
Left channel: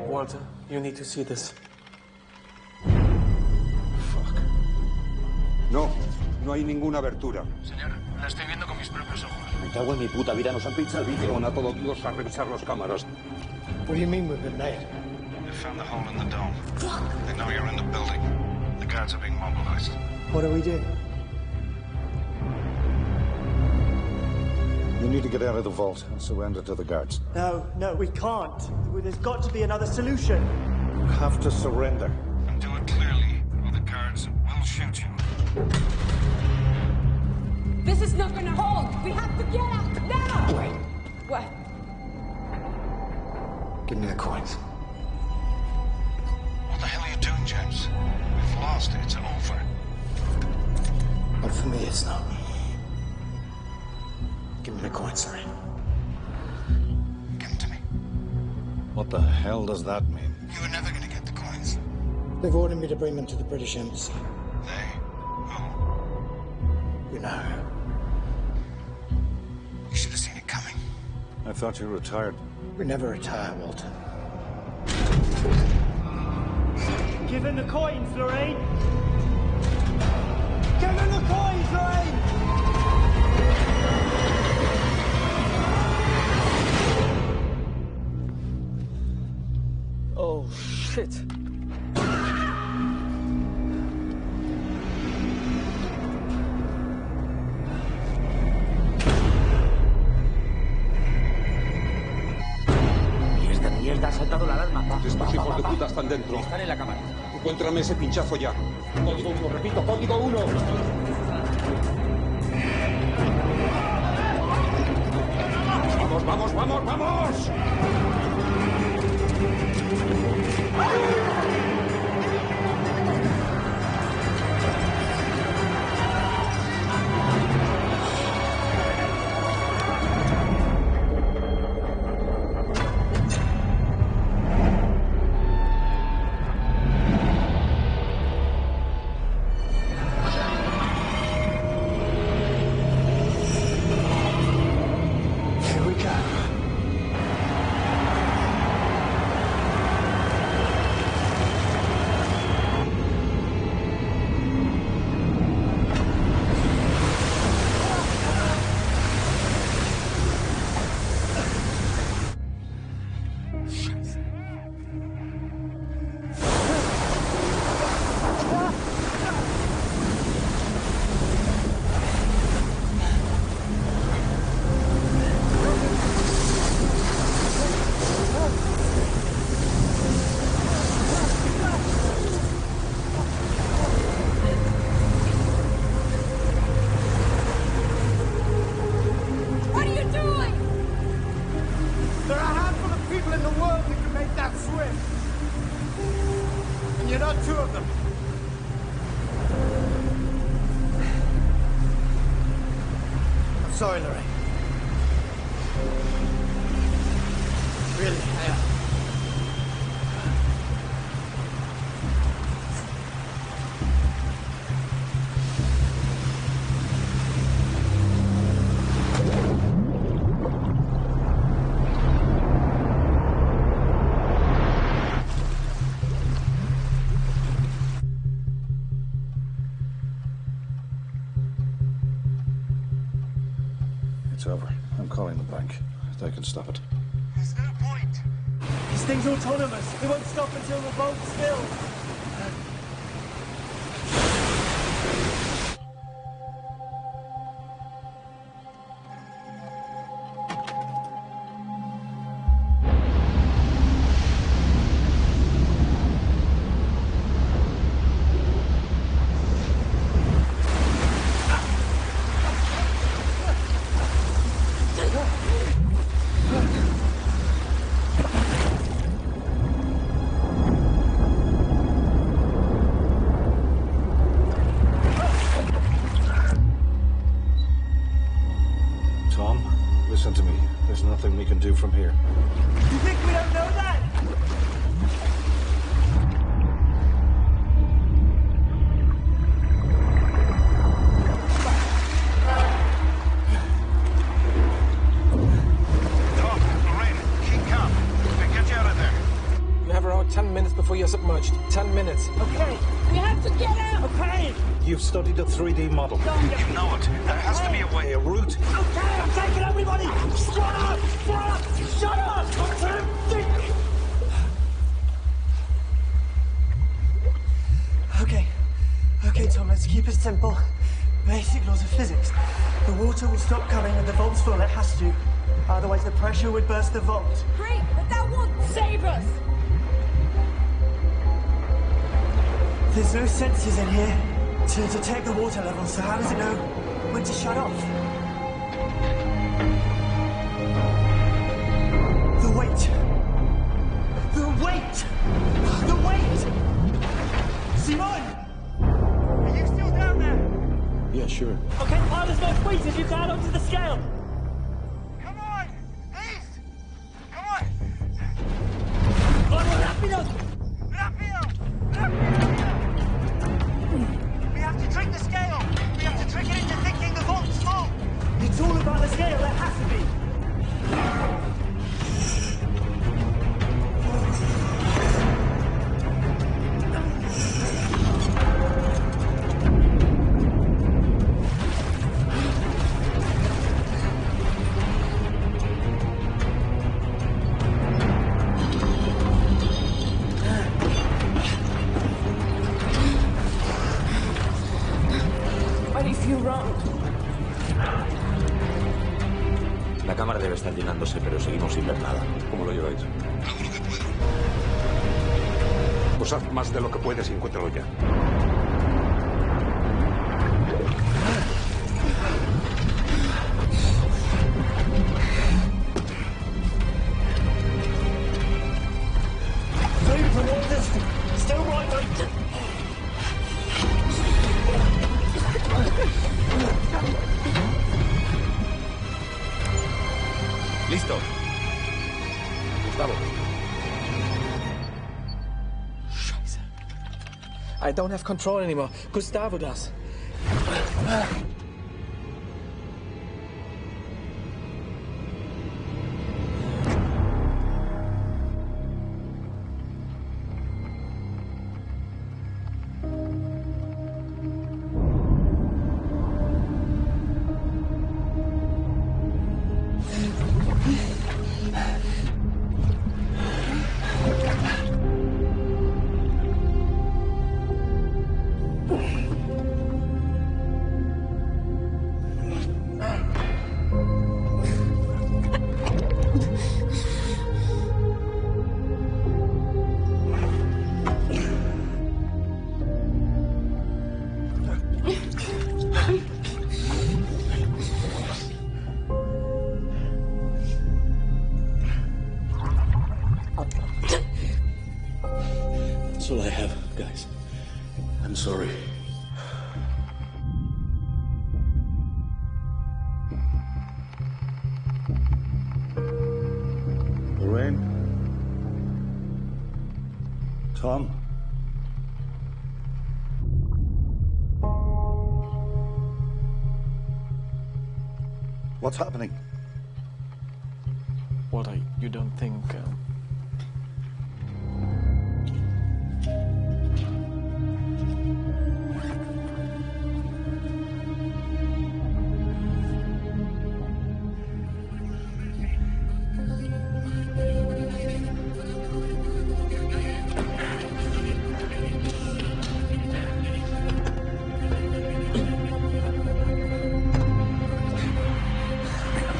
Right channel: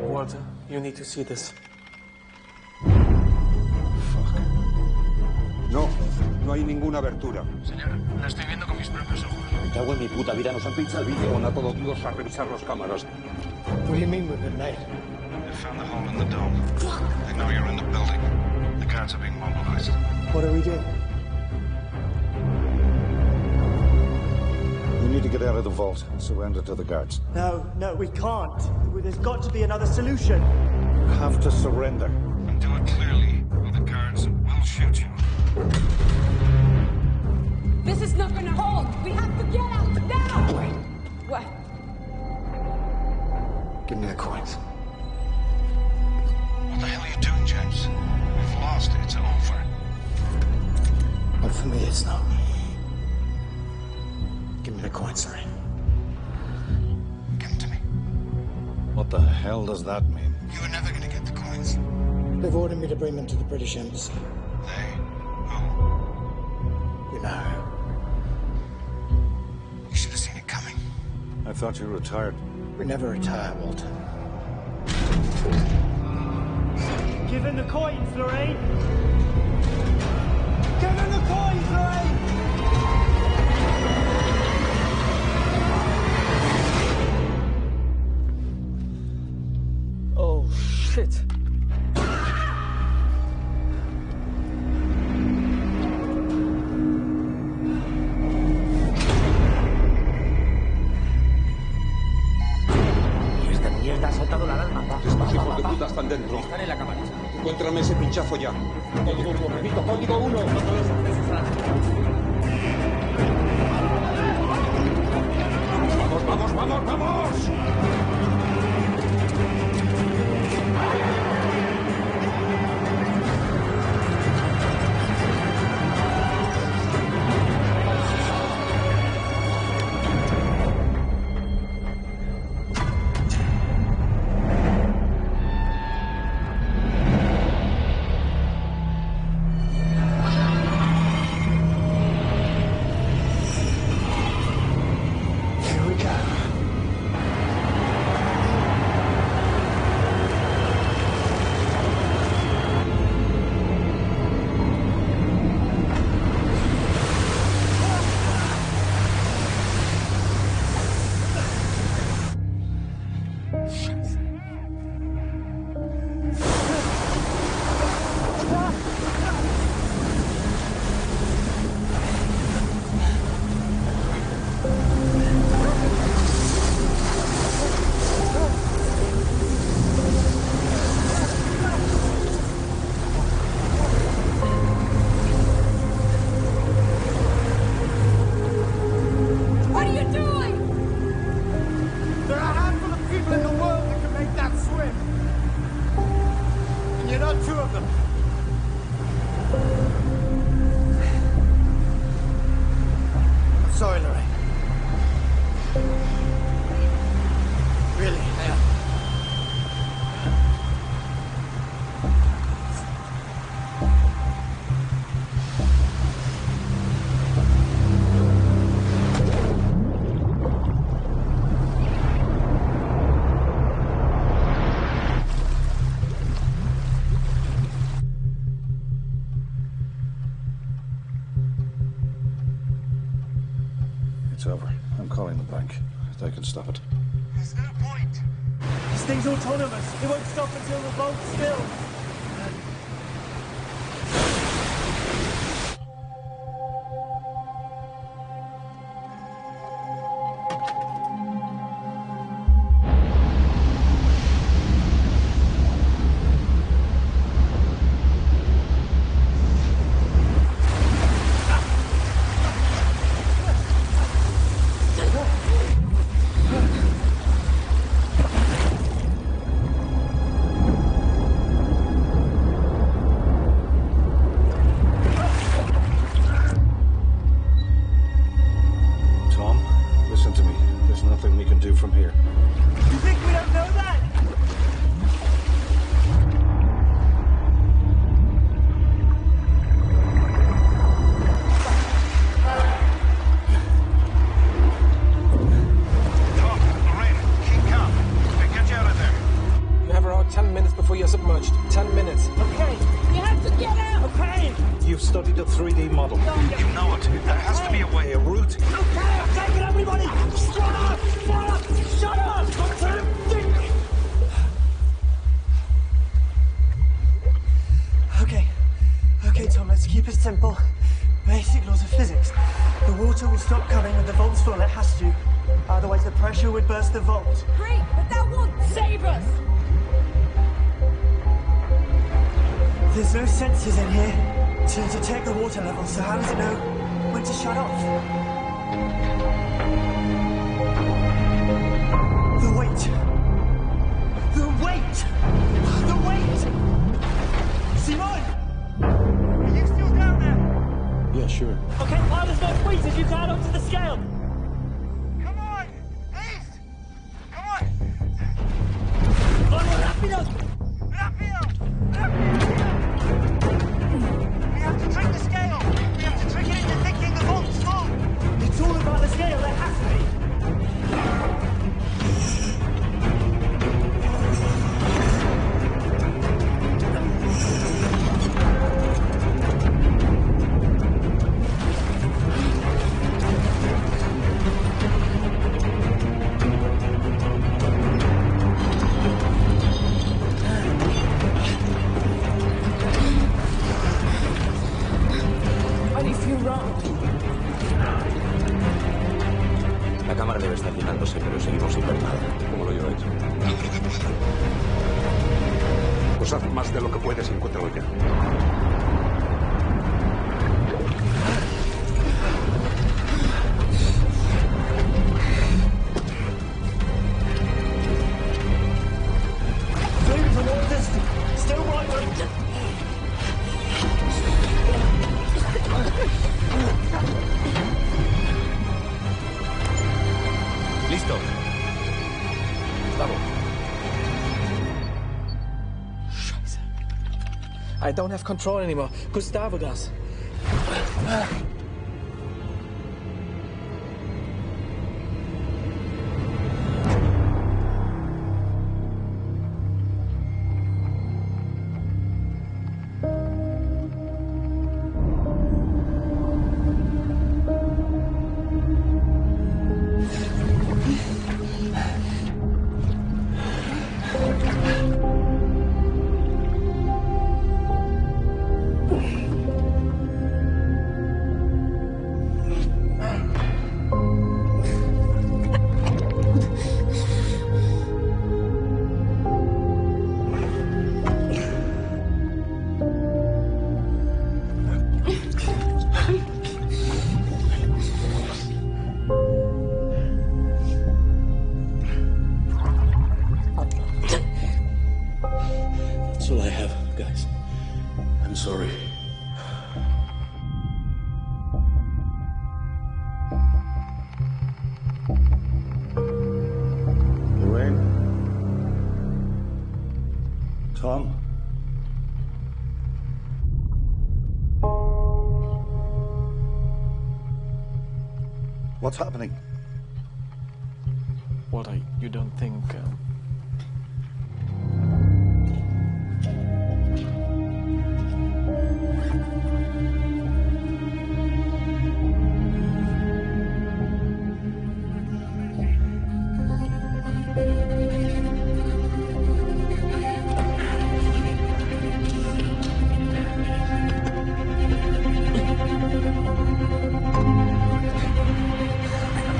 Walter, you need to see this. No, no hay ninguna abertura. Señor, la estoy viendo con mis propios ojos. Me cago en mi puta vida, nos han pinchado el vídeo. Pon a todos Dios a revisar las cámaras. What do you mean we've been made? They found the hole in the dome. They know you're in the building. The guards are being mobilized. What do we do? You need to get out of the vault and surrender to the guards. No, we can't. There's got to be another solution. You have to surrender. And do it clearly, or the guards will shoot you. This is not gonna hold. We have to get out now. Wait. What? Give me the coins. What the hell are you doing, James? We've lost. It's over. But for me, it's not. Give me the coins, sorry. Give them to me. What the hell does that mean? You were never gonna get the coins. They've ordered me to bring them to the British Embassy. They? You know. You should have seen it coming. I thought you retired. We never retire, Walter. Give him the coins, Lorraine! Give him the coins, Lorraine! Oh, shit. saltado la alarma. Estos hijos de puta están dentro. Están en la cámara. Encuéntrame ese pinchazo ya. Código 1, repito, código 1. ¡Vamos, vamos, vamos, vamos! Sorry, Lorraine. Really, I am. It's over. I'm calling the bank. They can stop it. There's no point. This thing's autonomous. It won't stop until the bolt's filled. Listen to me. There's nothing we can do from here. You think we don't know that? Tom, Lorraine, keep calm. We'll get you out of there. You have around 10 minutes before you're submerged. 10 minutes. Okay. We have to get out! Okay. You've studied a 3D model. You know it. There has to be a way. A route. Okay, I'm taking everybody! Shut up! Shut up! Shut up! Let him think! Okay, Tom, let's keep it simple. Basic laws of physics. The water will stop coming when the volt's full. It has to. Otherwise, the pressure would burst the vault. Great, but that won't save us! There's no sensors in here to detect the water level, so how does it know when to shut off? The weight. The weight! The weight! Simon! Are you still down there? Yeah, sure. Okay, pile as much weight as you can onto the scale. Come on! Please! Come on! Vamos, rápido! Rápido! Rápido! We have to trick the scale! We have to trick it into thinking the vault's full! It's all about the scale, there has to be. La cámara debe estar llenándose, pero seguimos sin ver nada. ¿Cómo lo lleváis? Hago lo que puedo. Pues haz más de lo que puedes y encuéntralo ya. Listo. Gustavo. Scheiße. I don't have control anymore. Gustavo does. That's all I have, guys. I'm sorry. Lorraine? Tom? What's happening? Walter, you don't think...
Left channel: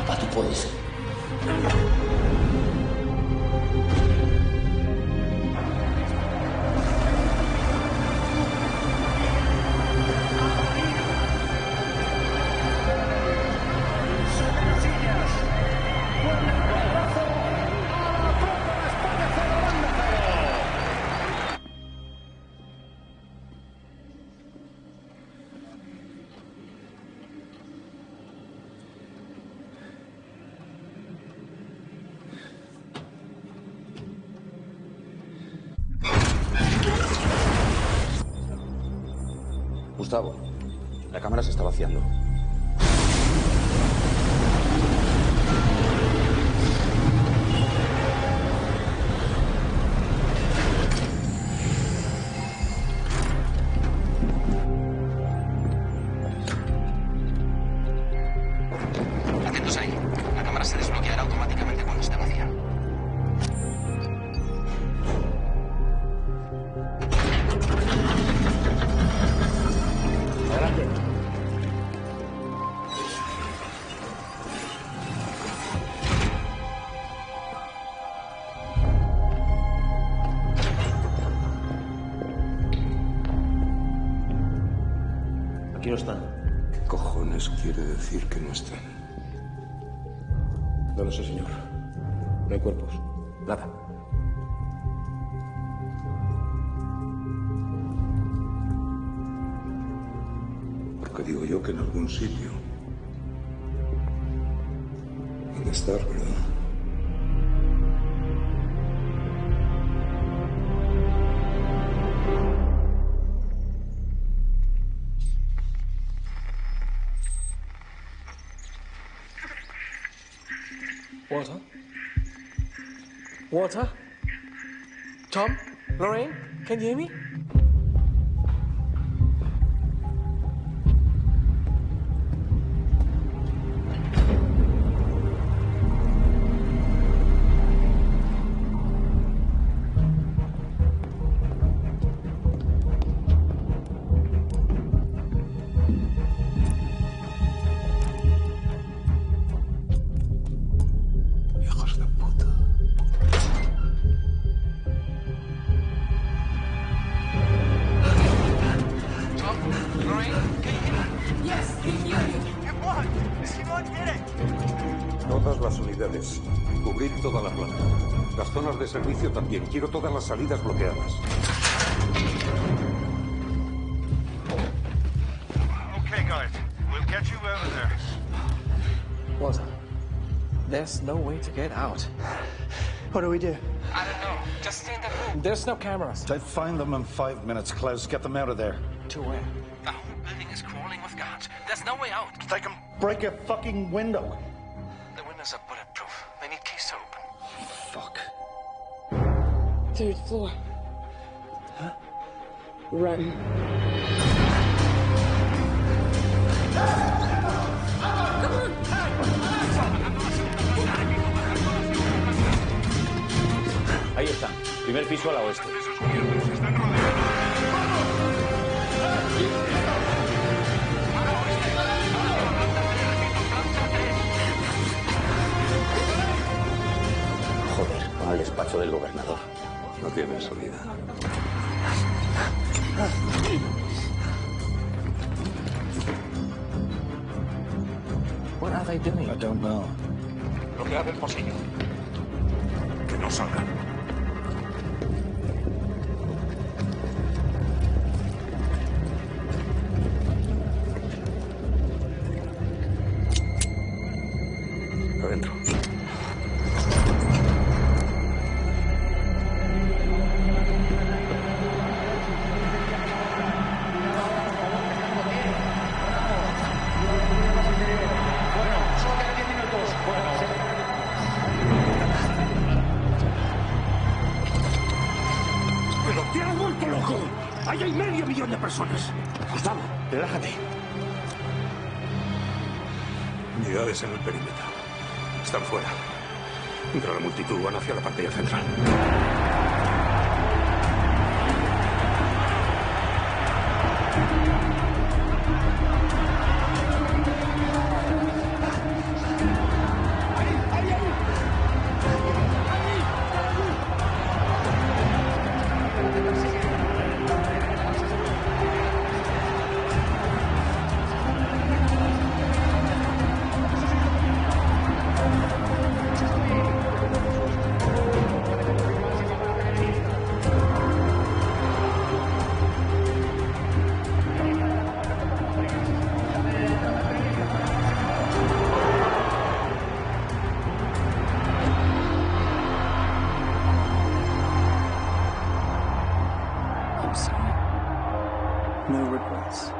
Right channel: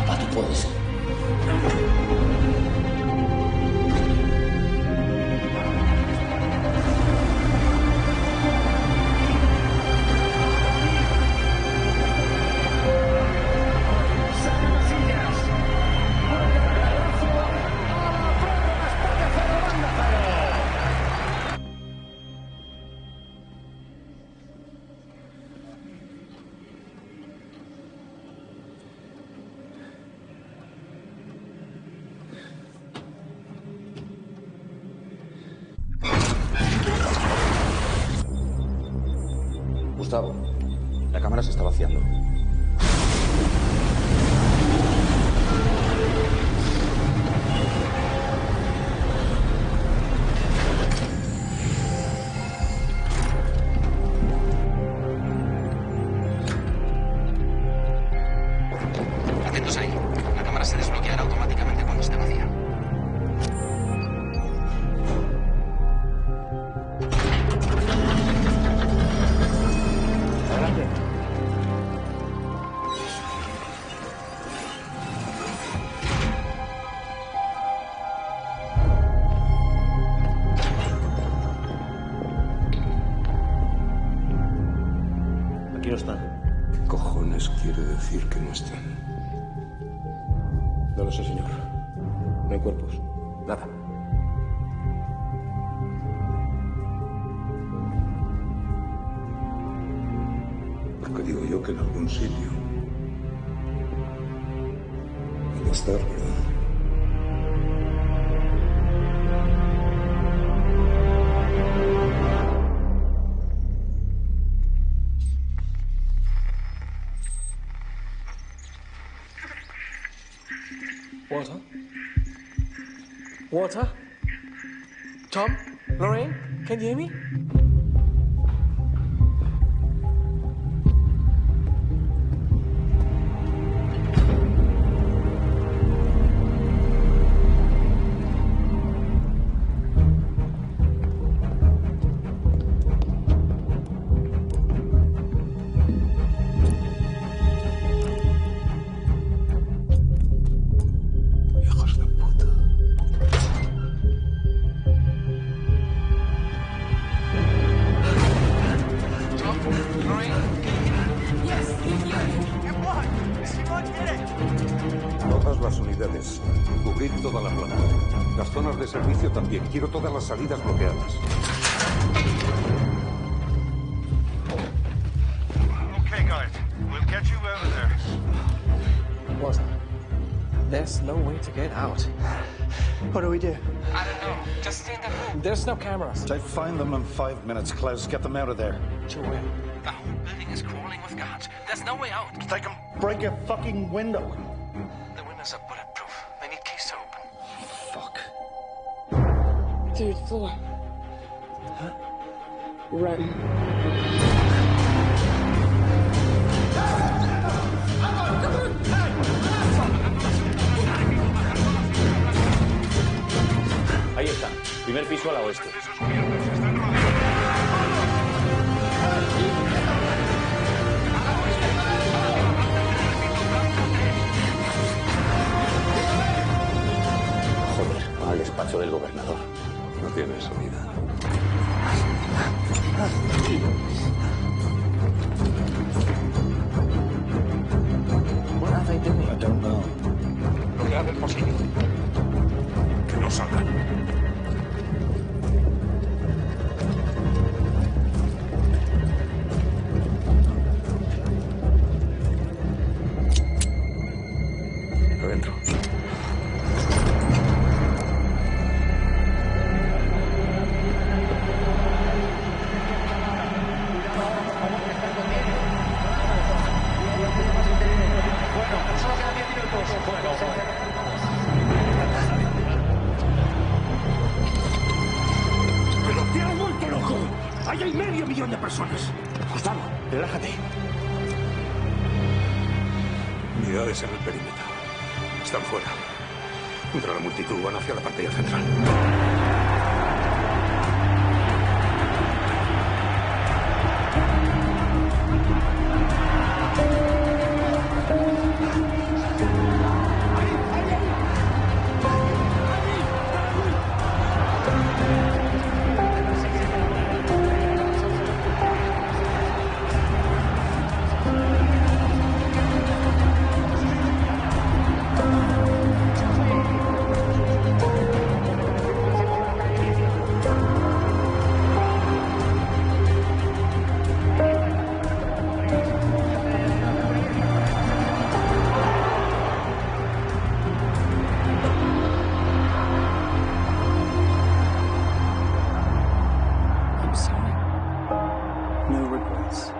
Papá, tú puedes. Gustavo, la cámara se está vaciando. Atentos ahí. La cámara se desbloqueará automáticamente cuando esté vacía. Adelante. Aquí no están. ¿Qué cojones quiere decir que no estén? No lo sé, señor. No hay cuerpos. Nada. Porque digo yo que en algún sitio debe estar, ¿verdad? Walter? Walter? Tom? Lorraine? Can you hear me? Squad did it. Todas las unidades. Cubrir toda la planta. Las zonas de servicio también. Quiero todas las salidas bloqueadas. Okay, guys. We'll get you out of there. What? There's no way to get out. What do we do? I don't know. Just stay in the room. There's no cameras. I'd find them in 5 minutes, Klaus. Get them out of there. To where? The whole building is crawling with guards. There's no way out. They can break a fucking window. The windows are bulletproof. They need keys to open. Fuck. 3rd floor. Huh? Run. Ahí están. Primer piso a la oeste. Joder, al despacho del gobernador. No tiene salida. What are they doing? I don't know. Bloquead el pasillo. Que no salgan. Adentro. ¡Pero te has vuelto loco! ¡Ahí hay medio millón de personas! Gustavo, relájate. Unidades en el perímetro. Están fuera. Entre la multitud van hacia la pantalla central. I'm sorry. No regrets.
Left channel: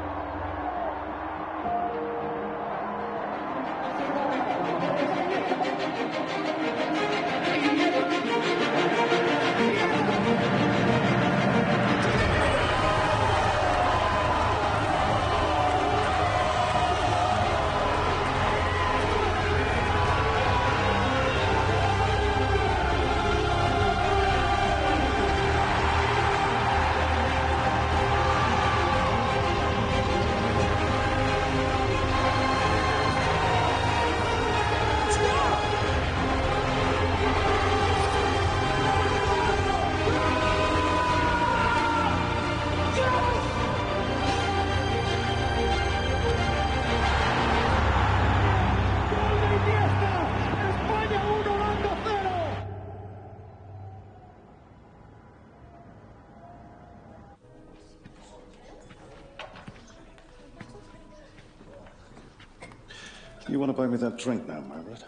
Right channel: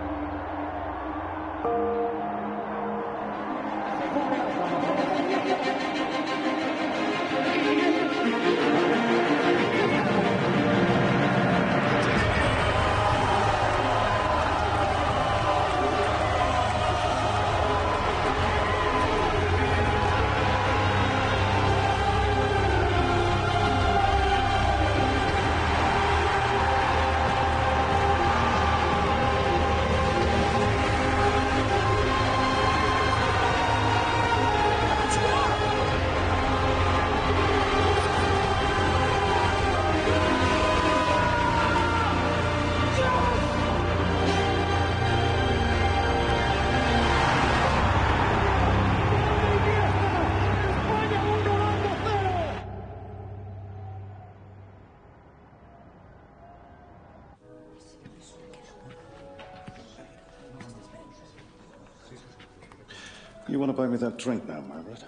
You want to buy me that drink now, Margaret?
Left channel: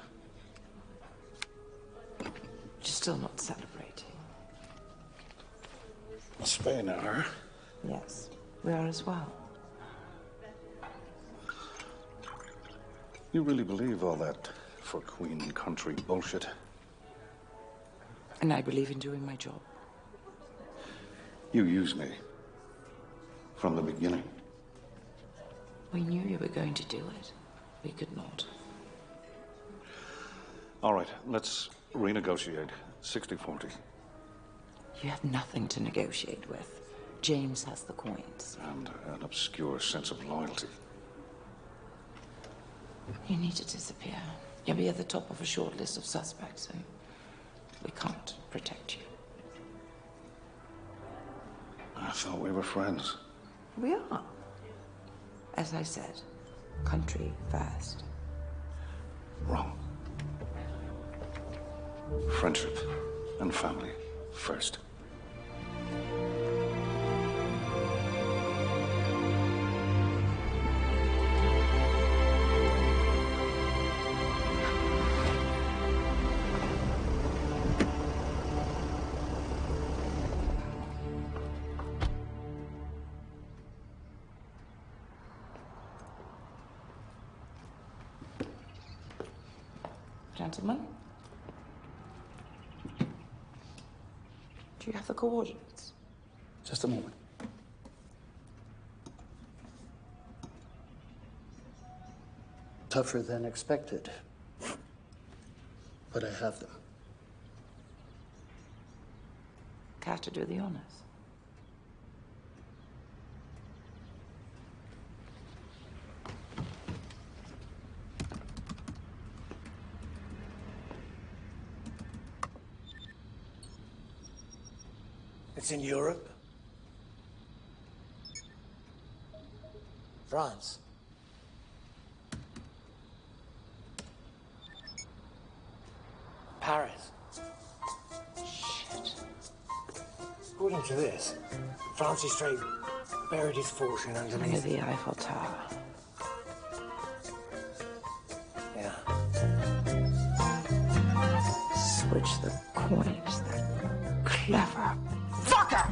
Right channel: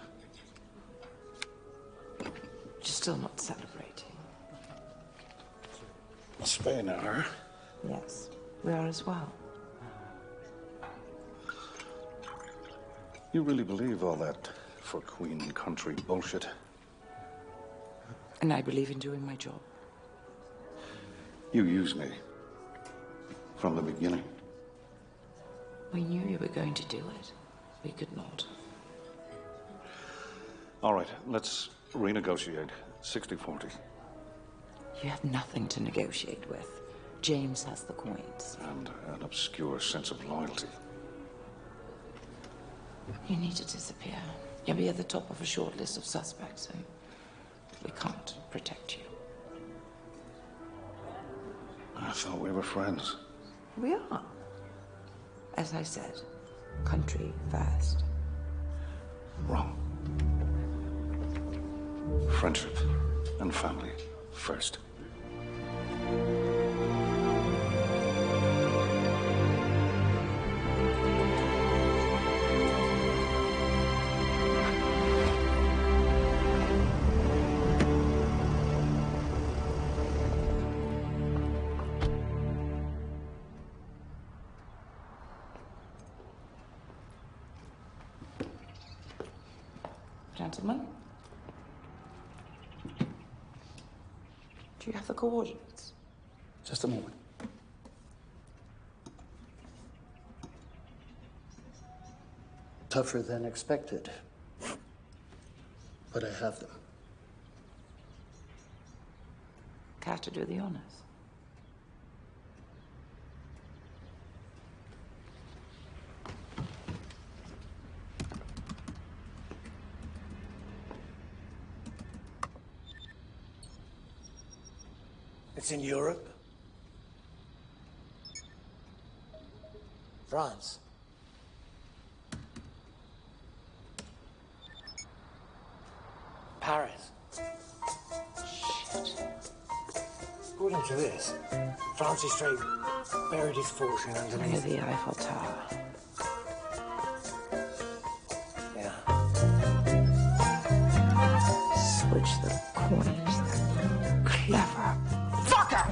You're still not celebrating. Spain are. Yes, we are as well. You really believe all that for Queen and country bullshit? And I believe in doing my job. You used me. From the beginning. We knew you were going to do it. We could not. All right, let's renegotiate. 60-40. You have nothing to negotiate with. James has the coins. And an obscure sense of loyalty. You need to disappear. You'll be at the top of a short list of suspects, and we can't protect you. I thought we were friends. We are. As I said, country first. Wrong. Friendship and family first. Gentlemen? Do you have the coordinates? Just a moment. Tougher than expected. But I have them. Care to do the honors? It's in Europe. France. Paris. Shit. According to this, Francis Drake buried his fortune Near underneath the Eiffel Tower. Yeah. Switch the coins. Clever fucker!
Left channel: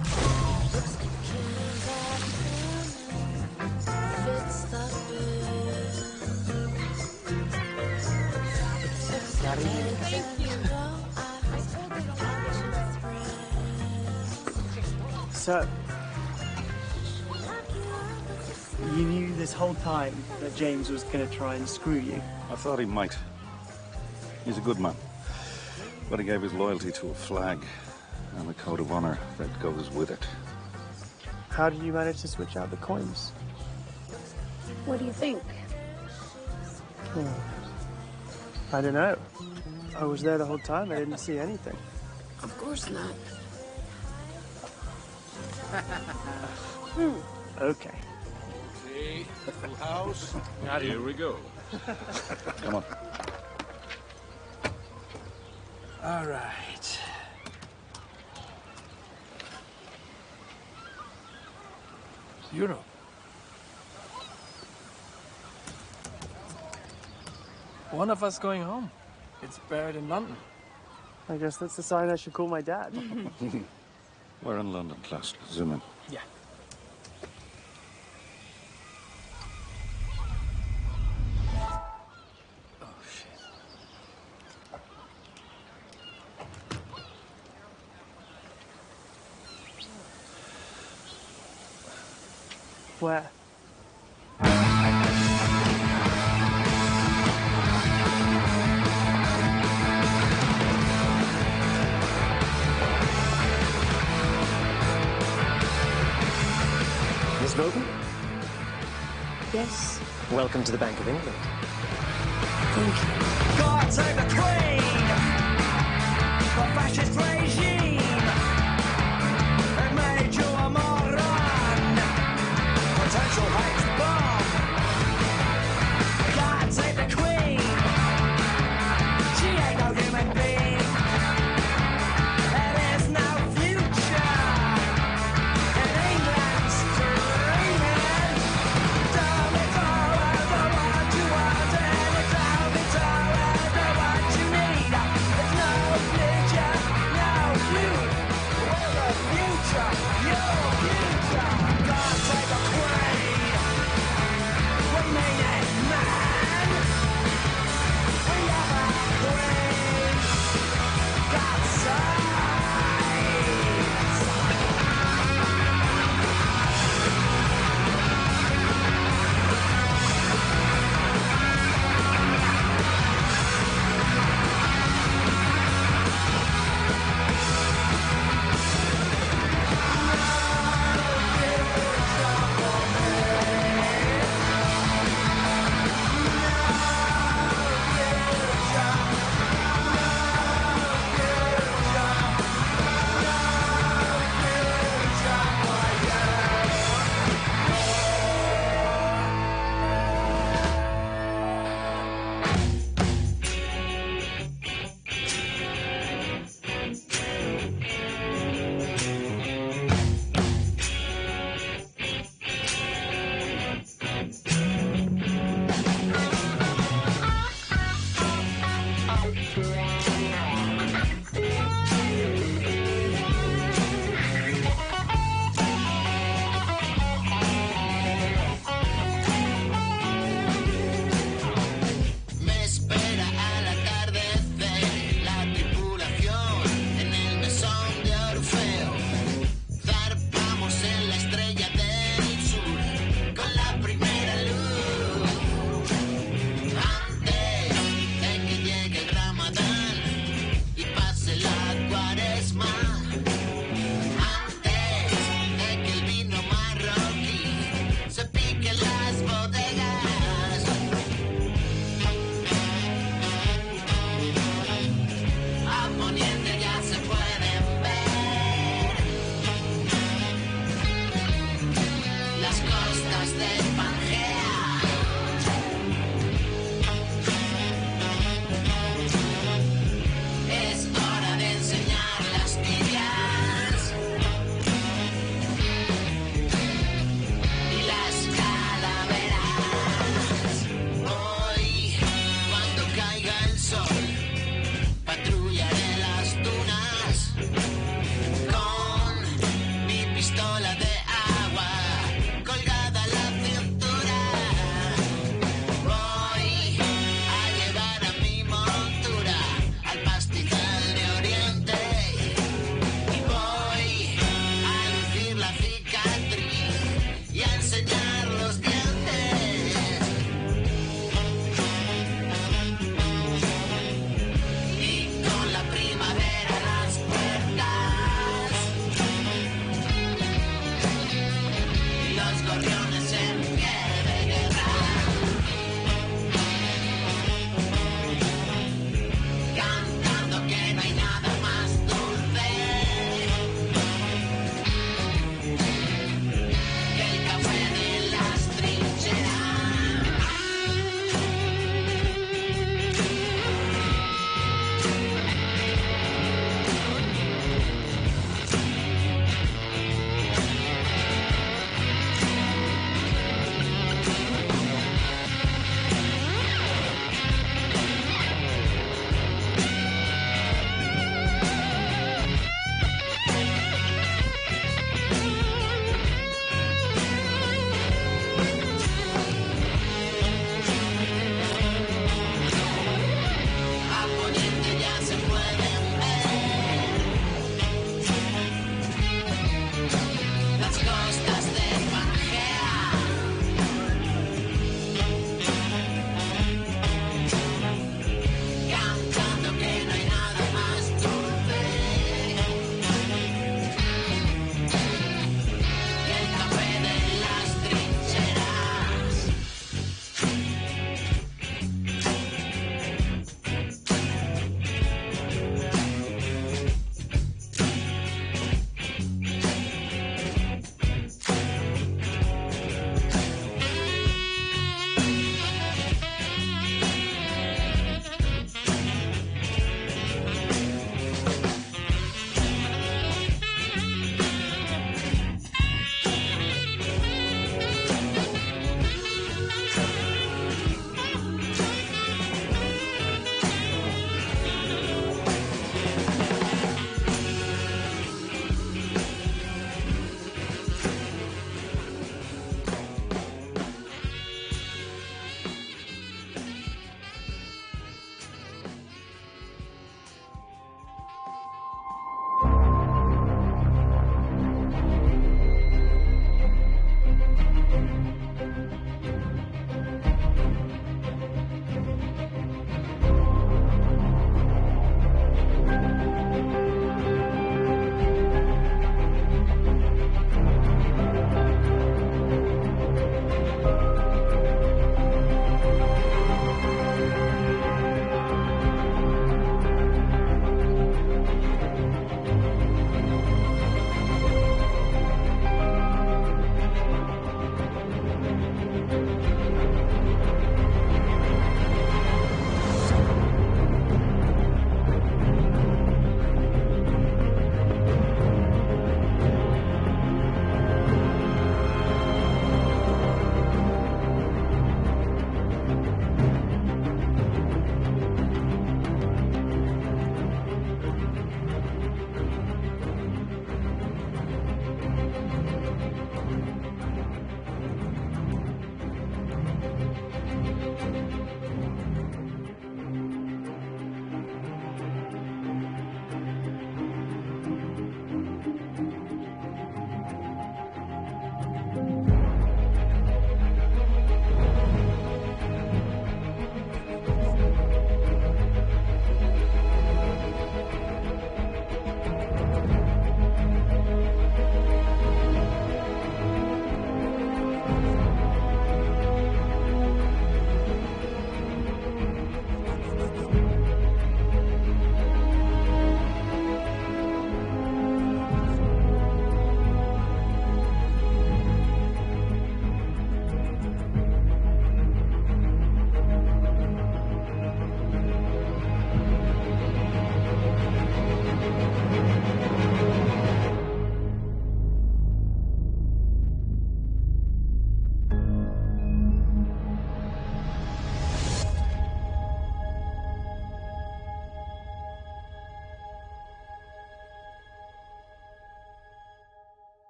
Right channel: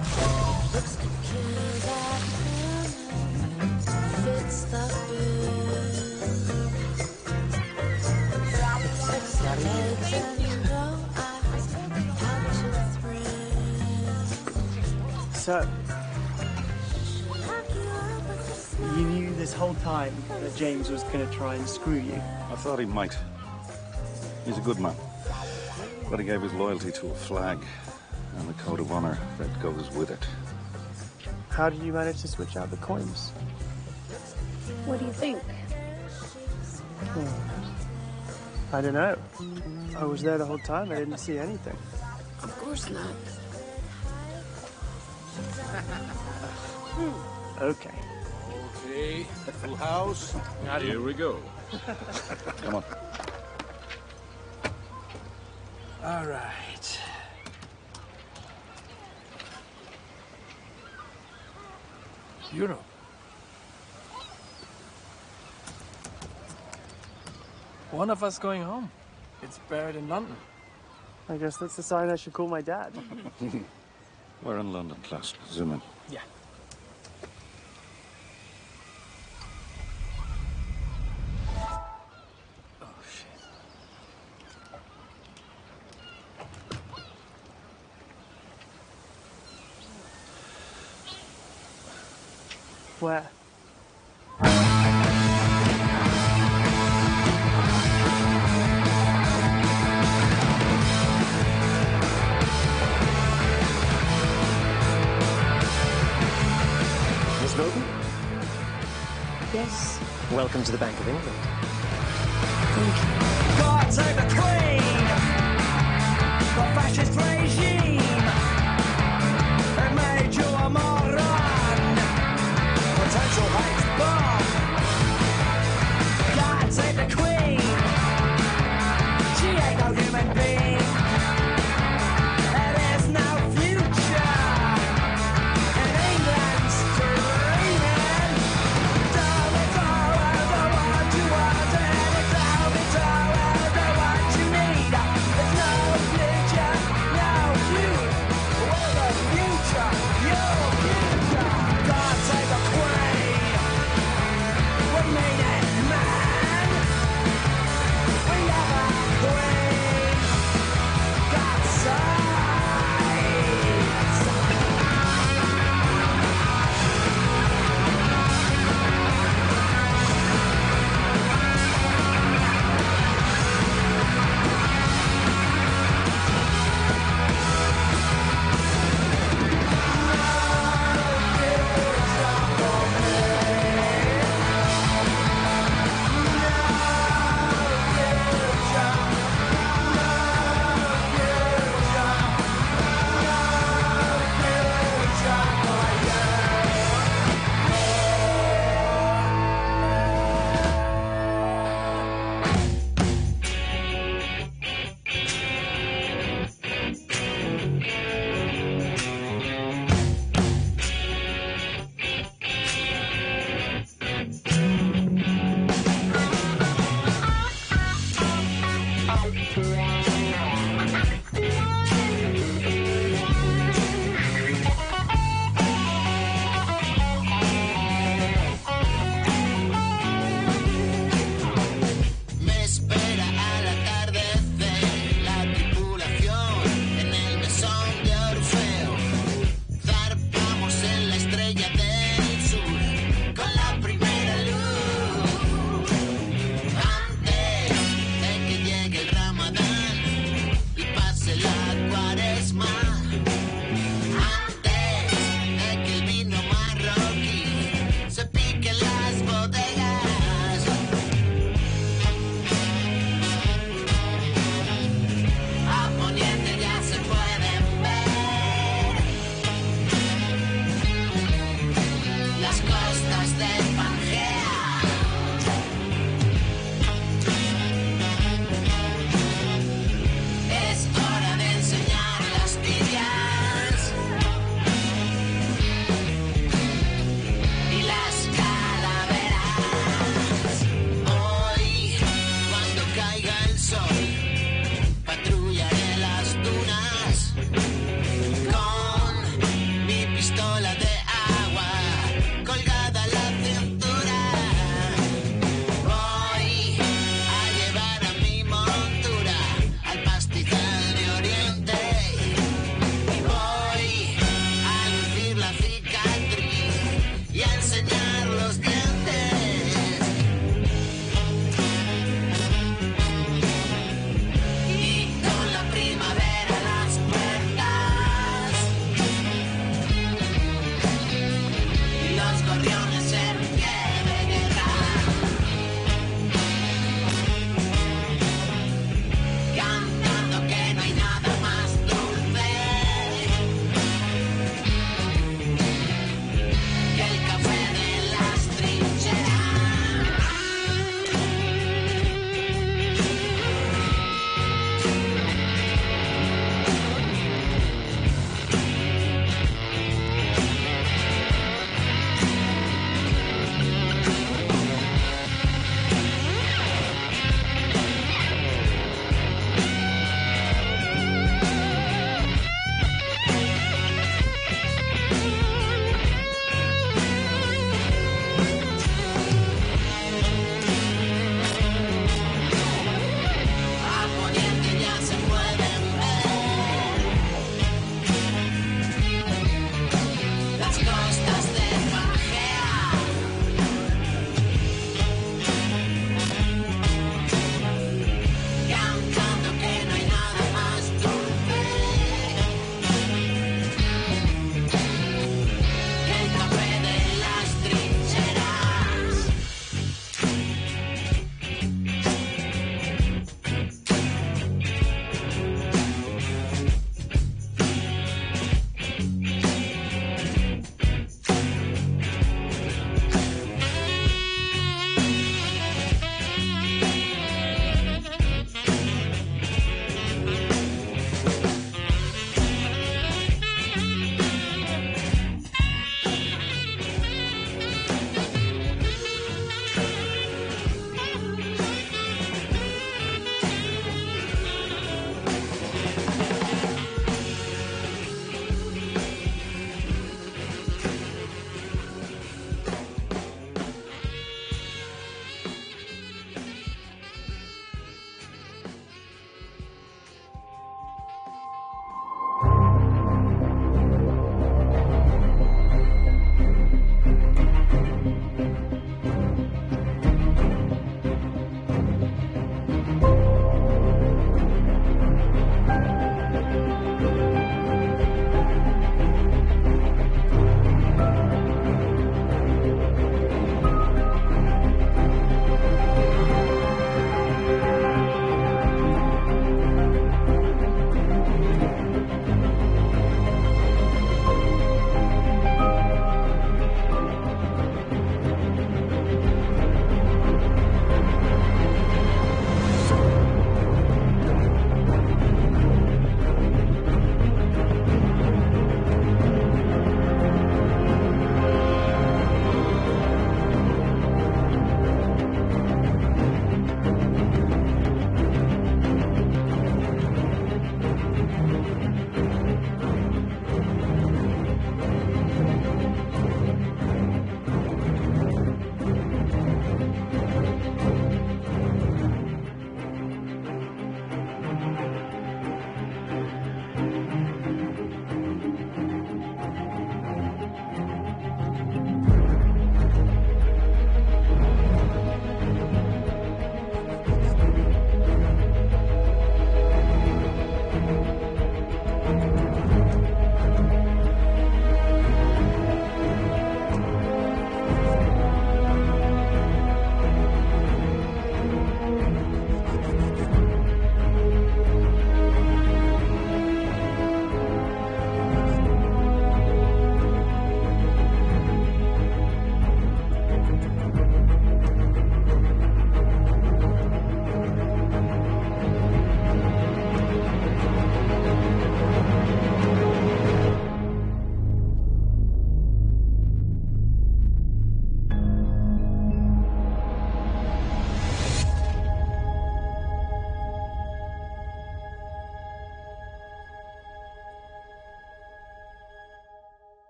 So, you knew this whole time that James was going to try and screw you? I thought he might. He's a good man. But he gave his loyalty to a flag and a code of honor that goes with it. How did you manage to switch out the coins? What do you think? I don't know. I was there the whole time. I didn't see anything. Of course not. Okay. Okay, full house. Here we go. Come on. All right. Europe. One of us going home. It's buried in London. I guess that's a sign I should call my dad. We're in London, class. Zoom in. Yeah. Oh, shit. Where? Miss Bowden? Yes. Welcome to the Bank of England. God save the Queen! The fascist regime! It made you a moron! Potential hate bomb! God save the Queen! She ain't no human being! There is no future in England's dreaming! Tell me, tell me what you want, and tell me, what Bye.